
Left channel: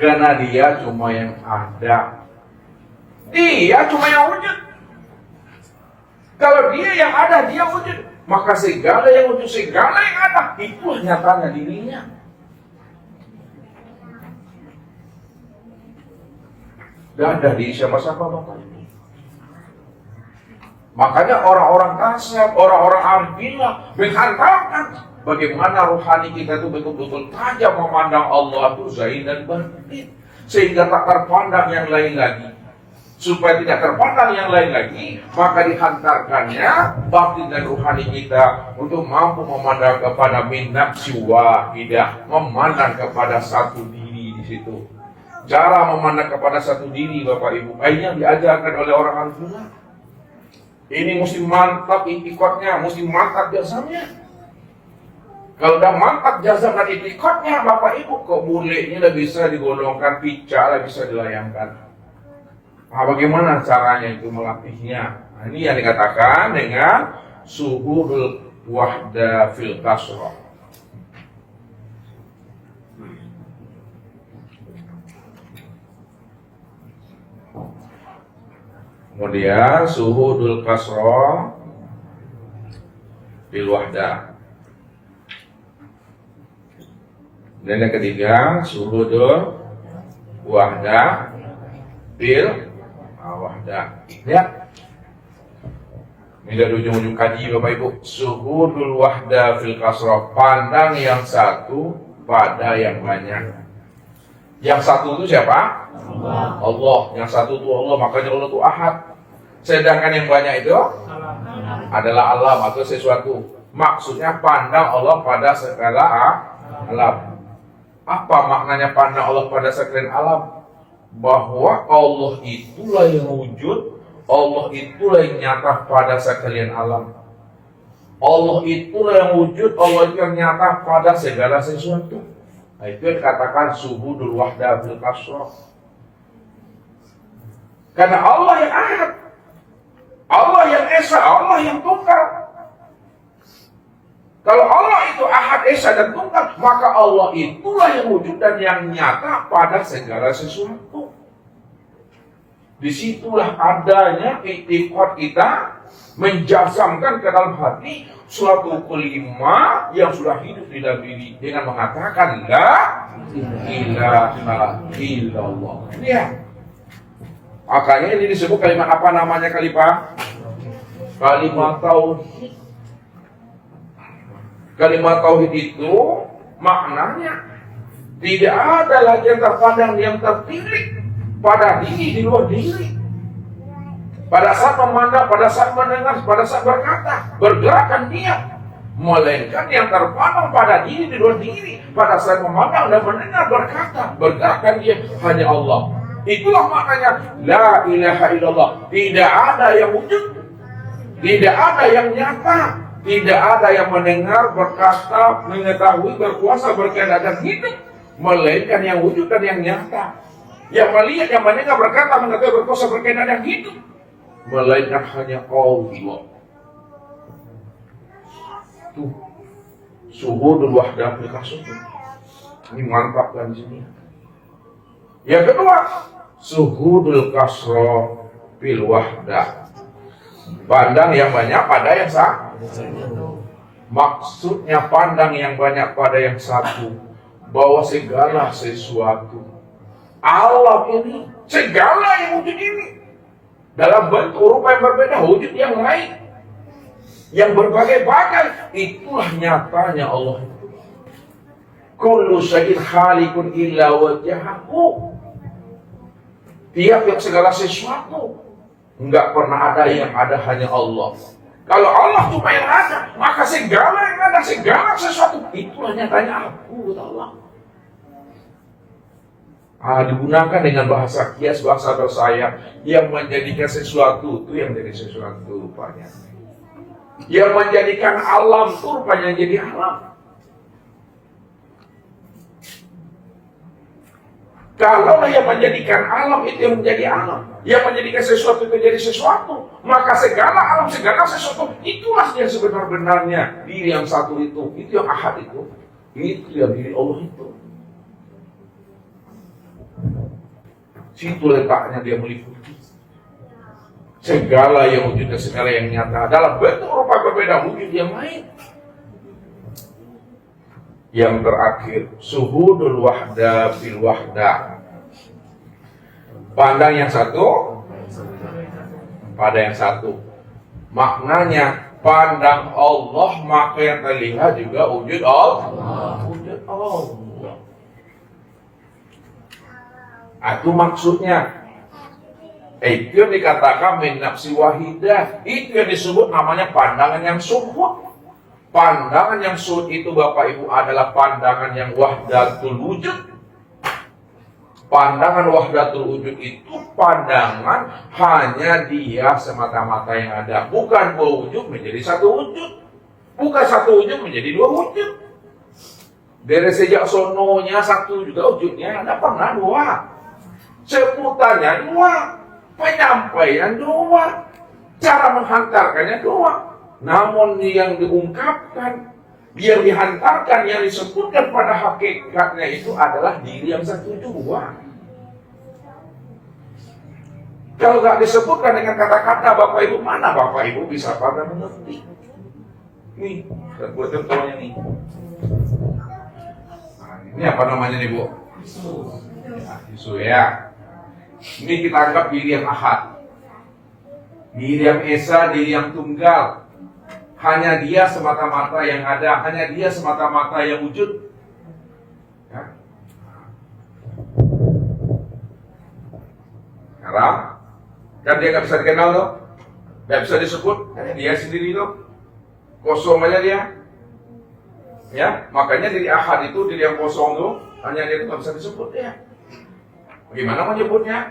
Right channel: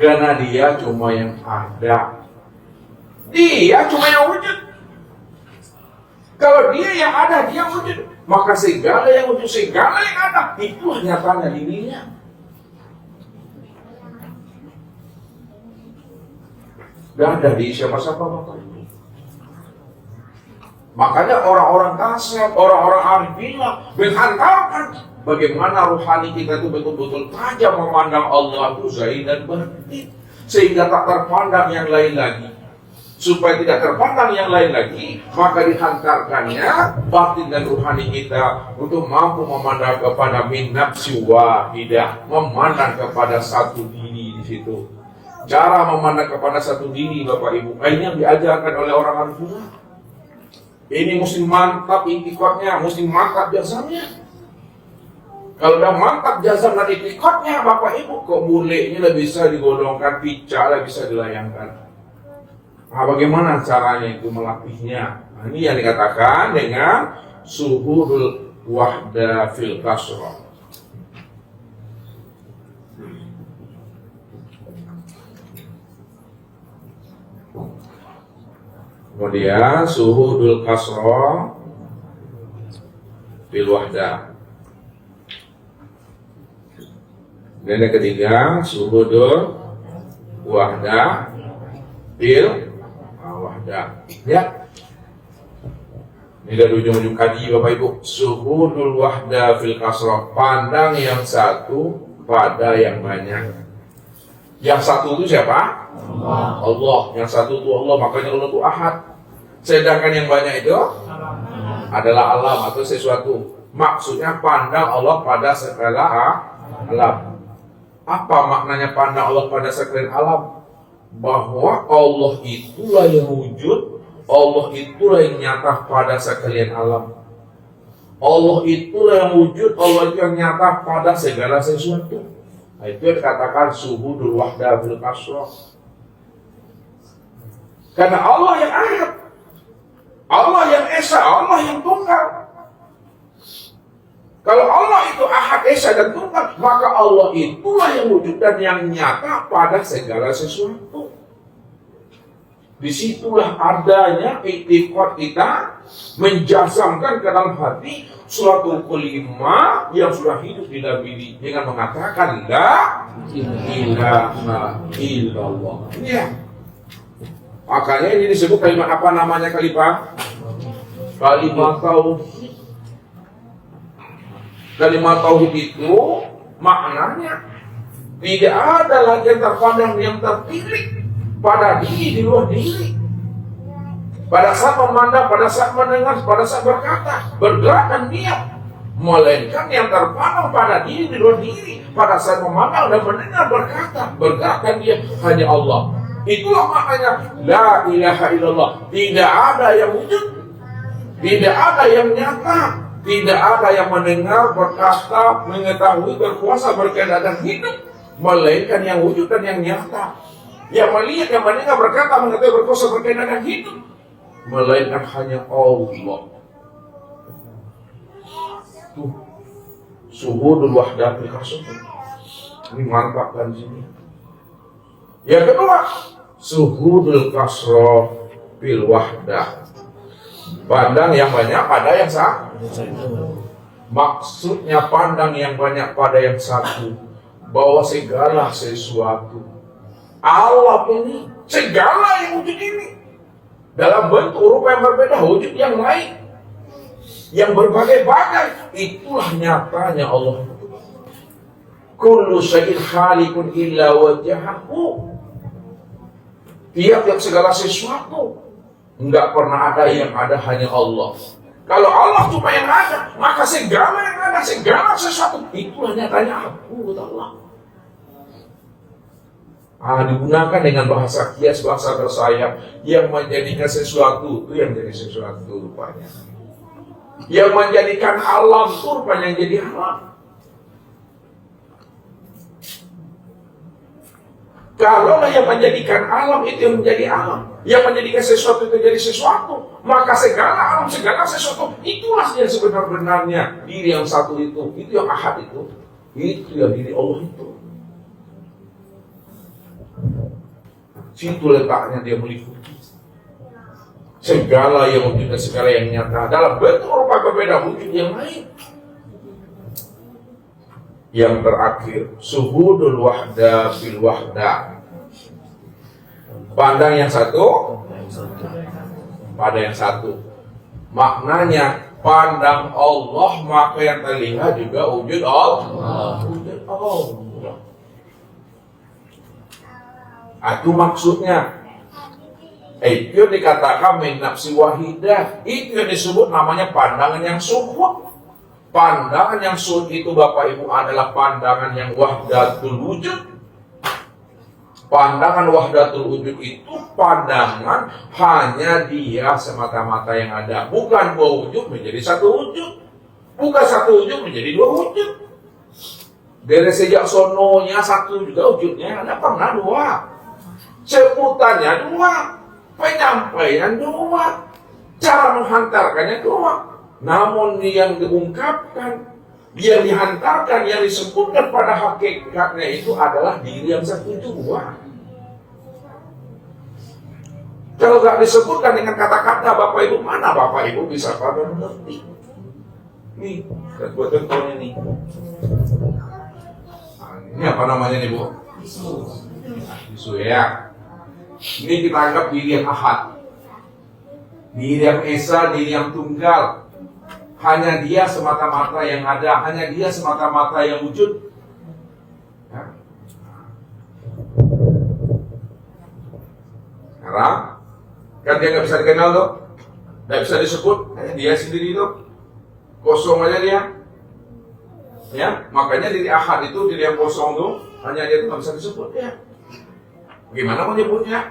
Karena dia cuma yang ada. Dia cuma yang wujud. Kalau dia yang ada, dia wujud. Maka segala yang wujud, segala yang ada, itulah nyatanya dirinya. Gak ada di siapa-siapa makanya orang-orang kasar, orang-orang arif bilang, menghantarkan bagaimana rohani kita itu betul-betul tajam memandang Allah itu zahir dan batin, sehingga tak terpandang yang lain lagi. Supaya tidak terpandang yang lain lagi, maka dihantarkannya batin dan rohani kita untuk mampu memandang kepada min nafsi wahidah, memandang kepada satu diri di situ. Cara memandang kepada satu diri, Bapak Ibu, ini yang diajarkan oleh orang Al-Quran. Ini mesti mantap itikadnya, mesti mantap jazamnya. Kalau udah mantap jazam dan itikadnya, Bapak Ibu, kok bulenya udah bisa digolongkan, pica bisa dilayangkan. Bagaimana caranya itu melatihnya? Ini yang dikatakan dengan suhudul wahda fil kasrah. Kemudian suhudul kasrah fil wahda. Dan yang ketiga suhudul wahda fil wahda. Ya. Ini dari ujung-ujung kaji Bapak Ibu. Suhudul wahda fil kasrah, pandang yang satu pada yang banyak. Yang satu itu siapa? Allah. Yang satu itu Allah, makanya Allah itu ahad. Sedangkan yang banyak itu adalah alam atau sesuatu. Maksudnya pandang Allah pada segala alam. Apa maknanya pandang Allah pada segala alam? Bahwa Allah itulah yang wujud, Allah itulah yang nyata pada sekalian alam. Allah itulah yang wujud, Allah itu yang nyata pada segala sesuatu. Nah, itu yang dikatakan suhudul wahda fil kasrah. Karena Allah yang ahad, Allah yang esa, Allah yang tunggal. Kalau Allah itu ahad, esa dan tunggal, maka Allah itulah yang wujud dan yang nyata pada segala sesuatu. Disitulah adanya i'tiqad kita menjazamkan ke dalam hati suatu kelima yang sudah hidup di dalam diri dengan mengatakan la ilaha illallah. Ya. Makanya ini disebut kalimat apa namanya kalimat? Kalimat tauhid. Kalimat tauhid itu maknanya tidak ada lagi yang terpandang yang terpilih pada diri di luar diri. Pada saat memandang, pada saat mendengar, pada saat berkata, bergerakkan dia, melainkan yang terpandang pada diri di luar diri. Pada saat memandang dan mendengar, berkata, bergerakkan dia hanya Allah. Itulah maknanya la ilaha illallah. Tidak ada yang wujud, tidak ada yang nyata, tidak ada yang mendengar, berkata, mengetahui, berkuasa, berkehendak dan hidup, melainkan yang wujud dan yang nyata. Yang melihat, yang mendengar, berkata, mengetahui, berkuasa, berkehendak dan hidup, melainkan hanya Allah. Tuh, suhudul wahdah fil kasrah. Ini mantap kan di sini. Yang kedua, suhudul kasrah fil wahdah. Pandang yang banyak pada yang satu. Maksudnya pandang yang banyak pada yang satu. bahwa segala sesuatu alam ini, segala yang wujud ini dalam bentuk rupa yang berbeda, wujud yang lain, yang berbagai-bagai, itulah nyatanya Allah. Kullu syai'in khaliqun illa wajhahu. Tiap segala sesuatu, enggak pernah ada yang ada, hanya Allah. Kalau Allah cuma yang ada, maka segala yang ada, segala sesuatu, itulah nyatanya aku, kata Allah. Digunakan dengan bahasa kias, bahasa bersayap, yang menjadikan sesuatu itu yang jadi sesuatu rupanya. Yang menjadikan alam itu rupanya jadi alam. Kalau yang menjadikan alam itu yang menjadi alam, yang menjadikan sesuatu itu jadi sesuatu, maka segala alam, segala sesuatu, itulah yang sebenar-benarnya diri yang satu itu yang ahad itu yang diri Allah itu. Situ letaknya dia meliputi segala yang wujud dan segala yang nyata dalam bentuk rupa berbeda wujud yang lain. Yang terakhir, suhudul wahda bil wahda. Pandang yang satu pada yang satu. Maknanya pandang Allah, maka yang terlihat juga wujud Allah. Wujud Allah. Itu maksudnya. Itu yang dikatakan min nafsi wahidah. Itu yang disebut namanya pandangan yang suhud. Pandangan yang suhud itu Bapak Ibu adalah pandangan yang wahdatul wujud. Pandangan wahdatul wujud itu pandangan hanya dia semata-mata yang ada. Bukan dua wujud menjadi satu wujud. Bukan satu wujud menjadi dua wujud. Dari sejak sononya satu juga wujudnya, tidak pernah dua. Sebutannya dua, penyampaian dua, cara menghantarkannya dua. Namun yang diungkapkan, yang dihantarkan, yang disebutkan pada hakikatnya itu adalah diri yang satu itu dua. Kalau nggak disebutkan dengan kata-kata Bapak Ibu, mana Bapak Ibu bisa pada mengerti? Nih, dan buat contohnya nih. Ini apa namanya nih Bu? Isu ya. Ini kita anggap diri yang ahad, diri yang esa, diri yang tunggal. Hanya dia semata-mata yang ada, hanya dia semata-mata yang wujud. Ya. Sekarang, kan dia nggak bisa dikenal loh, nggak bisa disebut, hanya dia sendiri loh, kosong aja dia. Ya, makanya diri ahad itu, diri yang kosong loh, hanya dia itu nggak bisa disebut ya. Bagaimana menyebutnya?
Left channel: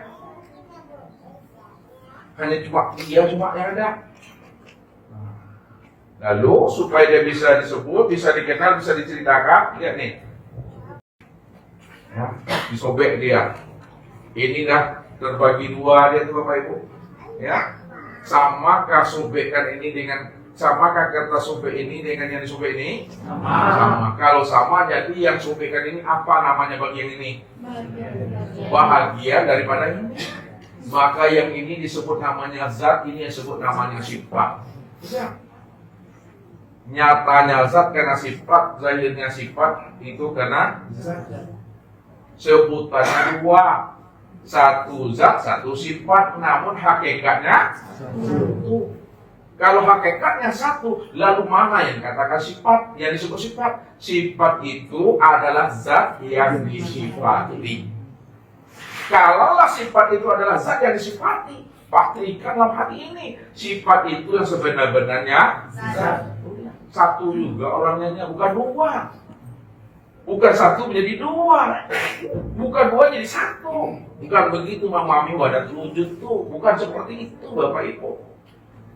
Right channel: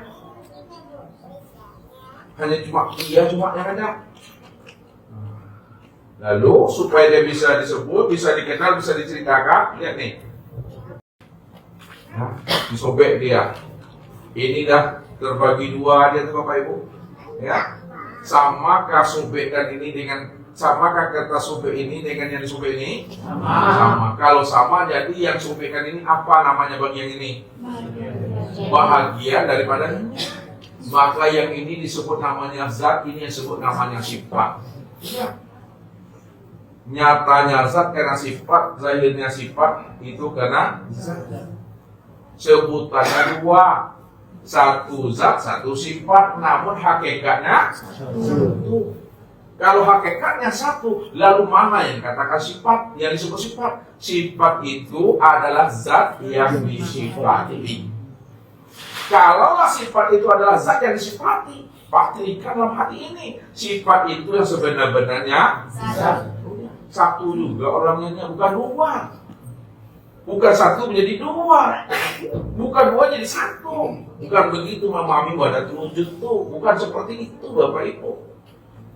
Hanya cuma yang ada. Lalu supaya dia bisa disebut, bisa dikenal, bisa diceritakan, lihat nih. Ya, disobek dia. Ini dah terbagi dua dia tuh Bapak Ibu. Ya. Samakah sobekan ini dengan, samakah kata sobek ini dengan yang disobek ini? Sama. Kalau sama, jadi yang sobekan ini apa namanya bagi yang ini? Bahagian daripada ini. Maka yang ini disebut namanya zat, ini yang disebut namanya sifat. Ya. Nyatanya zat karena sifat, zahirnya sifat itu karena zat. Sebutannya dua, satu zat, satu sifat, namun hakikatnya satu. Kalau hakikatnya satu, lalu mana yang katakan sifat, yang disebut sifat? Sifat itu adalah zat yang disifati. Kalaulah sifat itu adalah zat yang disifati, pastikan dalam hati ini sifat itu yang sebenar-benarnya zat. Satu juga orangnya, bukan dua. Bukan satu menjadi dua. Bukan dua jadi satu. Bukan begitu memahami wahdatul wujud tuh. Bukan seperti itu Bapak Ibu.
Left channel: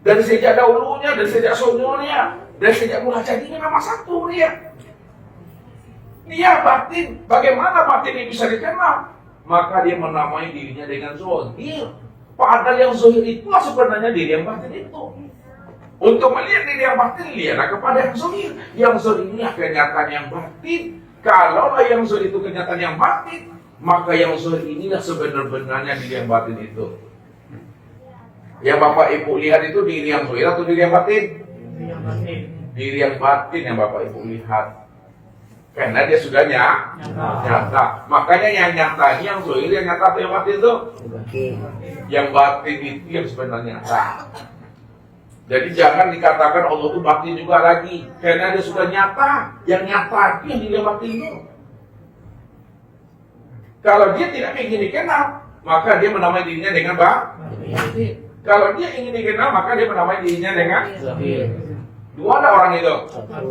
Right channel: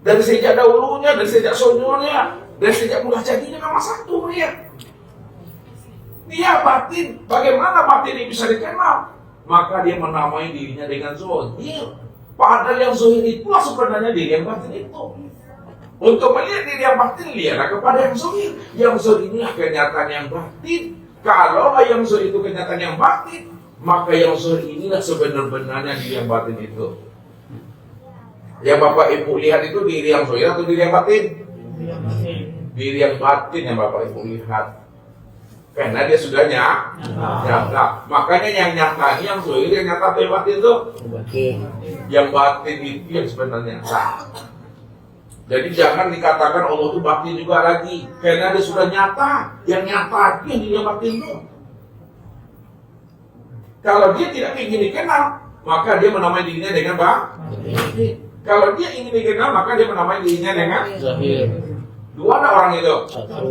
Dari sejak dahulunya, dari sejak sononya, dari sejak mula jadinya memang satu dia. Dia batin. Bagaimana batin ini bisa dikenal? Maka dia menamai dirinya dengan zohir. Padahal yang zohir itulah sebenarnya diri yang batin itu. Untuk melihat diri yang batin, lihatlah kepada yang zohir. Yang zohir ini kenyataan yang batin. Kalau yang zohir itu kenyataan yang batin, maka yang zohir inilah sebenar-benarnya diri yang batin itu. Yang Bapak Ibu lihat itu diri yang zohir atau diri yang batin? Diri yang batin. Diri yang batin yang Bapak Ibu lihat. Karena dia sudah nyata. Makanya yang nyata ini, yang zahir, yang nyata yang batin itu. Yang batin itu yang sebenarnya nyata. Jadi jangan dikatakan Allah itu batin juga lagi. Karena dia sudah nyata. Yang nyata itu yang dia batin itu. Kalau dia tidak ingin dikenal, maka dia menamai dirinya dengan batin. Kalau dia ingin dikenal, maka dia menamai dirinya dengan Zahir. dua ada orang itu. Satu.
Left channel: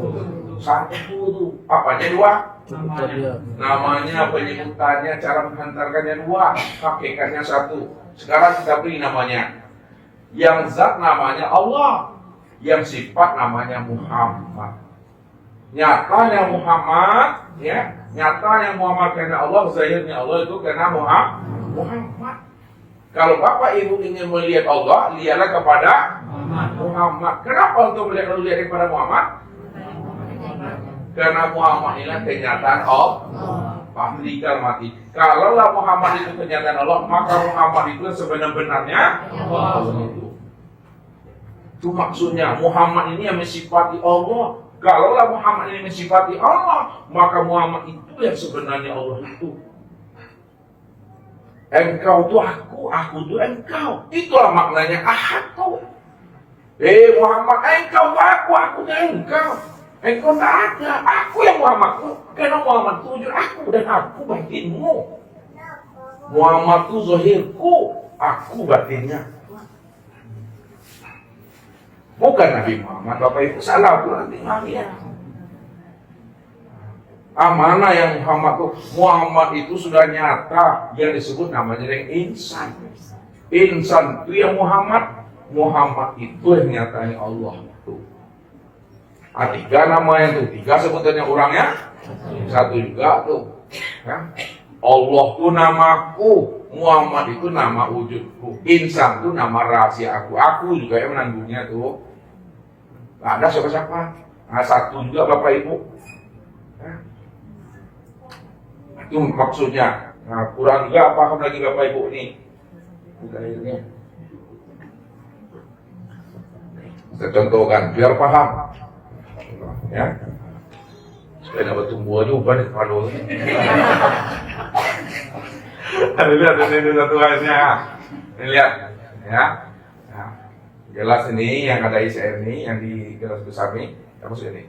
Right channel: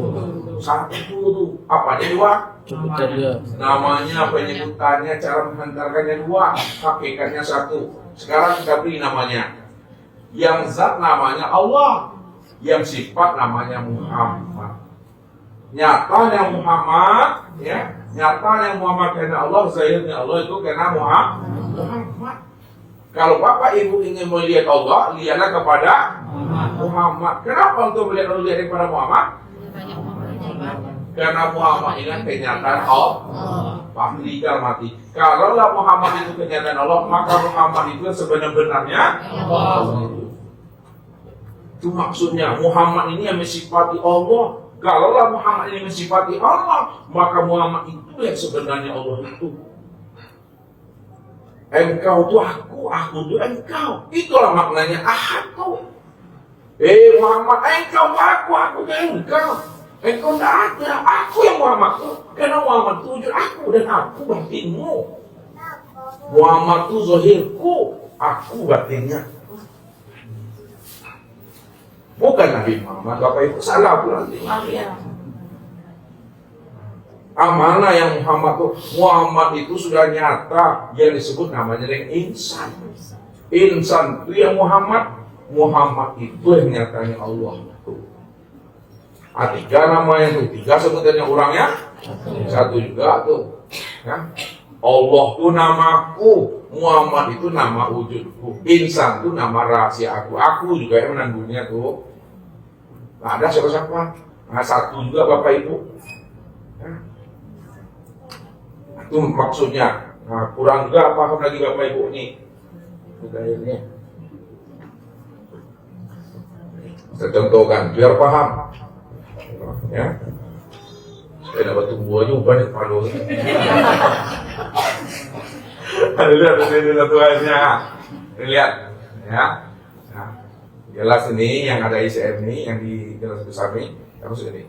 Satu tuh. Apanya dua? Cukup dia. Namanya, penyebutannya, cara menghantarkannya dua. Hakikatnya satu. Sekarang kita beri namanya. Yang zat namanya Allah. Yang sifat namanya Muhammad. Nyatanya Muhammad, ya. Nyatanya Muhammad karena Allah, zahirnya Allah itu karena Muhammad. Kalau Bapak Ibu ingin melihat Allah, lihatlah kepada Muhammad. Kenapa untuk melihat kepada Muhammad? Karena Muhammad ini kenyataan Allah. Pasti mati. Kalaulah Muhammad itu kenyataan Allah, maka Muhammad itu sebenarnya Allah. Itu maksudnya Muhammad ini yang mensifati Allah. Kalaulah Muhammad ini mensifati Allah, maka Muhammad itu yang sebenarnya Allah itu. Engkau itu aku itu engkau. Itulah maknanya aku. Muhammad, engkau aku itu engkau. Engkau tak ada, aku yang Muhammad itu. Karena Muhammad itu wujud aku dan aku batinmu. Muhammad itu zahirku, aku batinnya. Bukan Nabi Muhammad, Bapak Ibu salah pun nanti. Amanah yang Muhammad itu sudah nyata, yang disebut namanya dengan insan. Insan itu yang Muhammad itu yang nyatanya Allah. Tiga nama yang itu, tiga sebutannya orangnya, satu juga tuh. Ya. Allah itu namaku, Muhammad itu nama wujudku, insan itu nama rahasia aku juga yang menanggungnya tuh. Nah, ada siapa? Nah, satu juga Bapak Ibu. Ya. Itu maksudnya. Nah, kurang juga paham lagi Bapak Ibu nih. Budayanya. Saya contohkan biar paham. Ya. Supaya dapat tumbuhannya banyak palu. Lihat ini Tuhannya. Lihat, ya. Nah, gelas ini yang ada isi air ini, yang di gelas besar ini, terus ini.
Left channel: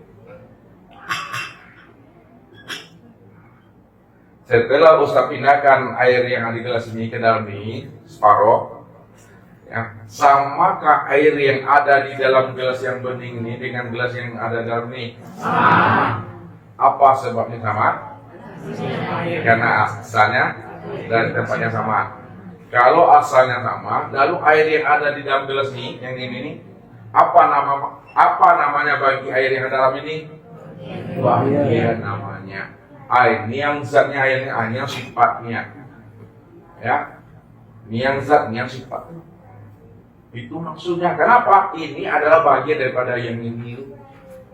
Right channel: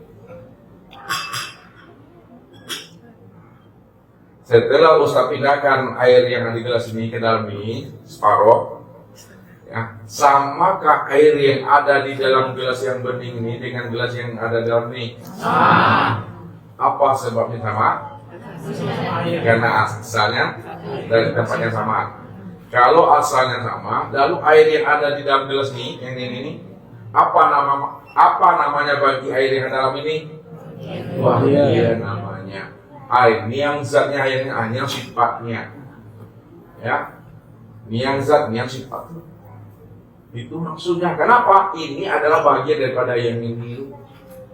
Setelah Ustaz pindahkan air yang ada di gelas ini ke dalam ini separuh, ya, samakah air yang ada di dalam gelas yang bening ini dengan gelas yang ada dalam ini? Apa sebabnya sama? Karena asalnya dan tempatnya sama. Kalau asalnya sama, lalu air yang ada di dalam gelas ini, yang ini, apa namanya bagi air yang dalam ini? Bagian namanya. Air, ini yang zatnya airnya, ini yang sifatnya. Ya, ini yang zat, ini yang sifat. Itu maksudnya. Kenapa? Ini adalah bagian daripada yang ini.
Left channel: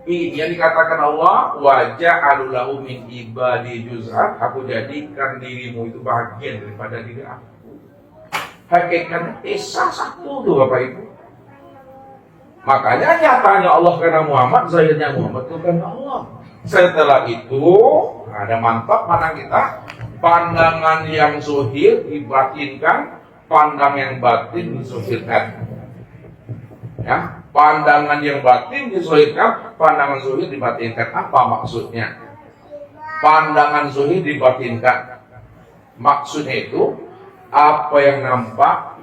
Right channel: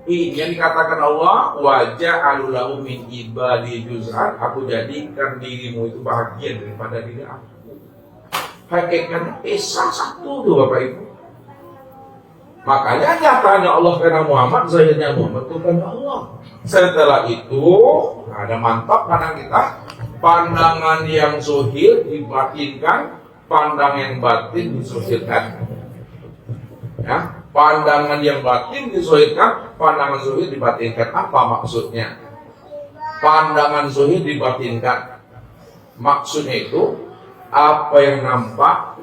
Ini yang dikatakan Allah, wajah alulahu min ibadi juz'an, aku jadikan dirimu itu bagian daripada diri aku. Hakikatnya Esa satu tuh Bapak Ibu. Makanya nyatanya Allah karena Muhammad, zahirnya Muhammad itu karena Allah. Setelah itu ada mantap mana kita, pandangan yang zuhir dibatinkan, pandangan yang batin disuhirkan. Ya, pandangan yang batin disuhirkan, pandangan zuhir dibatinkan. Apa maksudnya? Pandangan zuhir dibatinkan. Maksudnya itu apa yang nampak,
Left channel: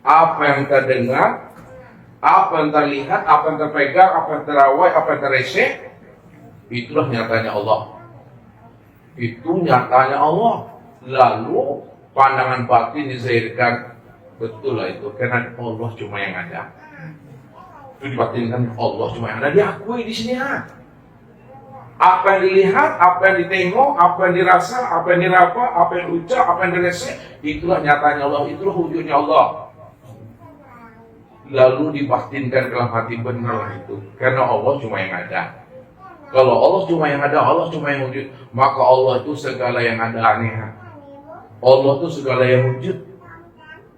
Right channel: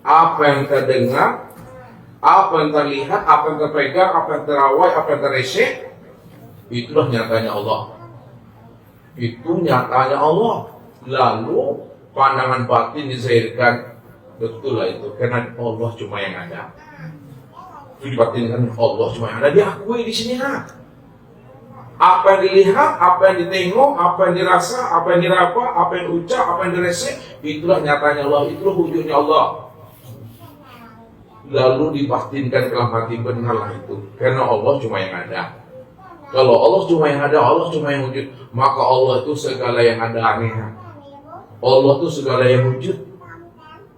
apa yang terdengar, apa yang terlihat, apa yang terpegang, apa yang terawai, apa yang terresek, itulah nyatanya Allah. Itu nyatanya Allah. Lalu pandangan batin dizahirkan. Betul lah itu, karena Allah cuma yang ada. Itu dibatinkan Allah cuma yang ada, diakui di sini ya. Apa yang dilihat, apa yang ditengok, apa yang dirasa, apa yang diraba, apa yang diucap, apa yang diresek, itulah nyatanya Allah, itulah wujudnya Allah. Lalu dibatinkan dalam hati, benar itu, karena Allah cuma yang ada. Kalau Allah cuma yang ada, Allah cuma yang wujud, maka Allah itu segala yang ada aneh. Allah itu segala yang wujud.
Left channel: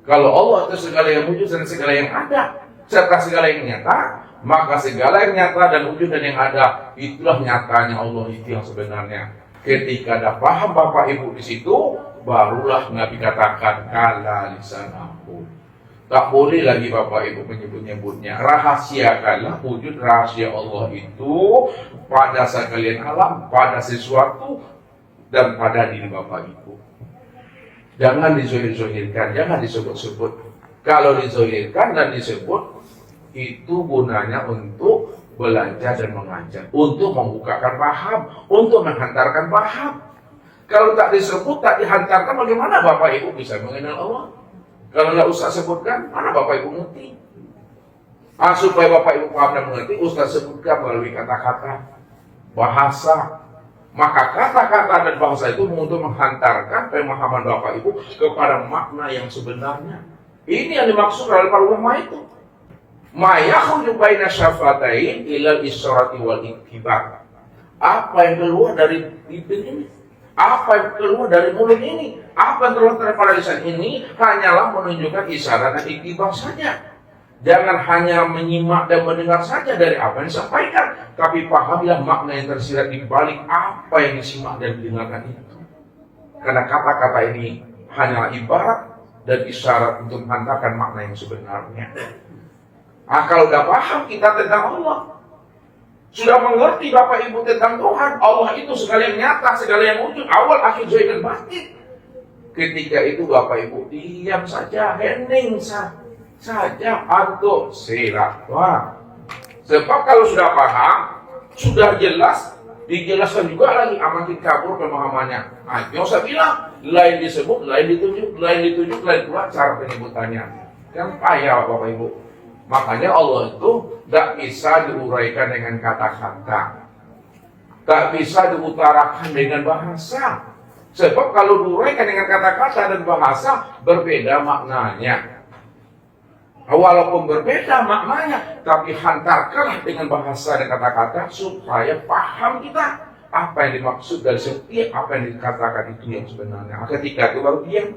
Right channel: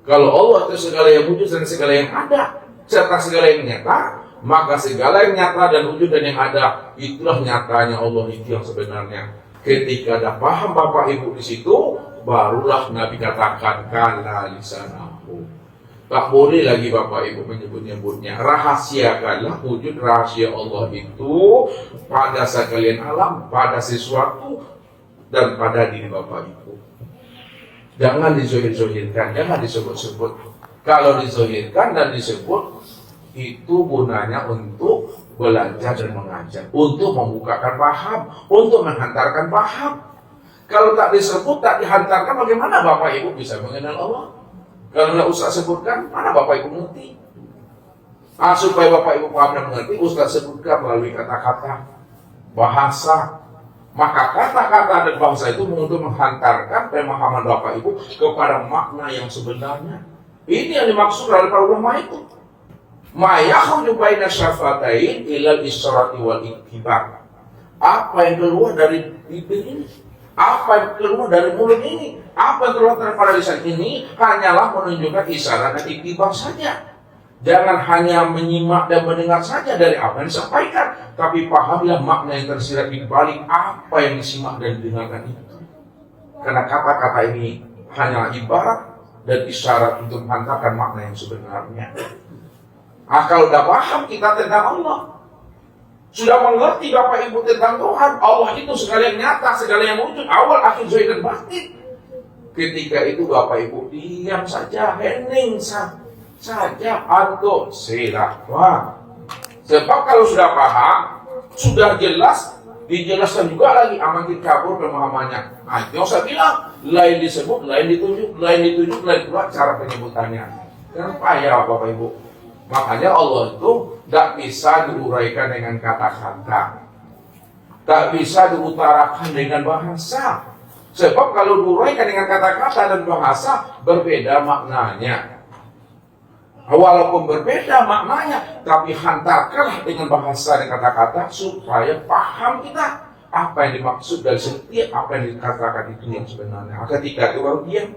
Kalau Allah itu segala yang wujud dan segala yang ada, serta segala yang nyata, maka segala yang nyata dan wujud dan yang ada itulah nyatanya Allah itu yang sebenarnya. Ketika ada paham Bapak Ibu di situ, barulah Nabi katakan kala lisanahu. Tak boleh lagi Bapak Ibu menyebut-nyebutnya. Rahasiakanlah wujud rahasia Allah itu pada sekalian alam, pada sesuatu dan pada diri Bapak Ibu. Jangan dizohir-zohirkan, jangan disebut-sebut. Kalau dizohirkan dan disebut, itu gunanya untuk belajar dan mengajar, untuk membukakan paham, untuk menghantarkan paham. Kalau tak disebut, tak dihantarkan, bagaimana Bapak Ibu bisa mengenal Allah? Kalau tidak usah sebutkan, mana Bapak Ibu mengerti? Supaya Bapak Ibu paham dan mengerti, Ustaz sebutkan melalui kata-kata, bahasa. Maka kata-kata dan bahasa itu untuk menghantarkan pemahaman Bapak Ibu kepada makna yang sebenarnya. Ini yang dimaksud oleh para ulama itu. Ma yakhruju baina syafatain ilal isyrati wal ittiba. Apa yang keluar dari bibir ini? Apa yang keluar dari mulut ini? Apa yang keluar daripada lisan ini? Hanyalah menunjukkan isyarat dan ittiba saja. Jangan hanya menyimak dan mendengar saja dari apa yang disampaikan, tapi pahamilah makna yang tersirat di balik apa yang disimak dan didengarkan itu. Karena kata-kata ini hanya ibarat dan isyarat untuk menghantarkan makna yang sebenarnya. Kalau udah paham kita tentang Allah, sudah mengerti Bapak Ibu tentang Tuhan, Allah itu segala yang nyata, segala yang wujud, awal, akhir, zahir dan batin. Ketika itu Bapak Ibu diam saja, hening saja atau silahkan. Sebab kalau sudah paham, sudah jelas, dijelaskan juga lagi amatin kabur pemahamannya. Yang saya bilang, lain disebut, lain ditunjuk, lain pula cara penyebutannya. Kan payah Bapak Ibu. Makanya Allah itu tidak bisa diuraikan dengan kata-kata, tak bisa diutarakan dengan bahasa. Sebab kalau diuraikan dengan kata-kata dan bahasa, berbeda maknanya. Walaupun berbeda maknanya, tapi hantarkanlah dengan bahasa dan kata-kata supaya paham kita apa yang dimaksud dari setiap apa yang dikatakan itu yang sebenarnya. Ketika itu baru diam.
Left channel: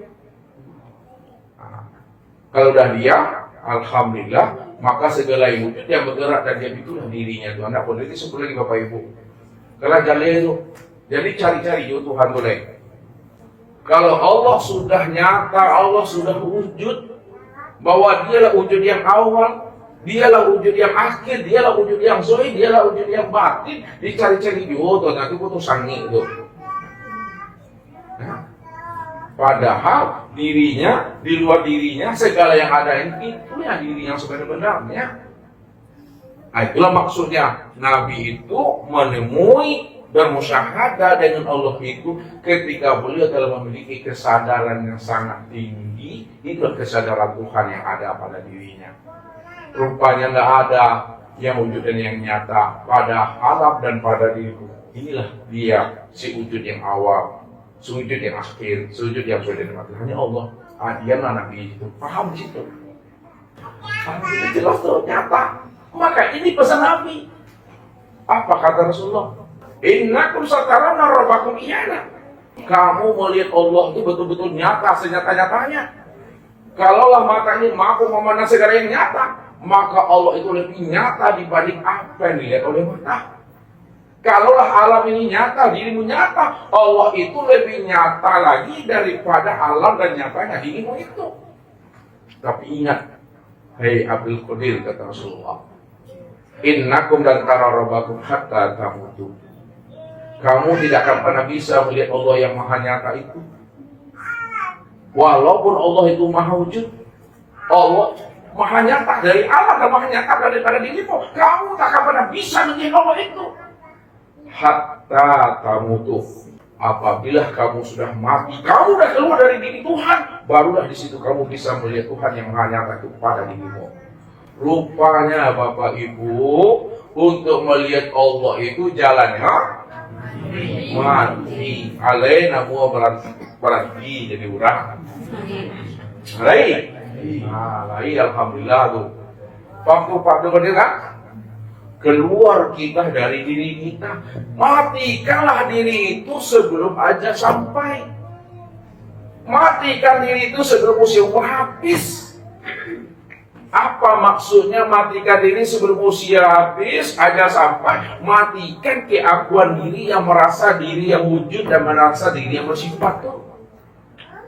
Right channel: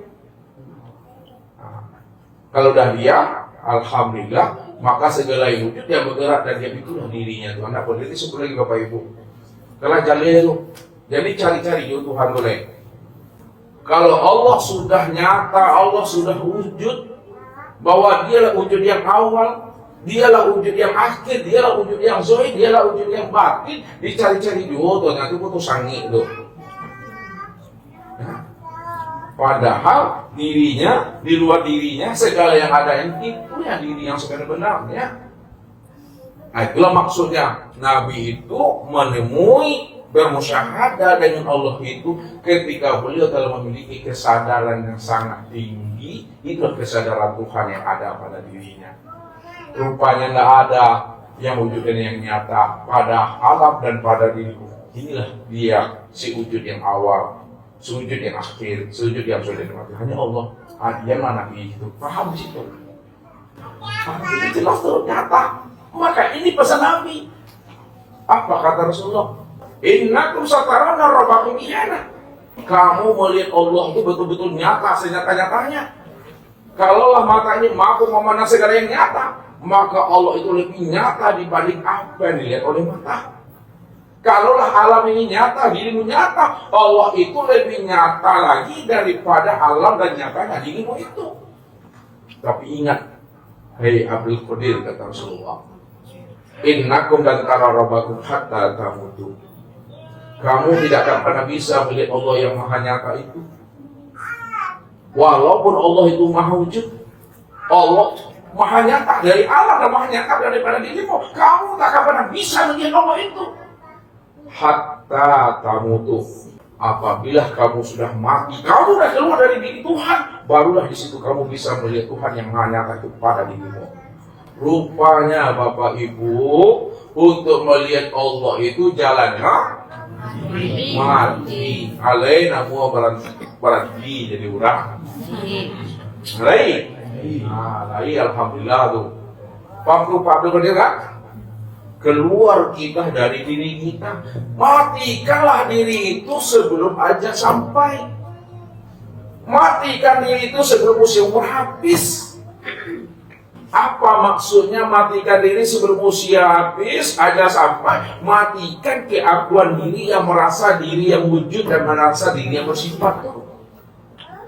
Kalau udah diam, alhamdulillah, maka segala yang wujud yang bergerak dan diam itulah dirinya Tuhan. Tidak boleh disebut lagi Bapak Ibu. Kalau jaliru, jadi cari-cari Tuhan boleh. Kalau Allah sudah nyata, Allah sudah wujud, bahwa dialah wujud yang awal, dialah wujud yang akhir, dialah wujud yang zahir, dialah wujud yang batin, dicari-cari jodoh, nanti butuh sangi itu. Nah, padahal dirinya, di luar dirinya, segala yang ada itu ya diri yang sebenarnya. Nah, itulah maksudnya Nabi itu menemui bermusyahadah dengan Allah itu ketika beliau telah memiliki kesadaran yang sangat tinggi. Itulah kesadaran Tuhan yang ada pada dirinya. Rupanya tidak ada yang wujud dan yang nyata pada alam dan pada diriku. Inilah dia si wujud yang awal, si wujud yang akhir, si wujud yang sudah dimati. Hanya Allah. Dia Nabi itu paham di situ. Ini jelas tuh nyata. Maka ini pesan Nabi. Apa kata Rasulullah? Innakum satarawna rabbakum iyana. Kamu melihat Allah itu betul-betul nyata, senyata-nyatanya. Kalaulah mata ini mampu memandang segala yang nyata, maka Allah itu lebih nyata dibanding apa yang dilihat oleh mata. Kalaulah alam ini nyata, dirimu nyata, Allah itu lebih nyata lagi daripada alam dan nyatanya dirimu itu. Tapi ingat, hei Abdul Qadir, kata Rasulullah, innakum dan tara rabbakum hatta tamutu. Kamu tidak akan pernah bisa melihat Allah yang maha nyata itu. Walaupun Allah itu maha wujud, Allah maha nyata dari Allah dan maha nyata daripada dirimu, kamu tak akan pernah bisa melihat Allah itu. Hatta tamutu. Apabila kamu sudah mati, kamu sudah keluar dari diri Tuhan, barulah di situ kamu bisa melihat Tuhan yang maha nyata itu pada dirimu. Rupanya Bapak Ibu, untuk melihat Allah itu jalannya mati. Alaina mua berhenti jadi urang. Lai alhamdulillah tuh. Pampu berdeka. Keluar kita dari diri kita. Matikanlah diri itu sebelum aja sampai. Matikan diri itu sebelum usia habis. Apa maksudnya matikan diri sebelum usia habis? Agar sampai matikan keakuan diri yang merasa diri yang wujud dan merasa diri yang bersifat.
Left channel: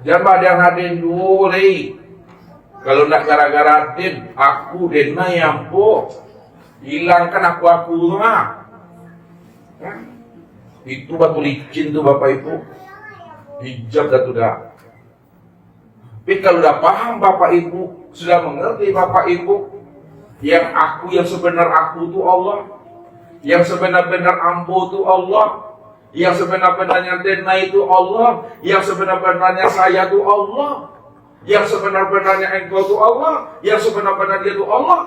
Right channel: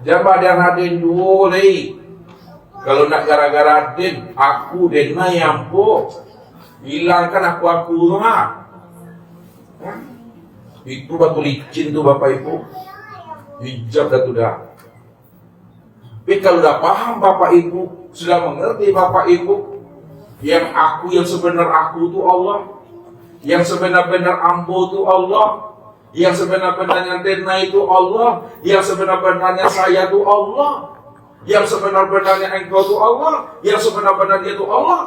Jangan yang hadir dulu, kalau nak gara-gara din, aku dena yang hilangkan aku lah. Ya. Itu batu licin tuh Bapak Ibu, hijab dah tuh dah. Tapi kalau dah paham Bapak Ibu, sudah mengerti Bapak Ibu, yang sebenar aku itu Allah, yang sebenar-benar ambo itu Allah, yang sebenar-benarnya dena itu Allah, yang sebenar-benarnya saya itu Allah, yang sebenar-benarnya engkau itu Allah, yang sebenar-benarnya itu Allah.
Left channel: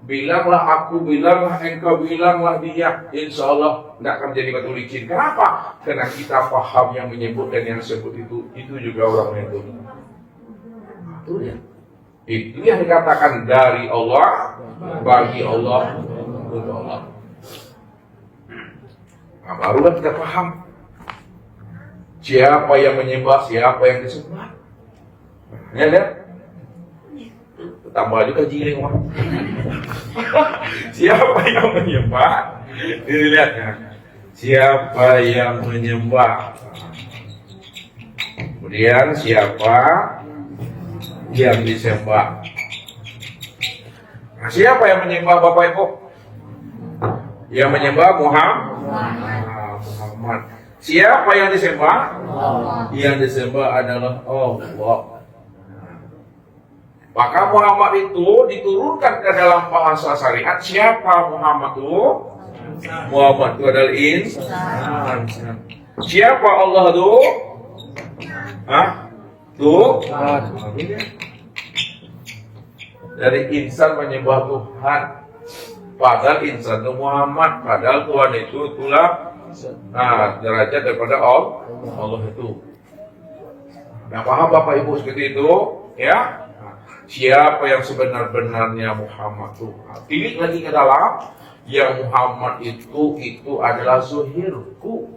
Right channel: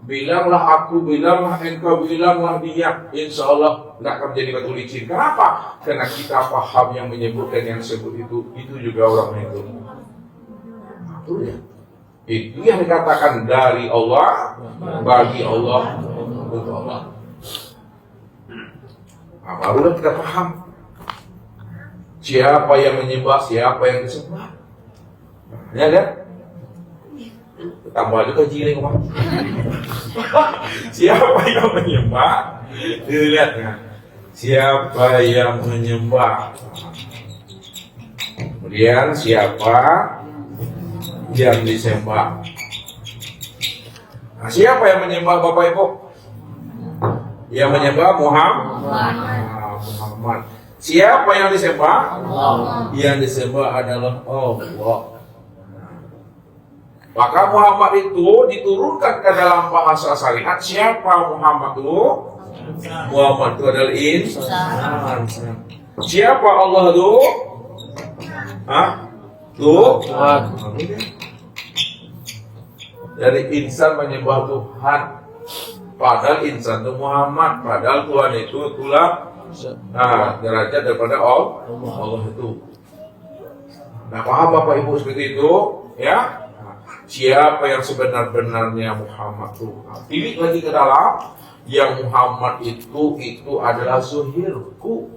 Bilanglah aku, bilanglah engkau, bilanglah dia. Insya Allah tidak akan menjadi batu licin. Kenapa? Karena kita paham yang menyebut dan yang disebut itu juga orang itu. Itu yang dikatakan dari Allah, bagi Allah, untuk Allah. Nah, barulah kita paham siapa yang menyembah, siapa yang disembah. Ya ada? Tambah juga jiling mah. Siapa yang menyembah? Dilihat ya. Siapa yang menyembah? Kemudian siapa yang disembah? Nah, siapa yang menyembah Bapak Ibu? Yang menyembah Muhammad. Siapa yang disembah? Yang disembah adalah Allah. Maka Muhammad itu diturunkan ke dalam bahasa syariat. Siapa Muhammad itu? Muhammad itu adalah insan. Siapa Allah itu? Tuhan. Dari insan menyembah Tuhan. Padahal insan itu Muhammad. Padahal Tuhan itu itulah derajat daripada Allah itu. Nah, paham Bapak Ibu seperti itu? Ya. Siapa yang sebenar-benarnya Muhammad itu? Tilik lagi ke dalam. Yang Muhammad itu adalah zohirku.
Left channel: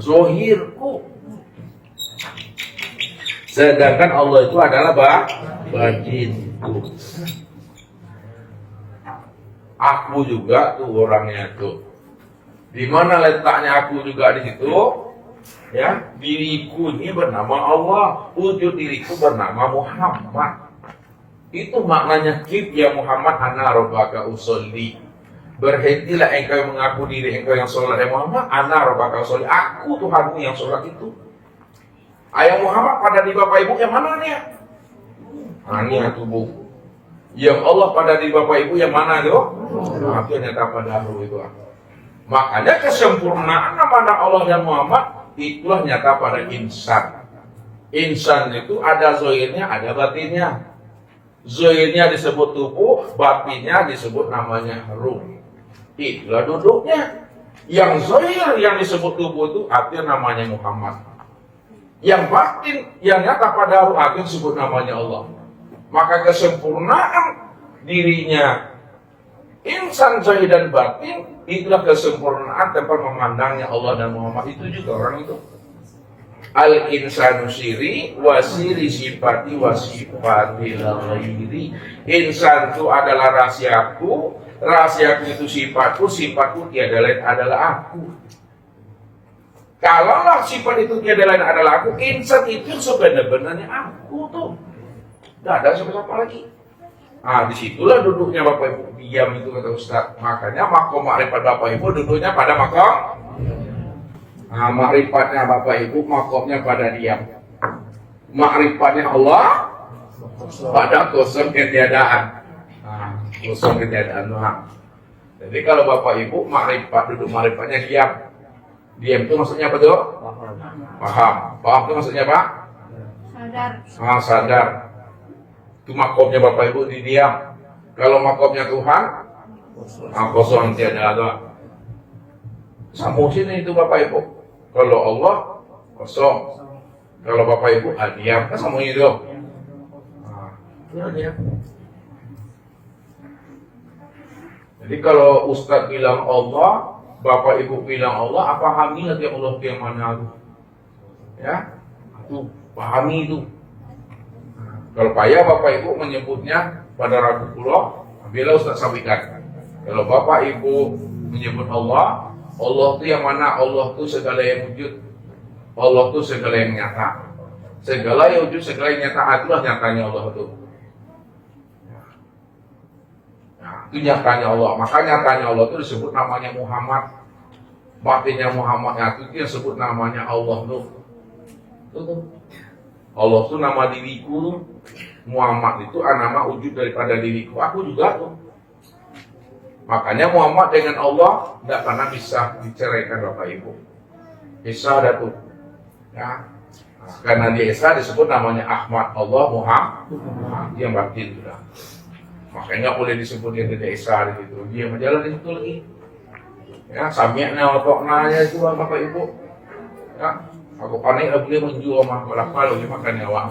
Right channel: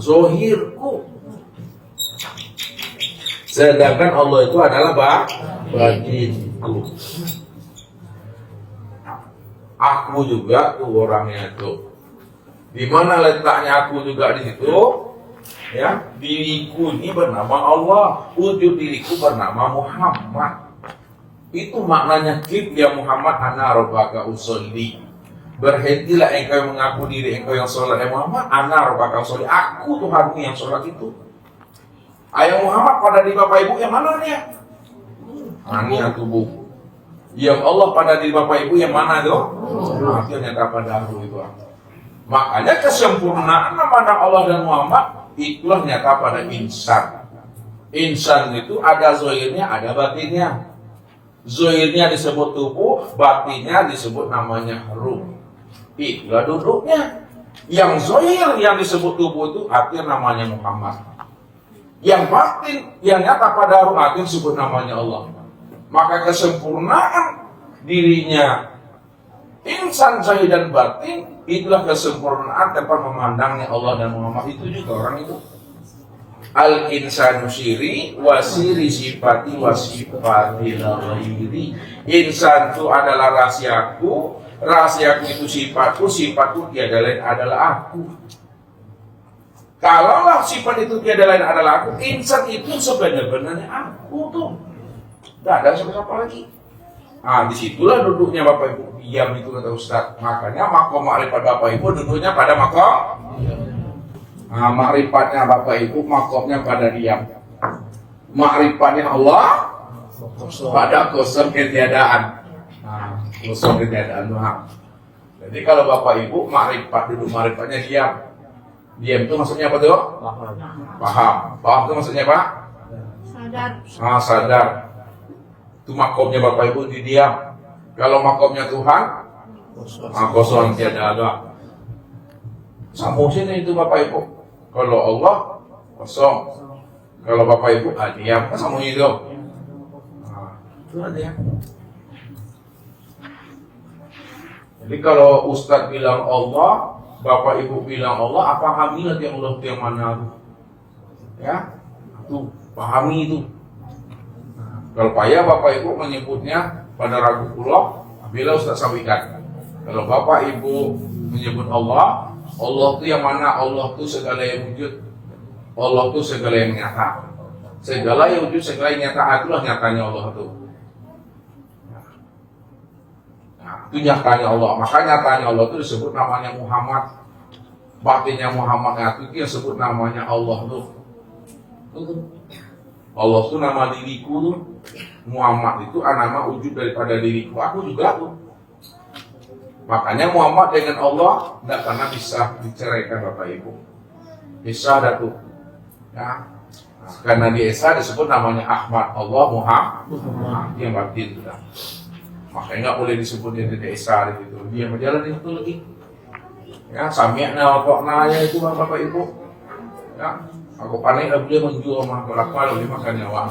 Zohirku. Sedangkan Allah itu adalah batinku. Aku juga tuh orangnya tuh. Di mana letaknya aku juga di situ? Ya, diriku ini bernama Allah, wujud diriku bernama Muhammad. Itu maknanya kif ya Muhammad ana rabbaka usolli. Berhentilah engkau mengaku diri engkau yang sholat. Muhammad ana rabbaka usolli. Aku Tuhanmu yang sholat itu. Ayah Muhammad pada di Bapak Ibu yang mana dia? Ini yang tubuh. Yang Allah pada di Bapak Ibu yang mana yo? Akhirnya dapat dahulu itu. Makanya kesempurnaan mana Allah dan Muhammad itulah nyata pada insan. Insan itu ada zohirnya, ada batinnya. Zohirnya disebut tubuh, batinnya disebut namanya ruh. Itulah duduknya. Yang zohir yang disebut tubuh itu artinya namanya Muhammad. Yang batin, yang nyata pada ruh artinya disebut namanya Allah. Maka kesempurnaan dirinya insan zahir dan batin itulah kesempurnaan tempat memandangnya Allah dan Muhammad itu juga orang itu. Al insanu siri wasiri sifati wasifati ghairi. Insan itu adalah rahasiaku, rahasiaku itu sifatku, sifatku tiada lain adalah aku. Kalaulah sifat itu tiada lain adalah aku, insan itu sebenarnya aku tuh. Tidak ada siapa-siapa lagi. Nah, disitulah duduknya Bapak Ibu diam itu kata Ustaz. Makanya makom makrifat Bapak Ibu duduknya pada makom. Nah, makrifatnya Bapak Ibu makomnya pada diam. Makrifatnya Allah pada kosong ketiadaan. Nah, kosong ketiadaan Tuhan. Jadi kalau Bapak Ibu makrifat duduk makrifatnya diam. Diam itu maksudnya apa tuh? Paham. Paham itu maksudnya apa? Sadar. Nah, sadar. Itu makomnya Bapak Ibu di diam. Kalau makomnya Tuhan, kosong tiada ada. Sambung sini itu Bapak Ibu. Kalau Allah kosong. Kalau Bapak Ibu diam, kan sambung itu. Nah, itu dia. Jadi kalau Ustaz bilang Allah, Bapak Ibu bilang Allah, pahami lagi Allah itu yang mana? Ya, itu pahami itu. Kalau payah Bapak Ibu menyebutnya pada ragu kula, bila Ustaz sampaikan. Kalau Bapak Ibu menyebut Allah, Allah itu yang mana? Allah itu segala yang wujud, Allah itu segala yang nyata. Segala yang wujud, segala yang nyata, itulah nyatanya Allah itu. Nah, itu nyatanya Allah. Maka nyatanya Allah itu disebut namanya Muhammad. Batinnya Muhammad itu disebut namanya Allah itu. Allah itu nama diriku tuh. Muhammad itu nama wujud daripada diriku. Aku juga tuh. Makanya Muhammad dengan Allah tidak pernah bisa diceraikan Bapak Ibu. Bisa ada tuh. Nah, karena di Esa disebut namanya Ahmad, Allah Muhammad yang batin juga. Makanya boleh disebut di Esa gitu. Dia menjalani itu lagi. Ya, sami'na wa ta'nanya itu Bapak Ibu. Ya, aku panik dia menjual mah berapa lebih makan nyawa.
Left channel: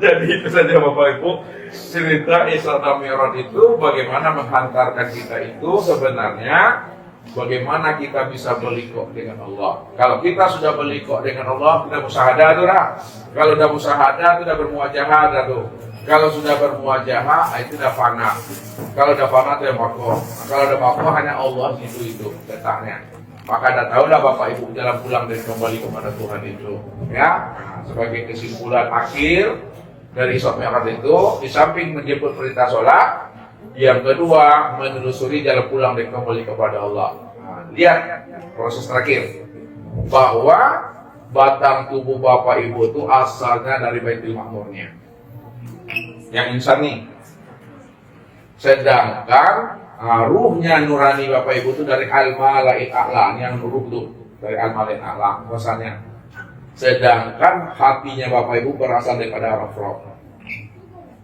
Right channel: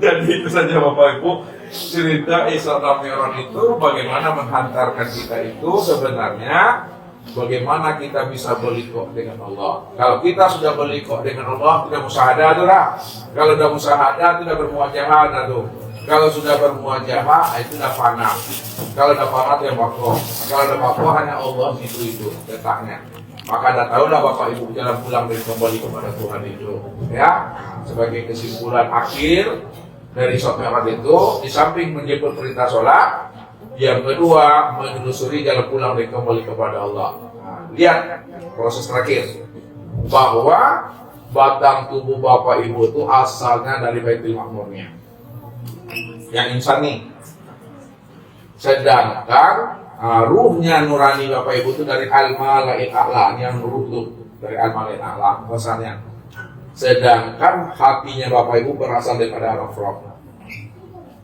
Jadi itu saja Bapak Ibu. Cerita Isra dan Mi'raj itu bagaimana menghantarkan kita itu sebenarnya bagaimana kita bisa berliku dengan Allah. Kalau kita sudah berliku dengan Allah, tidak musyahadah tuh lah. Kalau sudah musyahadah, tidak bermuajahadah tuh. Kalau sudah bermuajahah, itu sudah fana. Kalau sudah fana, itu yang makhluk. Kalau sudah makhluk, hanya Allah itu letaknya. Maka anda tahu lah Bapak Ibu jalan pulang dan kembali kepada Tuhan itu. Ya, sebagai kesimpulan akhir dari Isra Mi'raj itu, di samping menjemput perintah sholat, yang kedua menelusuri jalan pulang dan kembali kepada Allah. Nah, lihat proses terakhir bahwa batang tubuh Bapak Ibu itu asalnya dari Baitul Ma'murnya, yang insan nih. Sedangkan ruhnya nurani Bapak Ibu itu dari Al-Mala'il A'la, yang ruh itu dari Al-Mala'il A'la asalnya. Sedangkan hatinya Bapak Ibu berasal daripada Ar-Rafraf.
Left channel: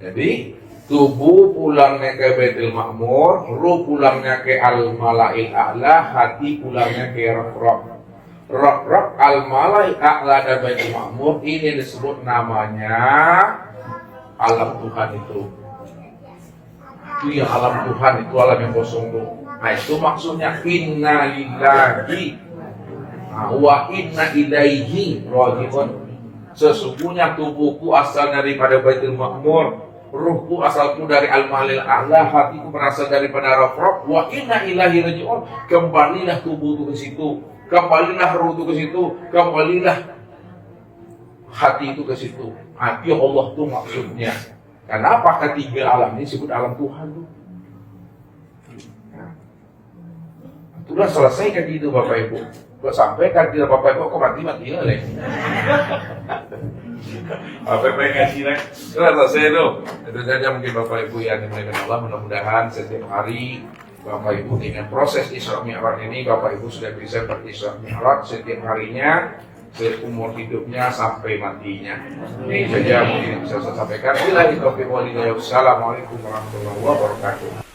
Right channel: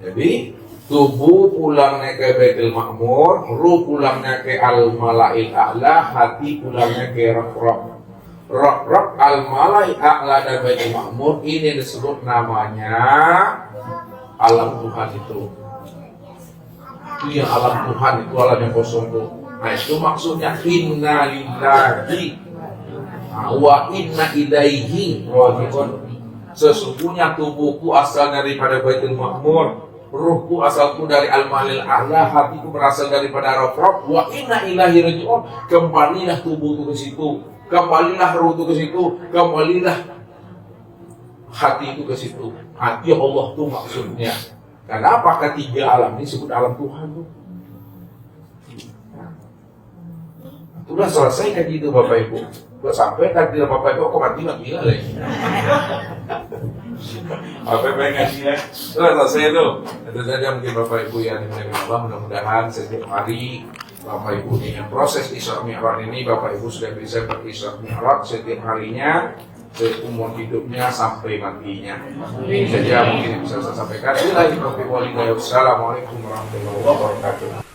Jadi tubuh pulangnya ke Baitul Ma'mur, ruh pulangnya ke Al-Mala'il A'la, hati pulangnya ke Ar-Rafraf. Ar-Rafraf, Al-Mala'il A'la dan Baitul Ma'mur ini disebut namanya alam Tuhan itu. Itu yang alam Tuhan itu, alam yang kosong itu. Nah itu maksudnya inna lillahi wa inna ilaihi raji'un. Sesungguhnya tubuhku asal daripada Baitul Ma'mur, ruhku asalku dari Al-Mala'il A'la, hatiku berasal daripada Ar-Rafraf, wa inna ilaihi raji'un. Kembalilah tubuhku ke situ, kembalilah ruhku ke situ, kembalilah hati itu ke situ. Hati Allah itu maksudnya. Kenapa ketiga alam ini disebut alam Tuhan itu? Sudah selesai kan gitu Bapak Ibu. Sudah sampai takdir Bapak Ibu kok mati lah. Apa yang pengen ngasih lah? Sudah selesai itu. Itu saja mungkin Bapak Ibu yang dimuliakan Allah. Mudah-mudahan setiap hari Bapak Ibu dengan proses Isra Mi'raj ini Bapak Ibu sudah bisa berisra Mi'raj setiap harinya seumur hidupnya sampai matinya. Ini saja mungkin yang bisa saya sampaikan. Assalamualaikum warahmatullahi wabarakatuh.